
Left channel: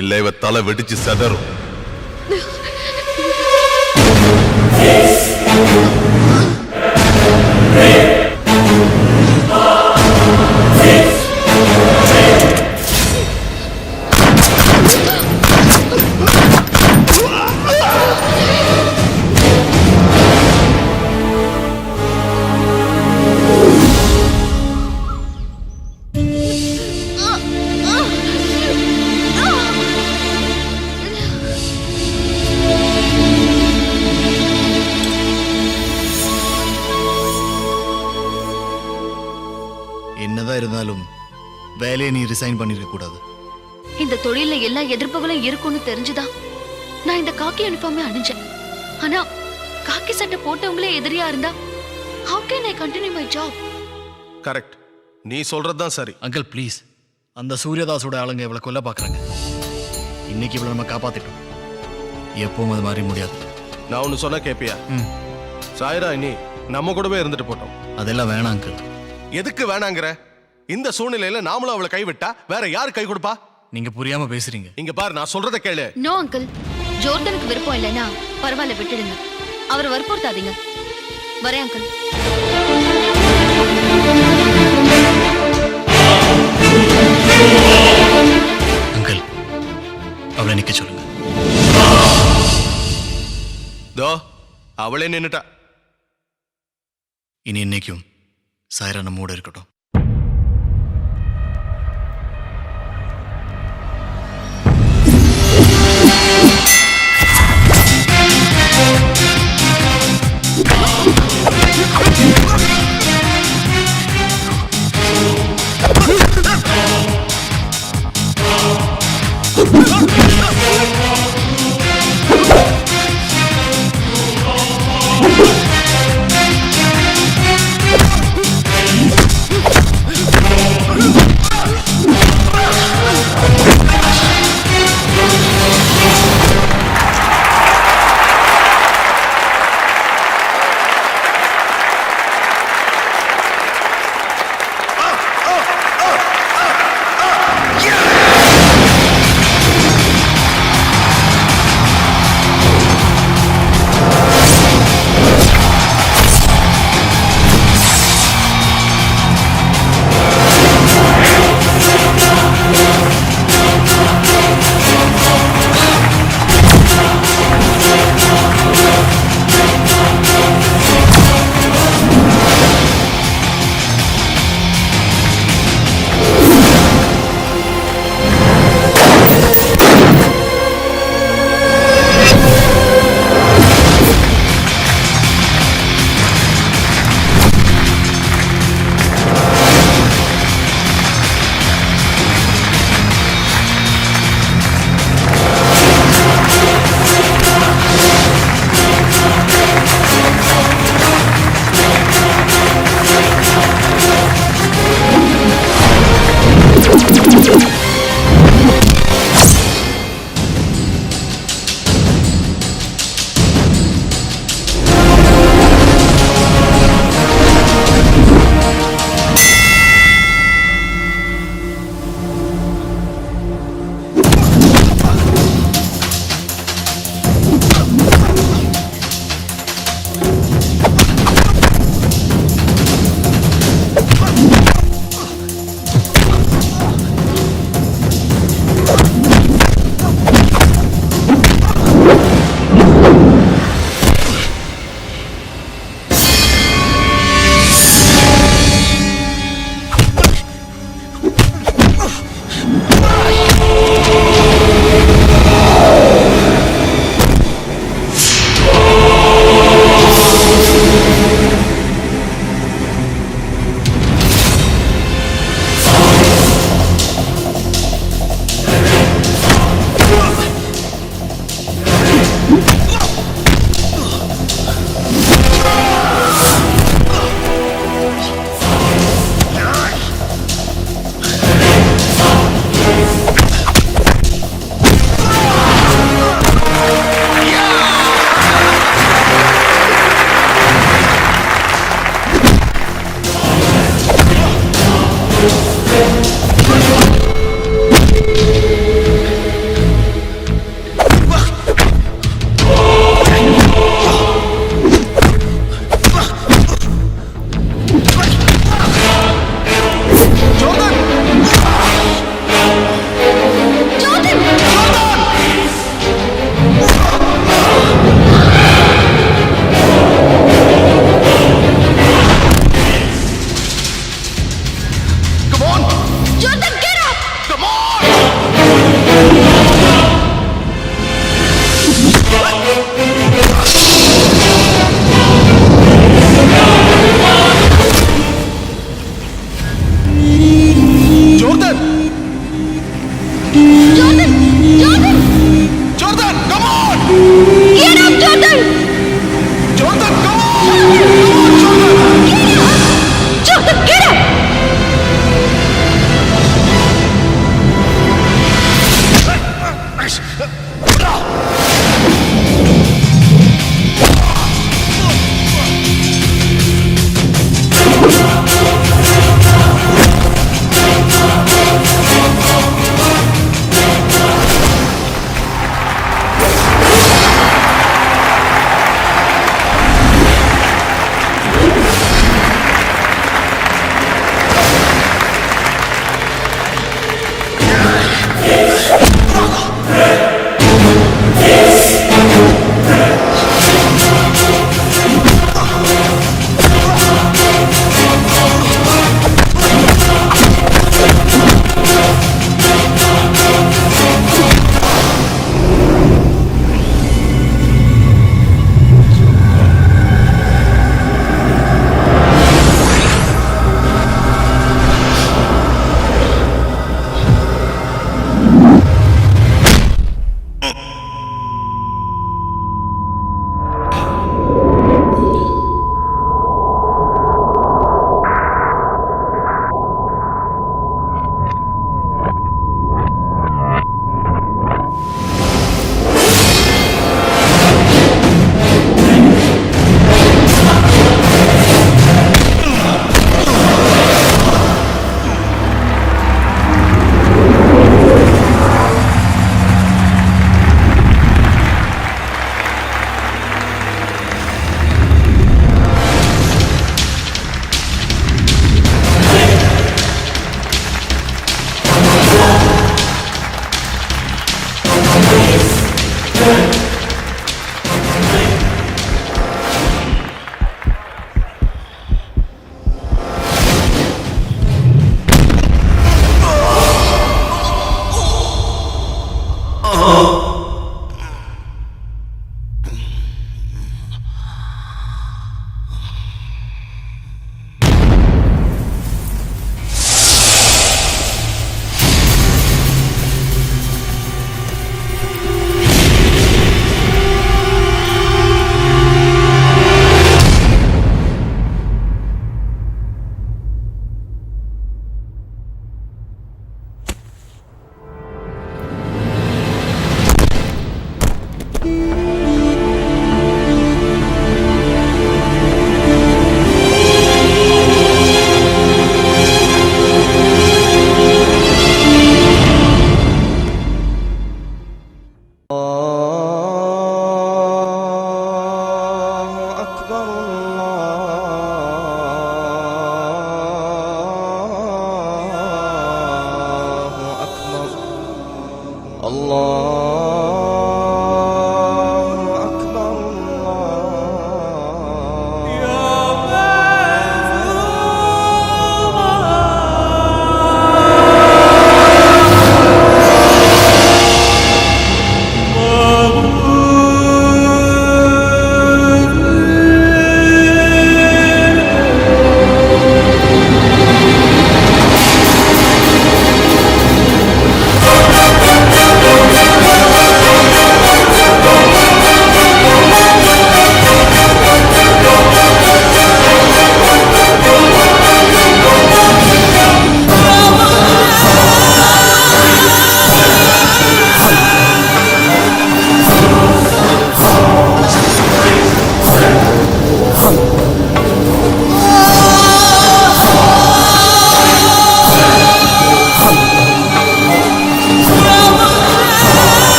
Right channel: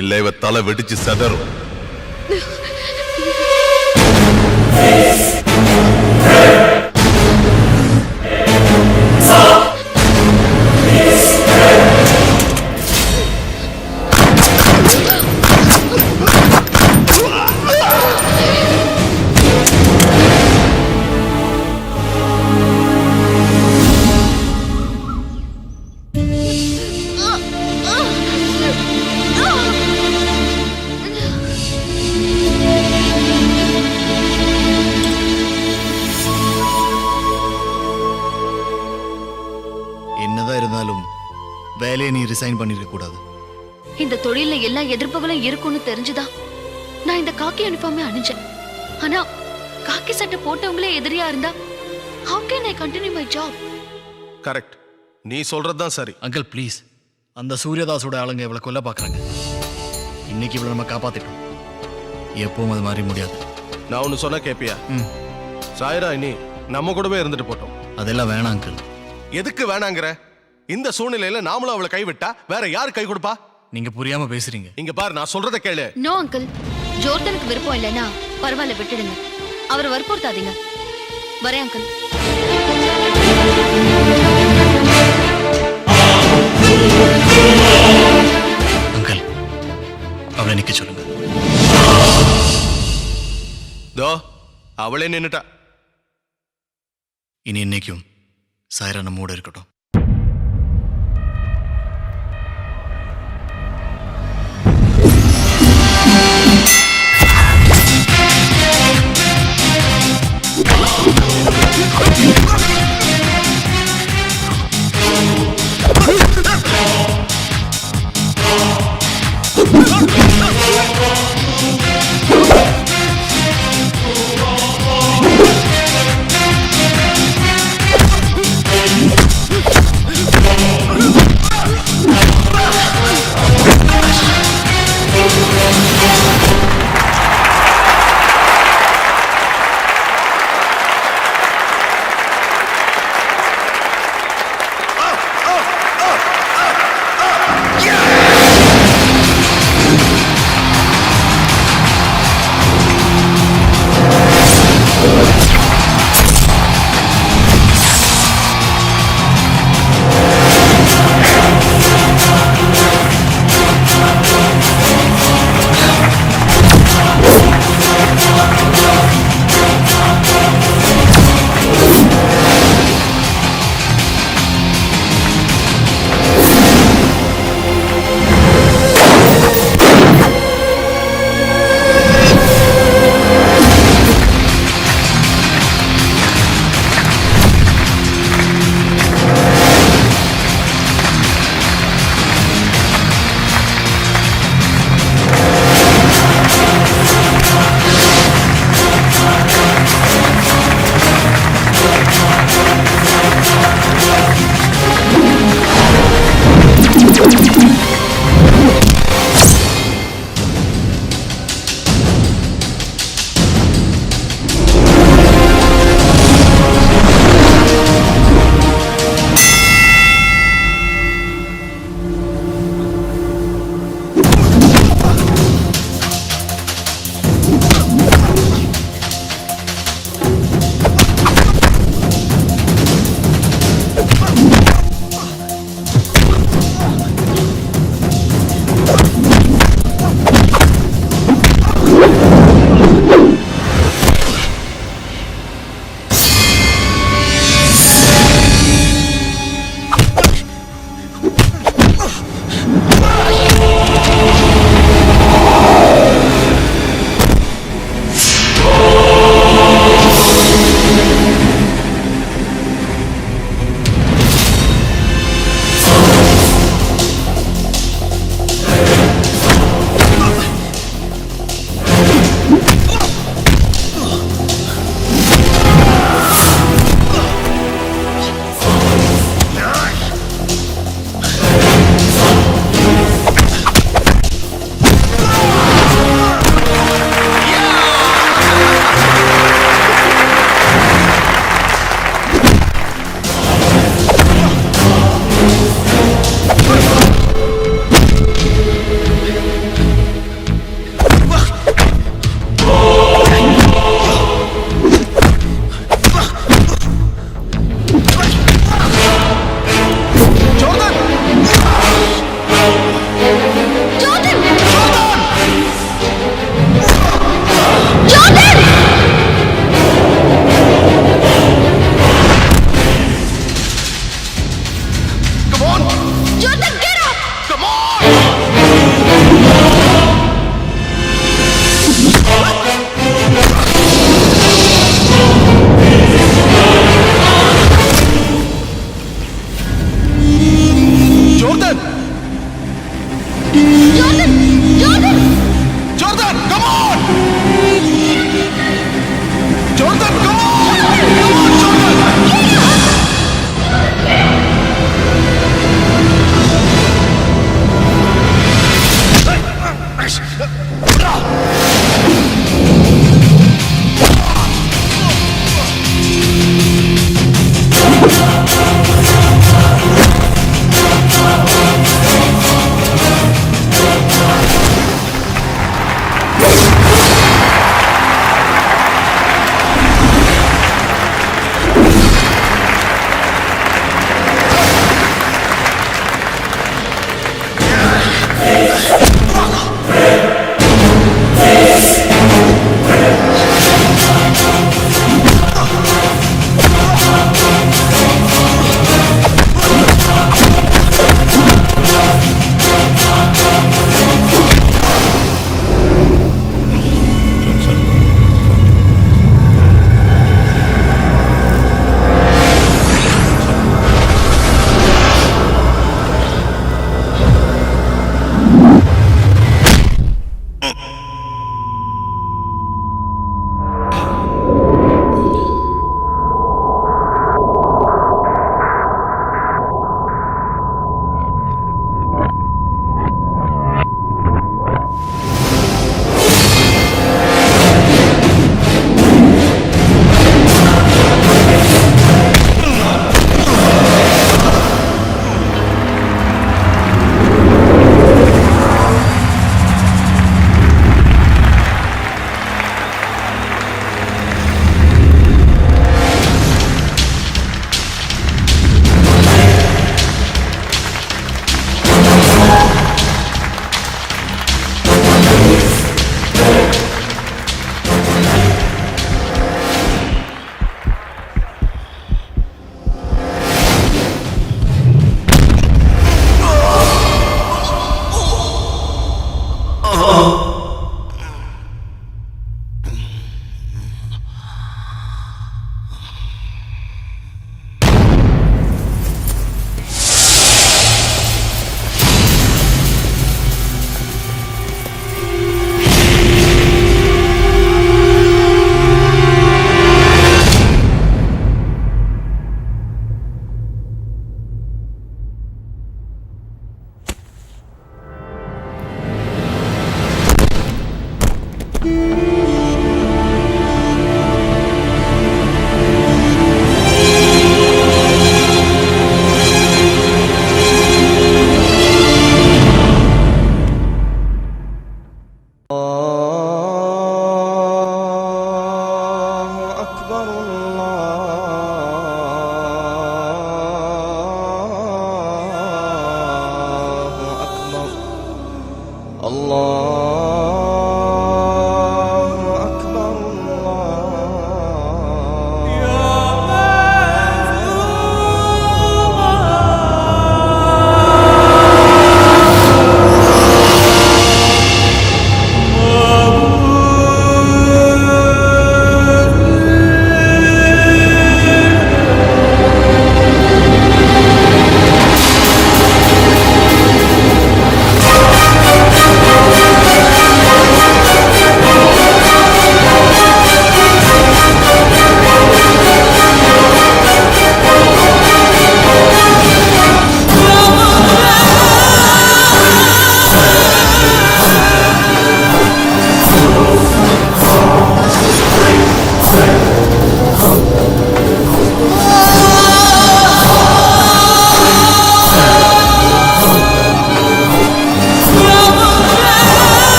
இல்ல இவ தலை வெடிச்சு செதறும். என்னதான் இருந்தாலும் வேலையை நீ ரிசைன் பண்ணிருக்க கூடாது. இந்த தொழில எல்லா எதிர்ப்புகளும் இருக்கும்னு தெரிஞ்சுதான் நான் இந்த காக்கி யூனிஃபார்மே அணிஞ்சேன். ஆனா காக்கி சட்டை போட்டவங்களே எதிரியா இருந்தா how can I continue my job? Correct. நீ சொல்றதுதான் சரி. அங்கிள் ப்ளீஸ், அந்த சூரியதாஸோட ஆளுங்க இவளை கொல்ல பார்க்குறாங்க. இன்னைக்கு இவளை நம்ம காப்பாத்திட்டோம், எப்பவும் அது மாதிரி முடியாது. நான் ஒன்று சொன்ன கேப்பியா? சாய்ரா இனி நம்ம கூடவே இருந்துட்டு போட்டோம். அதெல்லாம் வேணாம் அங்கிள். எதுக்கு வேணாங்கிற? இந்த சூழ்நிலையில நாமளும் அவளை கைவிட்டா வேற யாரு கை கொடுப்பா? நீங்க புரியாம பேசுறீங்க. இங்க பாரு, நான் சொல்றத கேளு. நோ அங்கிள், ஜோர்டனுக்கு விருப்பம் இல்லைன்னா பரவாயில்ல, விட்டுடுங்க. அவரை வற்புறுத்தாதீங்க. வரேன் அங்கிள். அங்கிள், அவளை நிக்க சொல்லுங்க. தோ அவளே நின்னுட்டா. இனி இன்னைக்கும் சாய்ரா நம்மோட இருக்கட்டும்.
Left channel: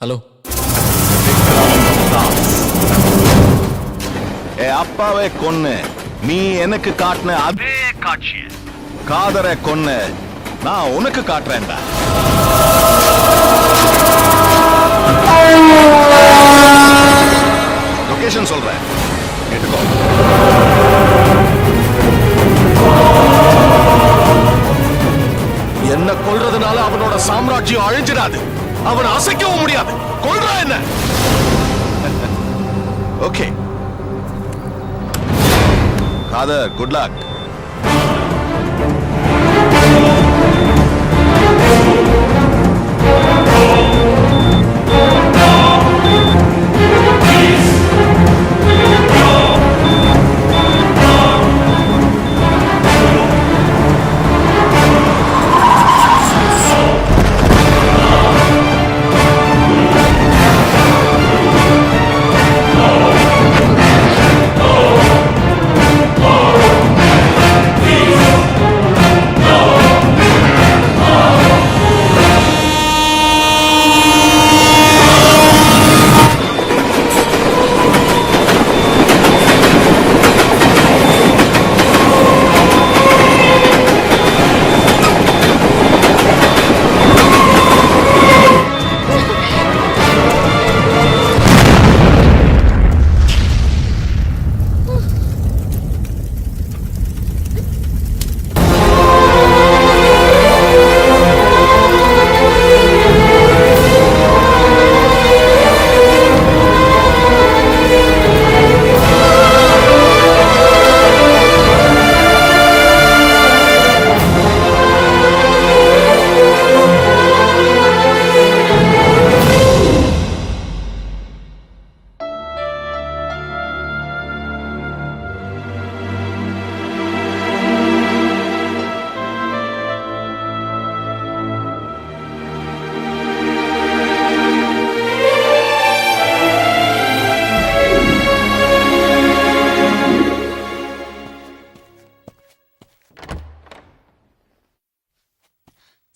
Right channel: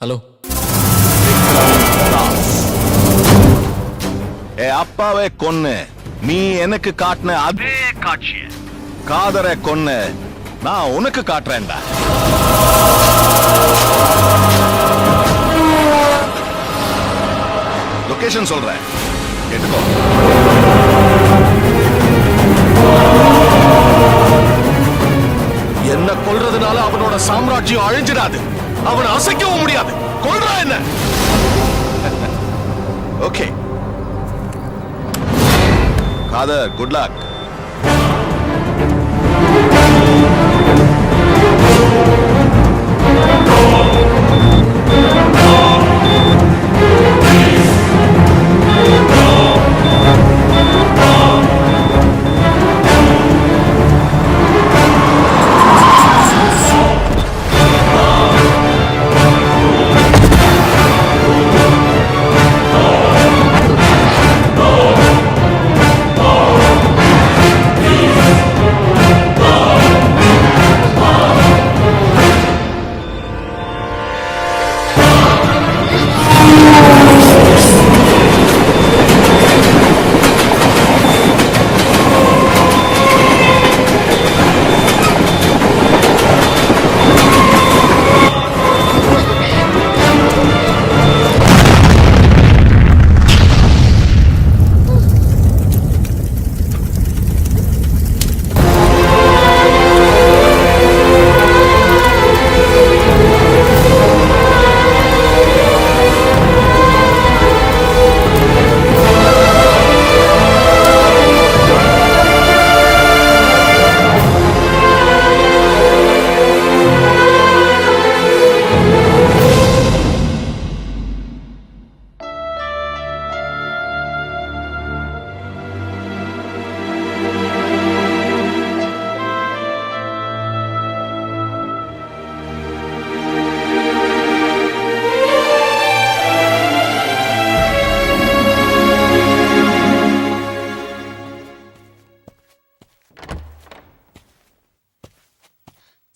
ஹலோ. அப்பாவை கொன்னு நீ எனக்கு காட்டின அதே காட்சிய காதரை கொன்னு நான் உனக்கு காட்டுறேன்டா. லொகேஷன் சொல்றேன், கேட்டுக்கோ. என்ன கொல்றதுனால அவனோட சாம்ராஜ்யம் அழிஞ்சிடாது, அவனை அசைக்கவும் முடியாது. கொல்றா என்ன? Okay Khader, good luck.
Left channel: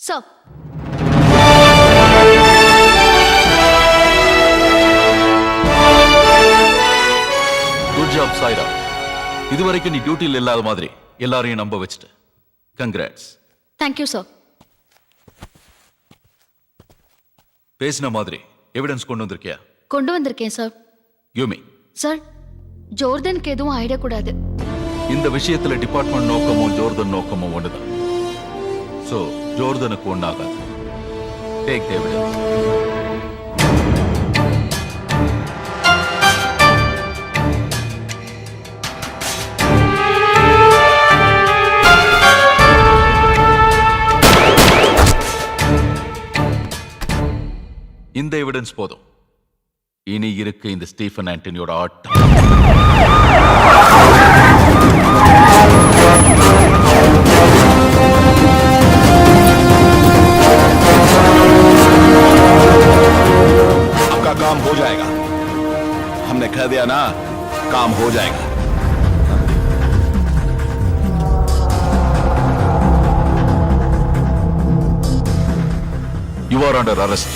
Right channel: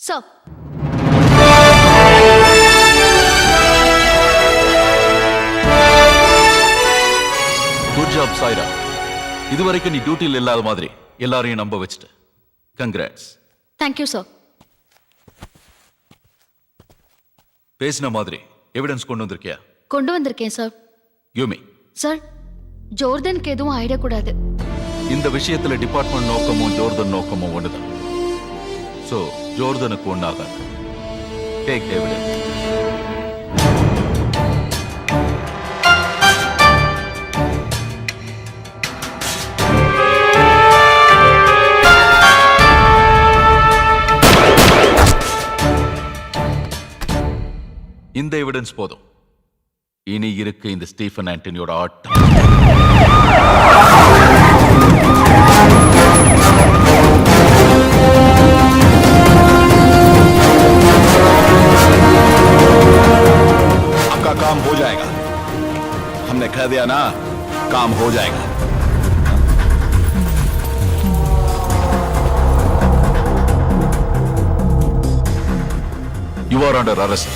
Sir. Good job Saira. இதுவரைக்கும் நீ டியூட்டியில் இல்லாத மாதிரி எல்லாரையும் நம்ப வச்சுட்ட. கங்க்ராட்ஸ். Thank you sir. பேசின மாதிரி எவிடன்ஸ் கொண்டு வந்திருக்கியா? கொண்டு வந்திருக்கேன் சார். யூமி சார், ஜோர்தனுக்கு எதுவும் ஆயிடக்கூடாது. இந்த விஷயத்துல டிபார்ட்மெண்ட் நோக்கமும் ஜோர்தன் நோக்கமும் ஒண்ணுதான். சோ ஜோர்தனுக்கு ஒண்ணாகாது. Take evidence. இந்த எவிடன்ஸ் போதும். இனி இருக்கு இந்த ஸ்டீஃபன் ஆண்டனியோட ஆட்டம். आपका काम हो जाएगा. हमने कह दिया ना, काम हो जाएगा. You are under arrest.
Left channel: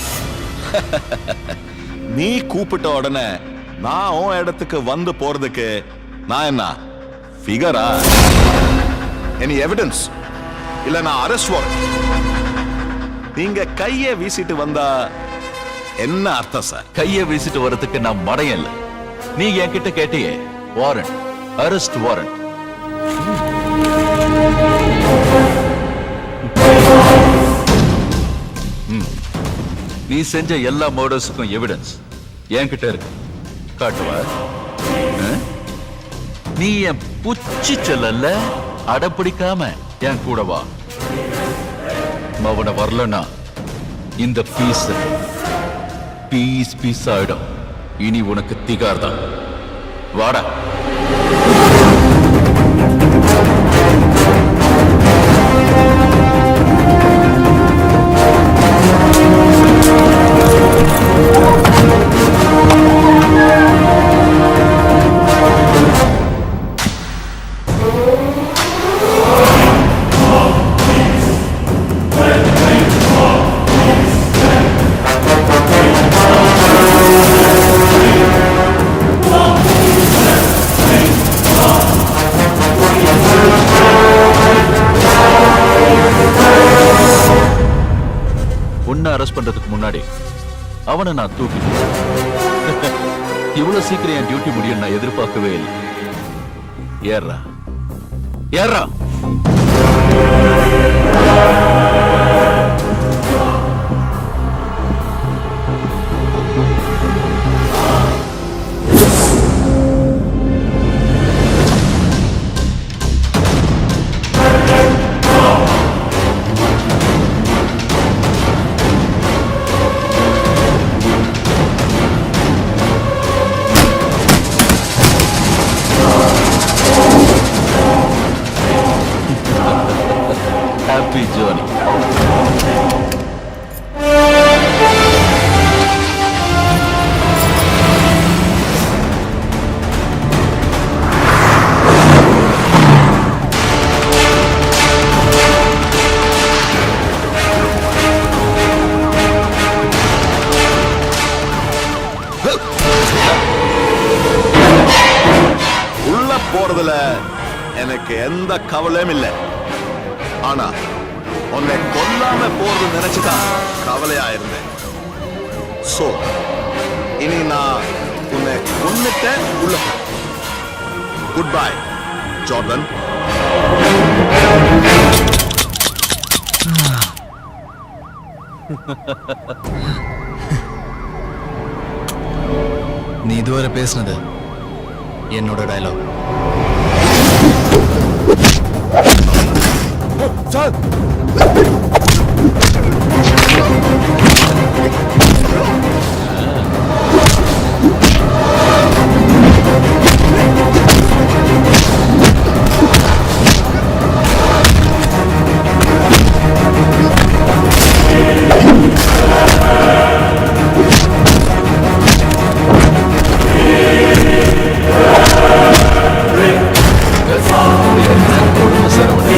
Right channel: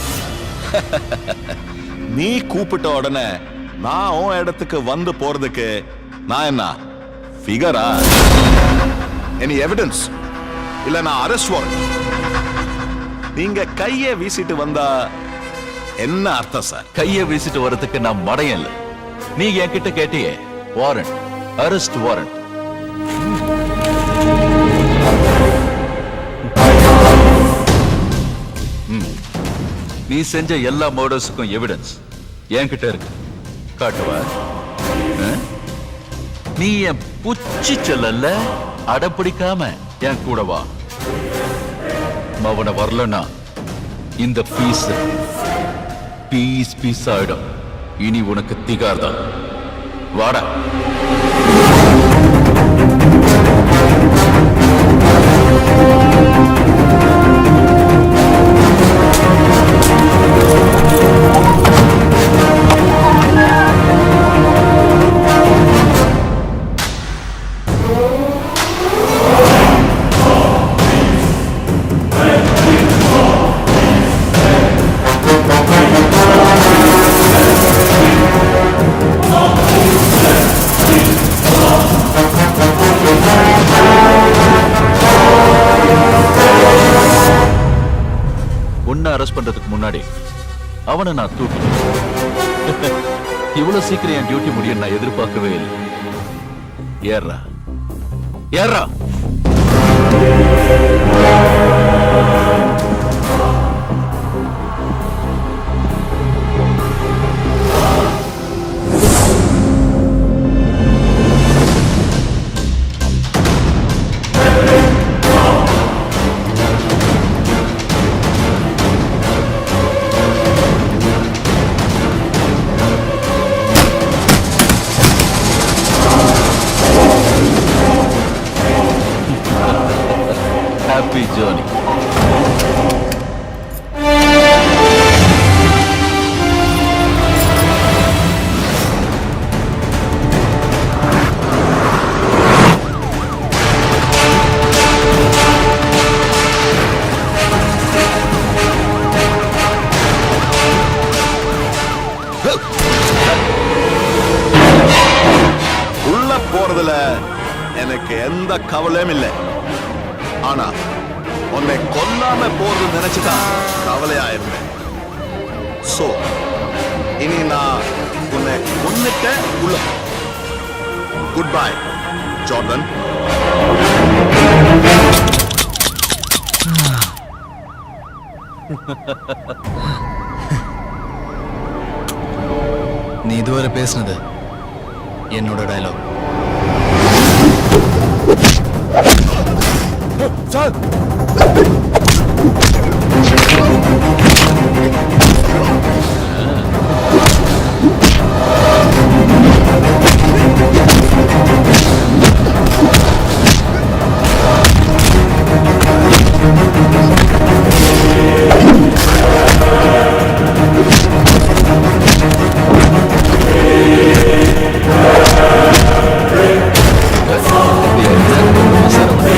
நீ கூப்பிட்ட உடனே நான் உன் இடத்துக்கு வந்து போறதுக்கு நான் என்ன ஃபிகரா? எனி எவிடன்ஸ் இல்ல நான் அரெஸ்ட் வாரண்ட். நீங்க கையை வீசிட்டு வந்தா என்ன அர்த்தம் சார்? கையை வீசிட்டு வரதுக்கு நான் மடையன் இல்ல. நீ என்கிட்ட கேட்டியே வாரண்ட், அரெஸ்ட் வாரண்ட். நீ செஞ்ச எல்லா மர்டர்ஸுக்கும் எவிடன்ஸ் என்கிட்ட இருக்கு. காட்டுவா? நீ என் புச்சி செல்லல, அடப்பிடிக்காம என் கூட வா. அவனை வரலன்னா இந்த பீஸ் பீஸ் பீஸ் ஆயிடும். இனி உனக்கு திகார் தான். வாடா. உன்னை அரெஸ்ட் பண்றதுக்கு முன்னாடி அவனை நான் தூக்கிட்டேன். இவ்வளவு சீக்கிரம் என் டியூட்டி முடியும் நான் எதிர்பார்க்கவே இல்லை. ஏறா ஏறா. Happy journey. உள்ள போறதுல எனக்கு எந்த கவலையும் இல்லை. ஆனா உன்னை கொல்லாம போறது நினைச்சுதான் கவலையா இருந்தேன். சோ இனி நான் உன்னை கொன்னுட்ட உள்ள போ. Good bye Jordan. நீ இதுவரை பேசினது என்னோட டயலாக். சார் சரவணன்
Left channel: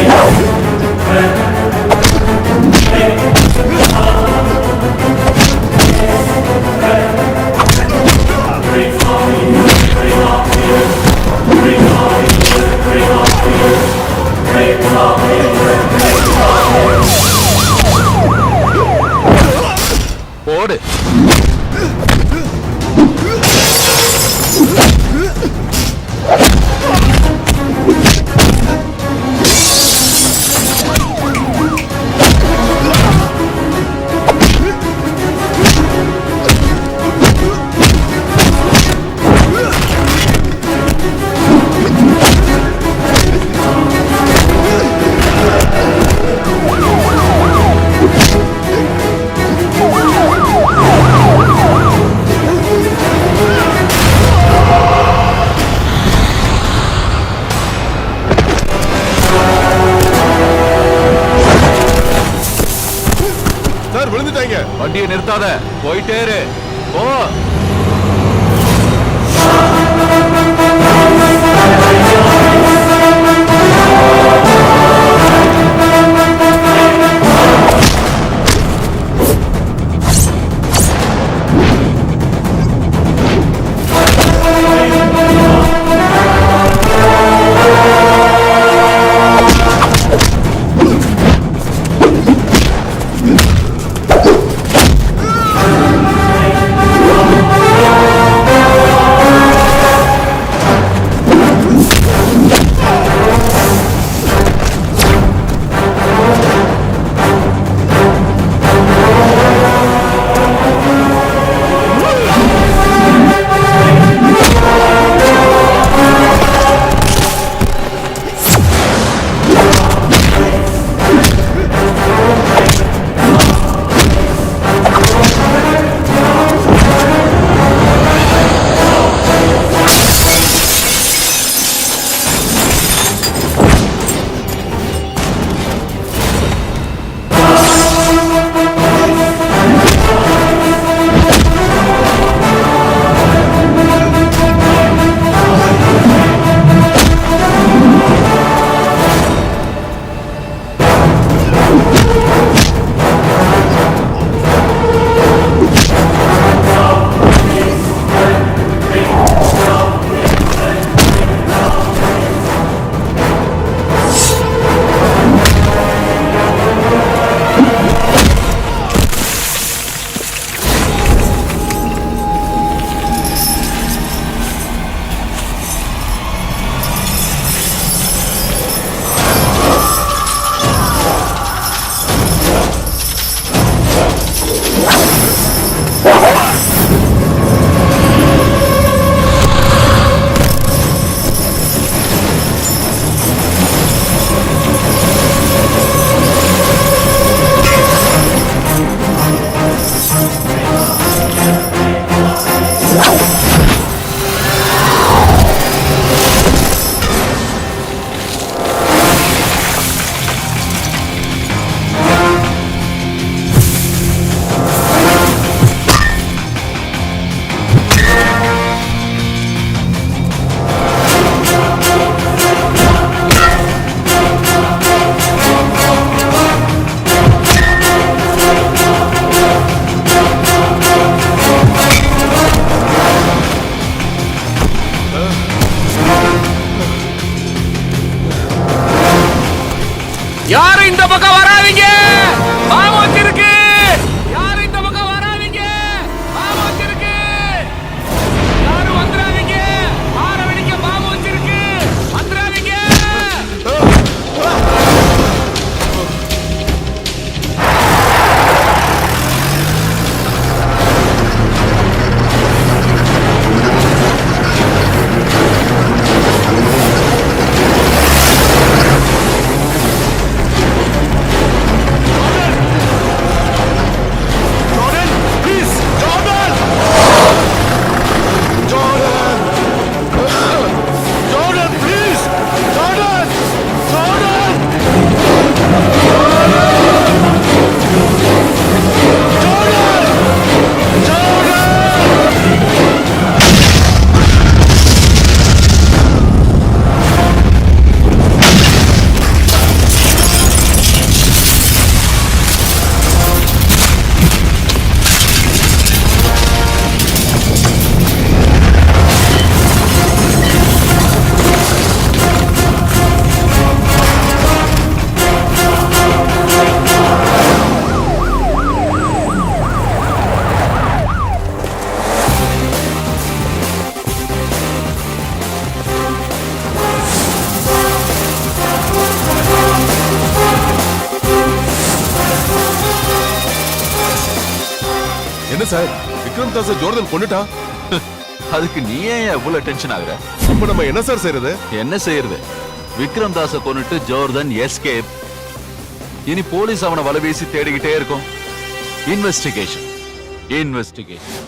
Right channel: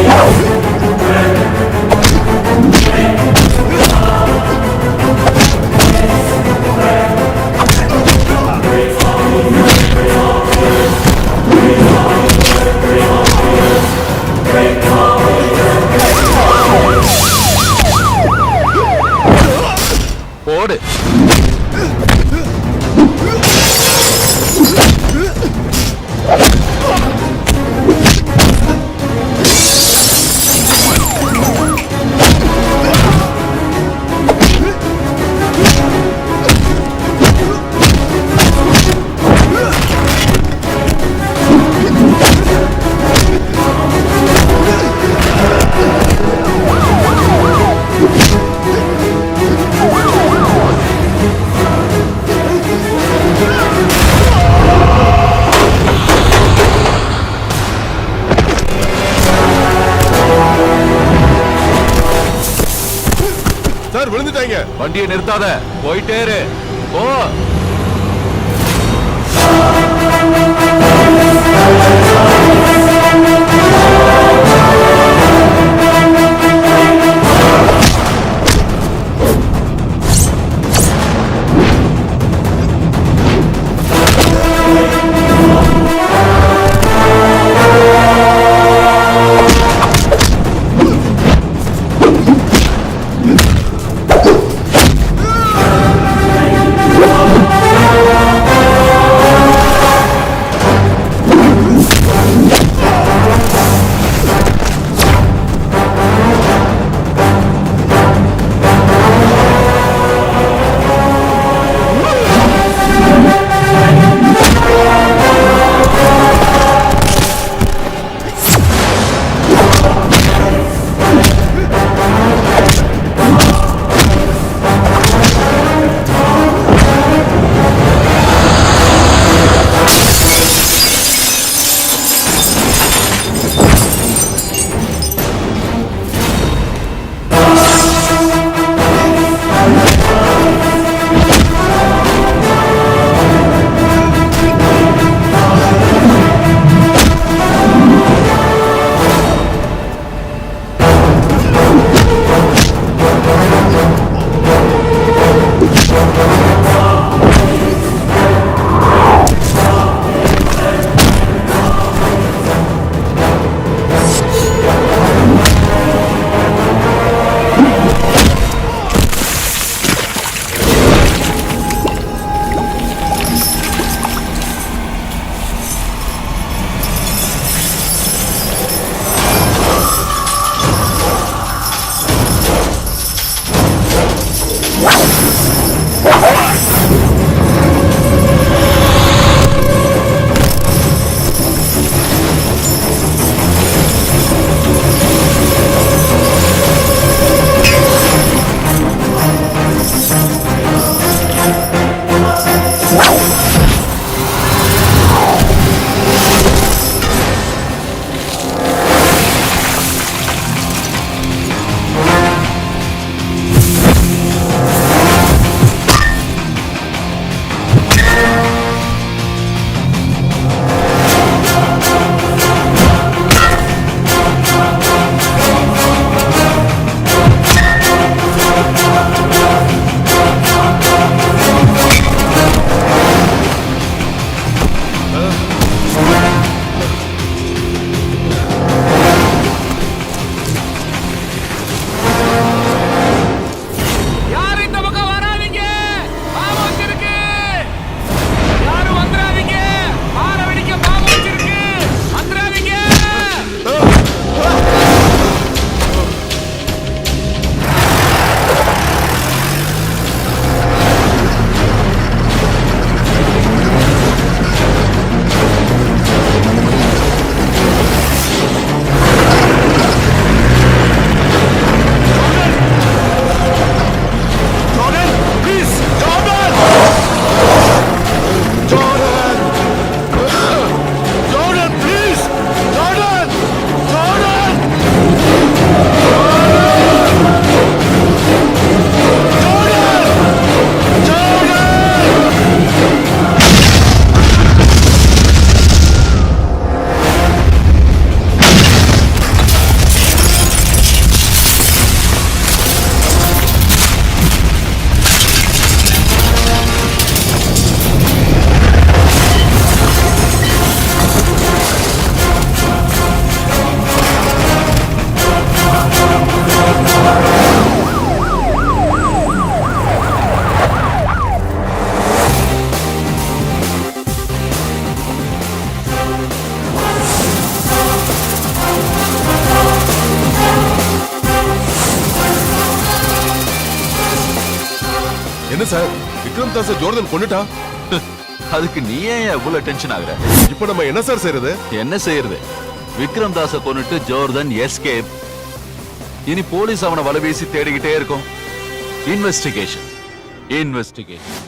வண்டியை நிறுத்தாத, போயிட்டே இரு. போ. என்ன சார், விக்ரம் தாஸ் ஜோர்டன் கொண்டுட்டான். அதுக்கு நீ ஏன் இவ்வளவு டென்ஷன் ஆகுற? இப்ப நம்ம என்ன சார் செய்யறது? என்ன செய்யறது? விக்ரம் தாஸ கொன்னுட்டு ஜோர்டன் எஸ்கேப். இனி போலீஸ் அவனை வலை வீசி தேடிக்கிட்டே இருக்கும். இன்வெஸ்டிகேஷன்.